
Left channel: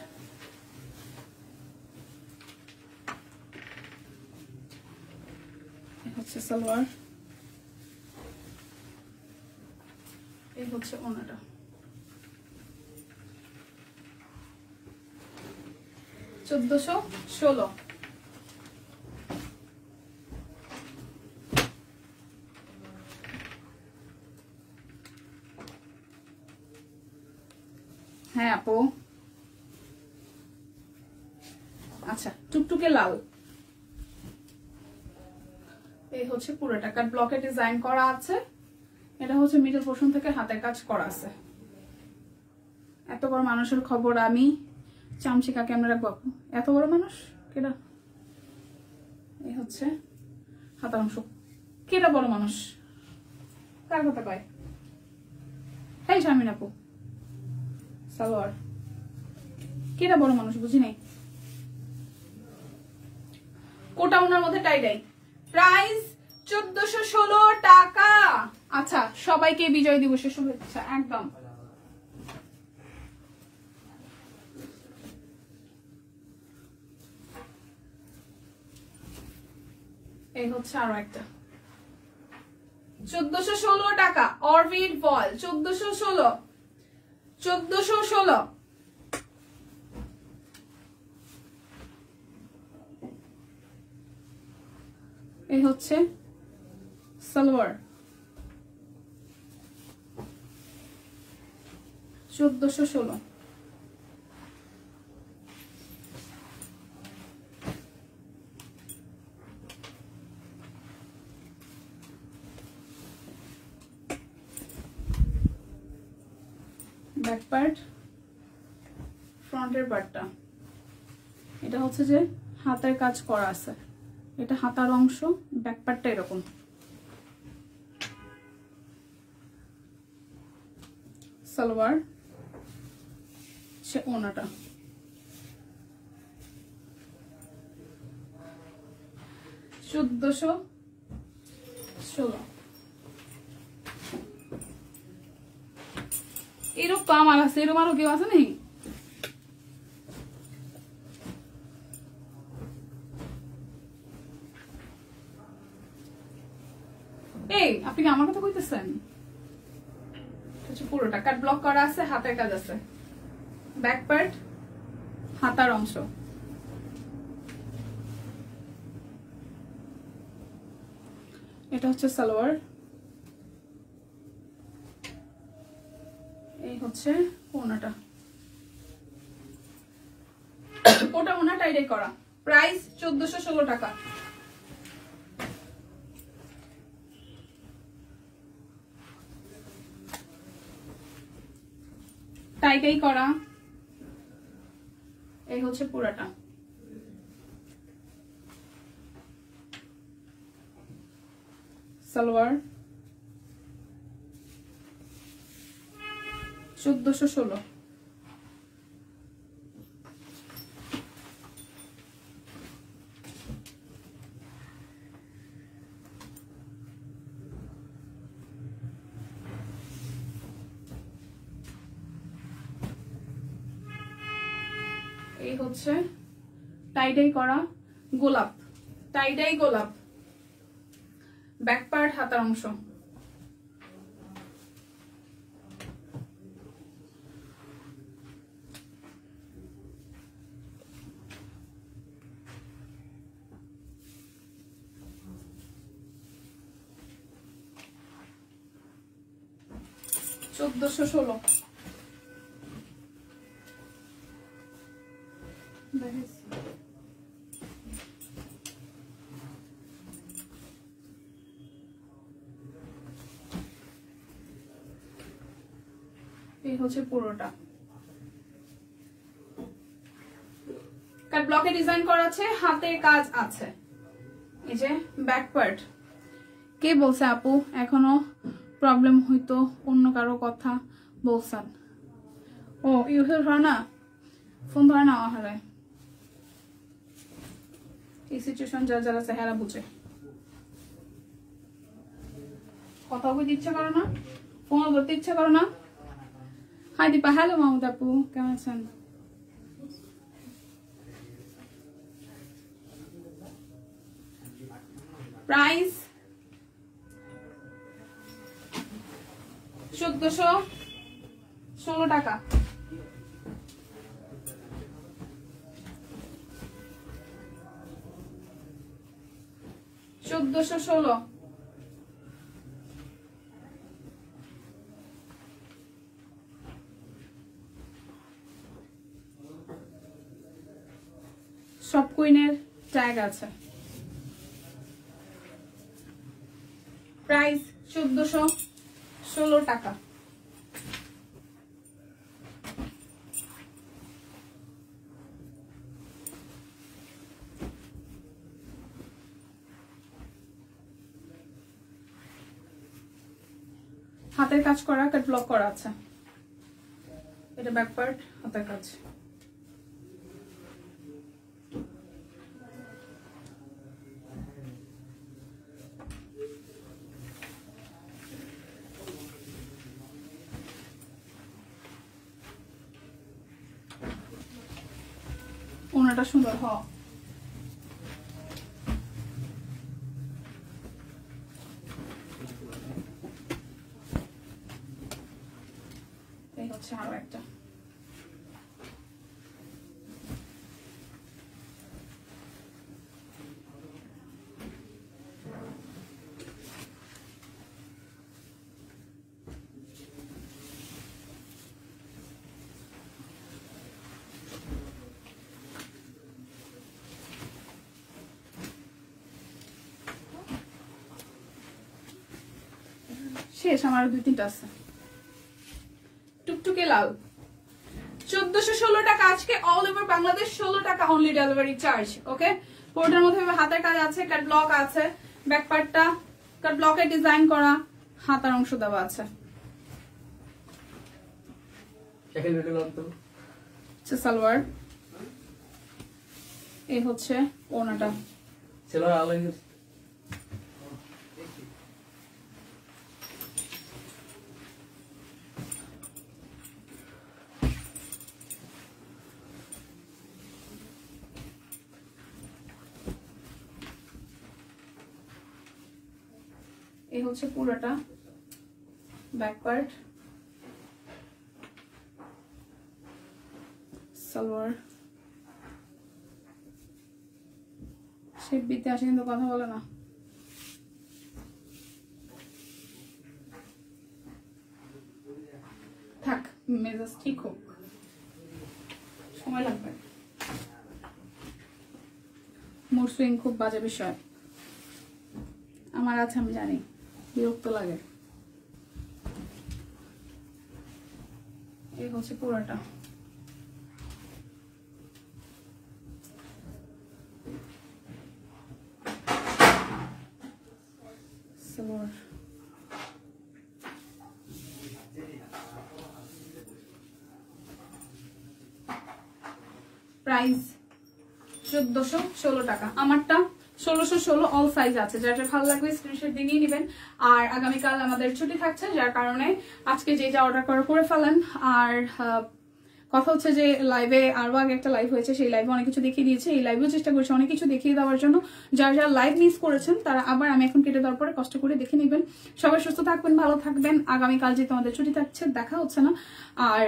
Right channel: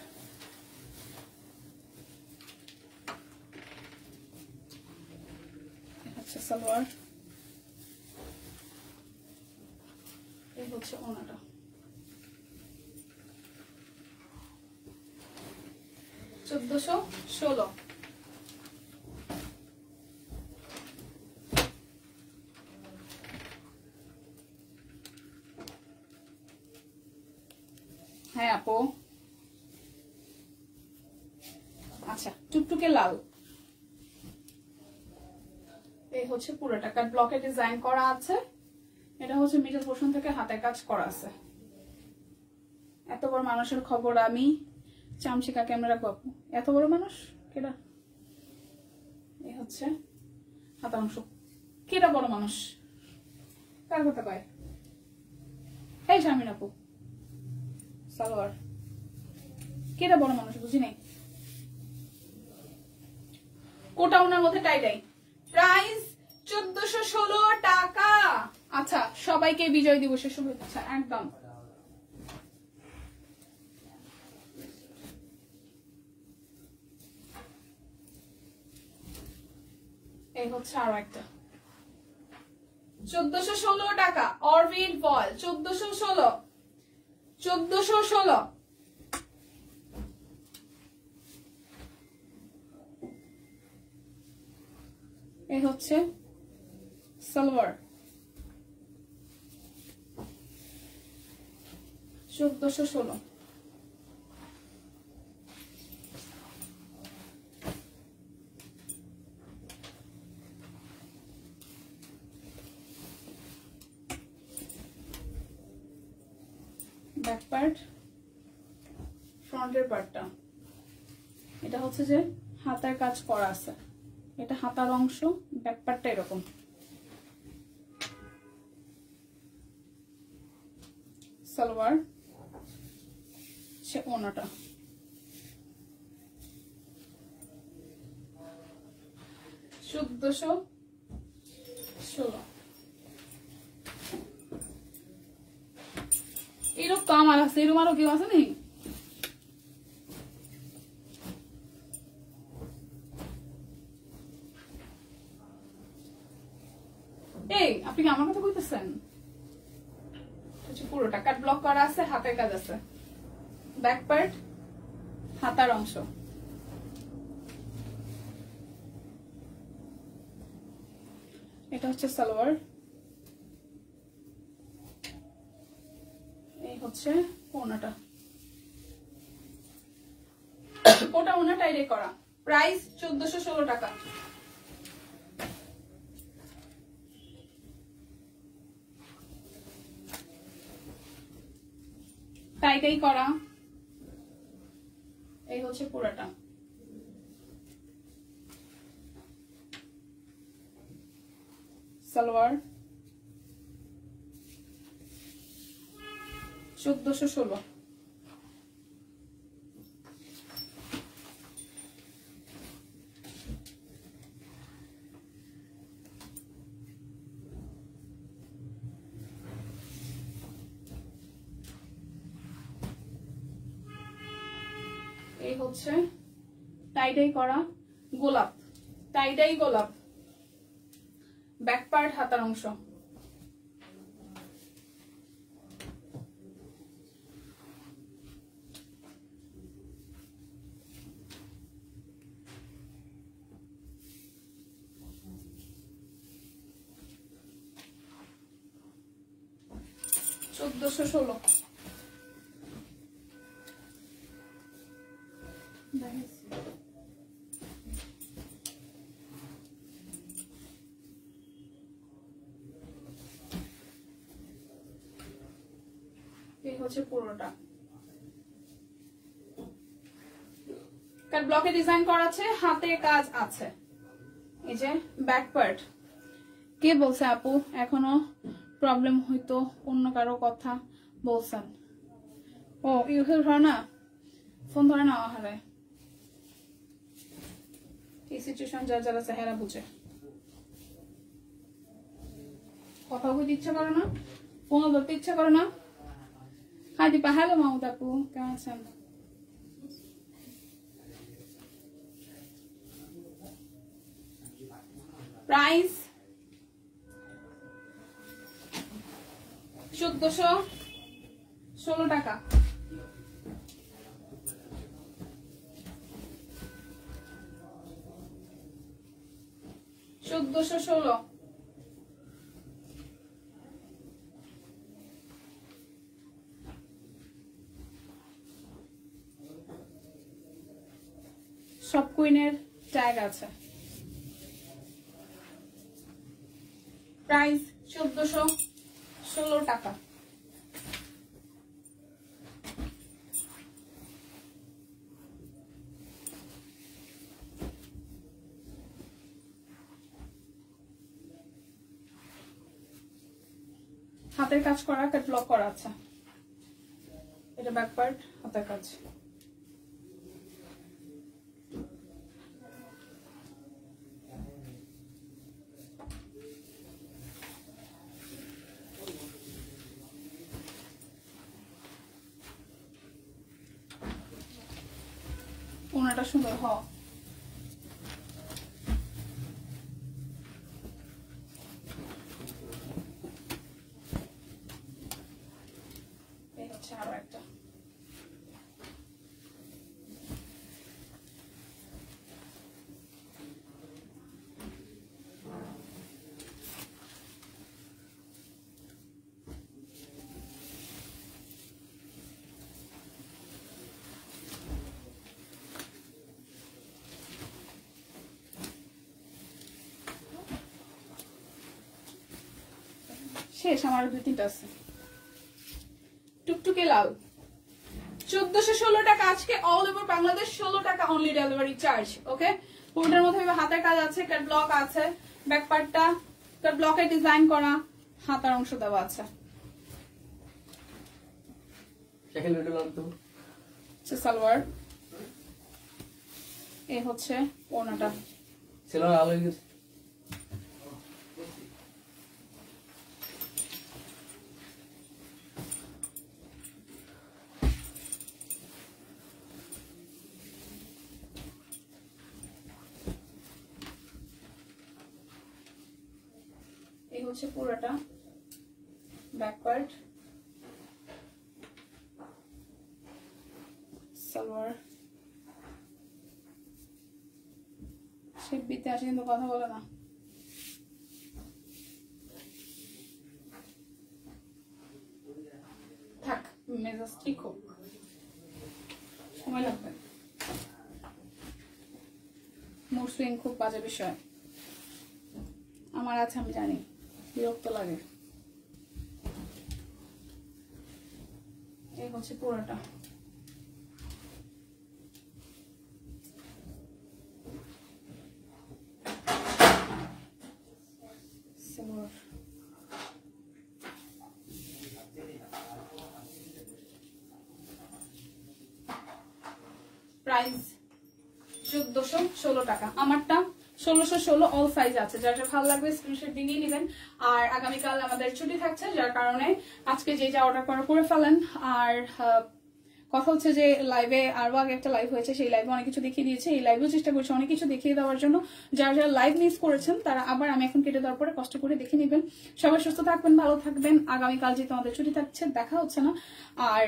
হচ্ছে সালোয়ার, এই হচ্ছে ওনাটা। 1416। হ্যাঁ আপু, আচ্ছা টুকটুকে লাল। এই হচ্ছে পুরোটা কাট ব্লকে ডিজাইন করা আছে। এটা হচ্ছে মিডল পোর্শন থেকে হাতের কাজ করা আছে। এত বড় মানুষের খবর আমি চামচিকা ক্যামেরা বাপু, এত বড় মানুষ কেডা? এই হচ্ছে হাতার অংশ। কেডা বড় মানুষ? কার কথা পায়? এই শামিন আপু, সালোয়ার কেডা বড় মানুষ বুঝি নাই। কোটা উনার মধ্যে টাই ডাই। প্রাইস 1416 টাকা। আচ্ছা, সবাইকে বিজয় দিবসের শুভেচ্ছা। একদম এই হচ্ছে আরো একটা 1416 টাকা। অরবিট বল 1416। 1416। এই হচ্ছে সালোয়ার 1416। ব্যাক পার্ট, ফ্রন্টের পার্টটা, এটা হচ্ছে যে হাতের কাজ করা আছে। এটা হাতার অংশ, ব্যাক পার্টটা এরকম। সালোয়ার, সে ওনাটা। $1416। এরকম তো আমার আছে, এরকম আরো কেউ আছে নাকি? এই আপনি কি আমার কথা কইতেছেন? পুরোটা কাট ব্লক করা আছে, হাতের কাজ আছে। ব্যাক পার্ট, হাতার অংশ। এটা হচ্ছে সালোয়ার, এই হচ্ছে ওনাটা। ওটা ওনাটা এটাই করা। প্রাইস 1416 টাকা। টাইটাই করা। এই হচ্ছে পুরাটা। সালোয়ার 1416। এই হচ্ছে টাইডাই করা গোলাপ, টাইডাই গোলাপ। ব্যাক পার্ট, হাতার অংশ। 1416 এই হচ্ছে পুরোটা কাট ব্লকে ডিজাইন করা আছে, হাতে কাজ আছে। এই যে ব্যাক পার্ট। কে বলছে আপু এখনো প্রবলেম হইতো অন্য কারো কথা বলছেন? ও ইউহেল ধর না, ফোন ধরে না হারে। এই সিচুয়েশন যার যারা চেহারা বুঝে, কথা বলতে ইচ্ছা করে না, ফোন ধরতে ইচ্ছা করে না। হাই দীপা, হ্যালো মাহমুদ আপু, কেমন আছেন? প্রাইস 1416 টাকা। সব কুইনের ট্যাগ আছে। প্রাইস 1416 টাকা। হাতের কাজ করা, কাট ব্লক করা আছে। এটা ব্যাক পার্ট, হাতের কাজ। ওনাটা সুন্দর হ। এই হচ্ছে আরো একটা। শেষ, আমার 2-3টা আছে। টুকটুকে লাল 1416 টাকা আজকে, অল ওভার বাংলাদেশ 16 টাকা অনলি ডেলিভারি চার্জ। ওকে, পুরোটার মধ্যে হাতের কাজ আছে, কাট ব্লক আছে, ব্যাক পার্টটা কাট ব্লকে ডিজাইন করা, হাতার অংশ দেওয়া আছে। সালোয়ার, এই হচ্ছে ওনাটা। এই হচ্ছে পুরোটা ব্যাক পার্ট, সালোয়ার। শেপ দিতে আসে কিন্তু কথা বলে না। থাক, মেজাজ ঠিক হোক, সময় লাগবে। মুড সুইং খুব বাজে বিষয় আমার আছে, আমি জানি, বিরক্ত লাগে। এই হচ্ছে পুরোটা। প্রাইস 1416 টাকা। আমারটা 1616, অল সাইজ আছে। যার যার ভালো লাগবে স্ক্রিনশট দিয়ে নেবেন। আর আগামীকাল আমাদের ছুটি থাকছে, যার কারণে আজকে যেটা অর্ডার করে ফেলেন। আর কথা হচ্ছে যে লাইভে আরো আগে একটা লাইভ হয়েছে, সেই লাইভে অনেক কিছু দেখিয়ে দিয়েছে, এই লাইভেও চেষ্টা করছি অনেক কিছু দেখিয়ে দেওয়ার জন্য। যারা যারা লাইভ মিস করেছেন তারা আবার আমি এখন কেটে দেওয়ার পরে কষ্ট করে দেখে নেবেন। সবাই সুস্থ থাকবেন, ভালো থাকবেন। আগামীকাল যেহেতু আমাদের ছুটি থাকছে, দেখা হচ্ছে না, আর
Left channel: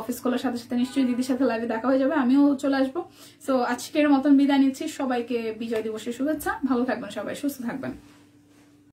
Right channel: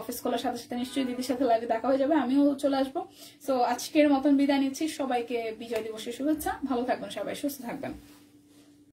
অফিস খোলার সাথে সাথে নিশ্চয়ই দিদির সাথে লাইভে দেখা হয়ে যাবে, আমিও চলে আসবো। সো আজকের মতন বিদায় নিচ্ছি, সবাইকে বিজয় দিবসের শুভেচ্ছা। ভালো থাকবেন সবাই, সুস্থ থাকবেন।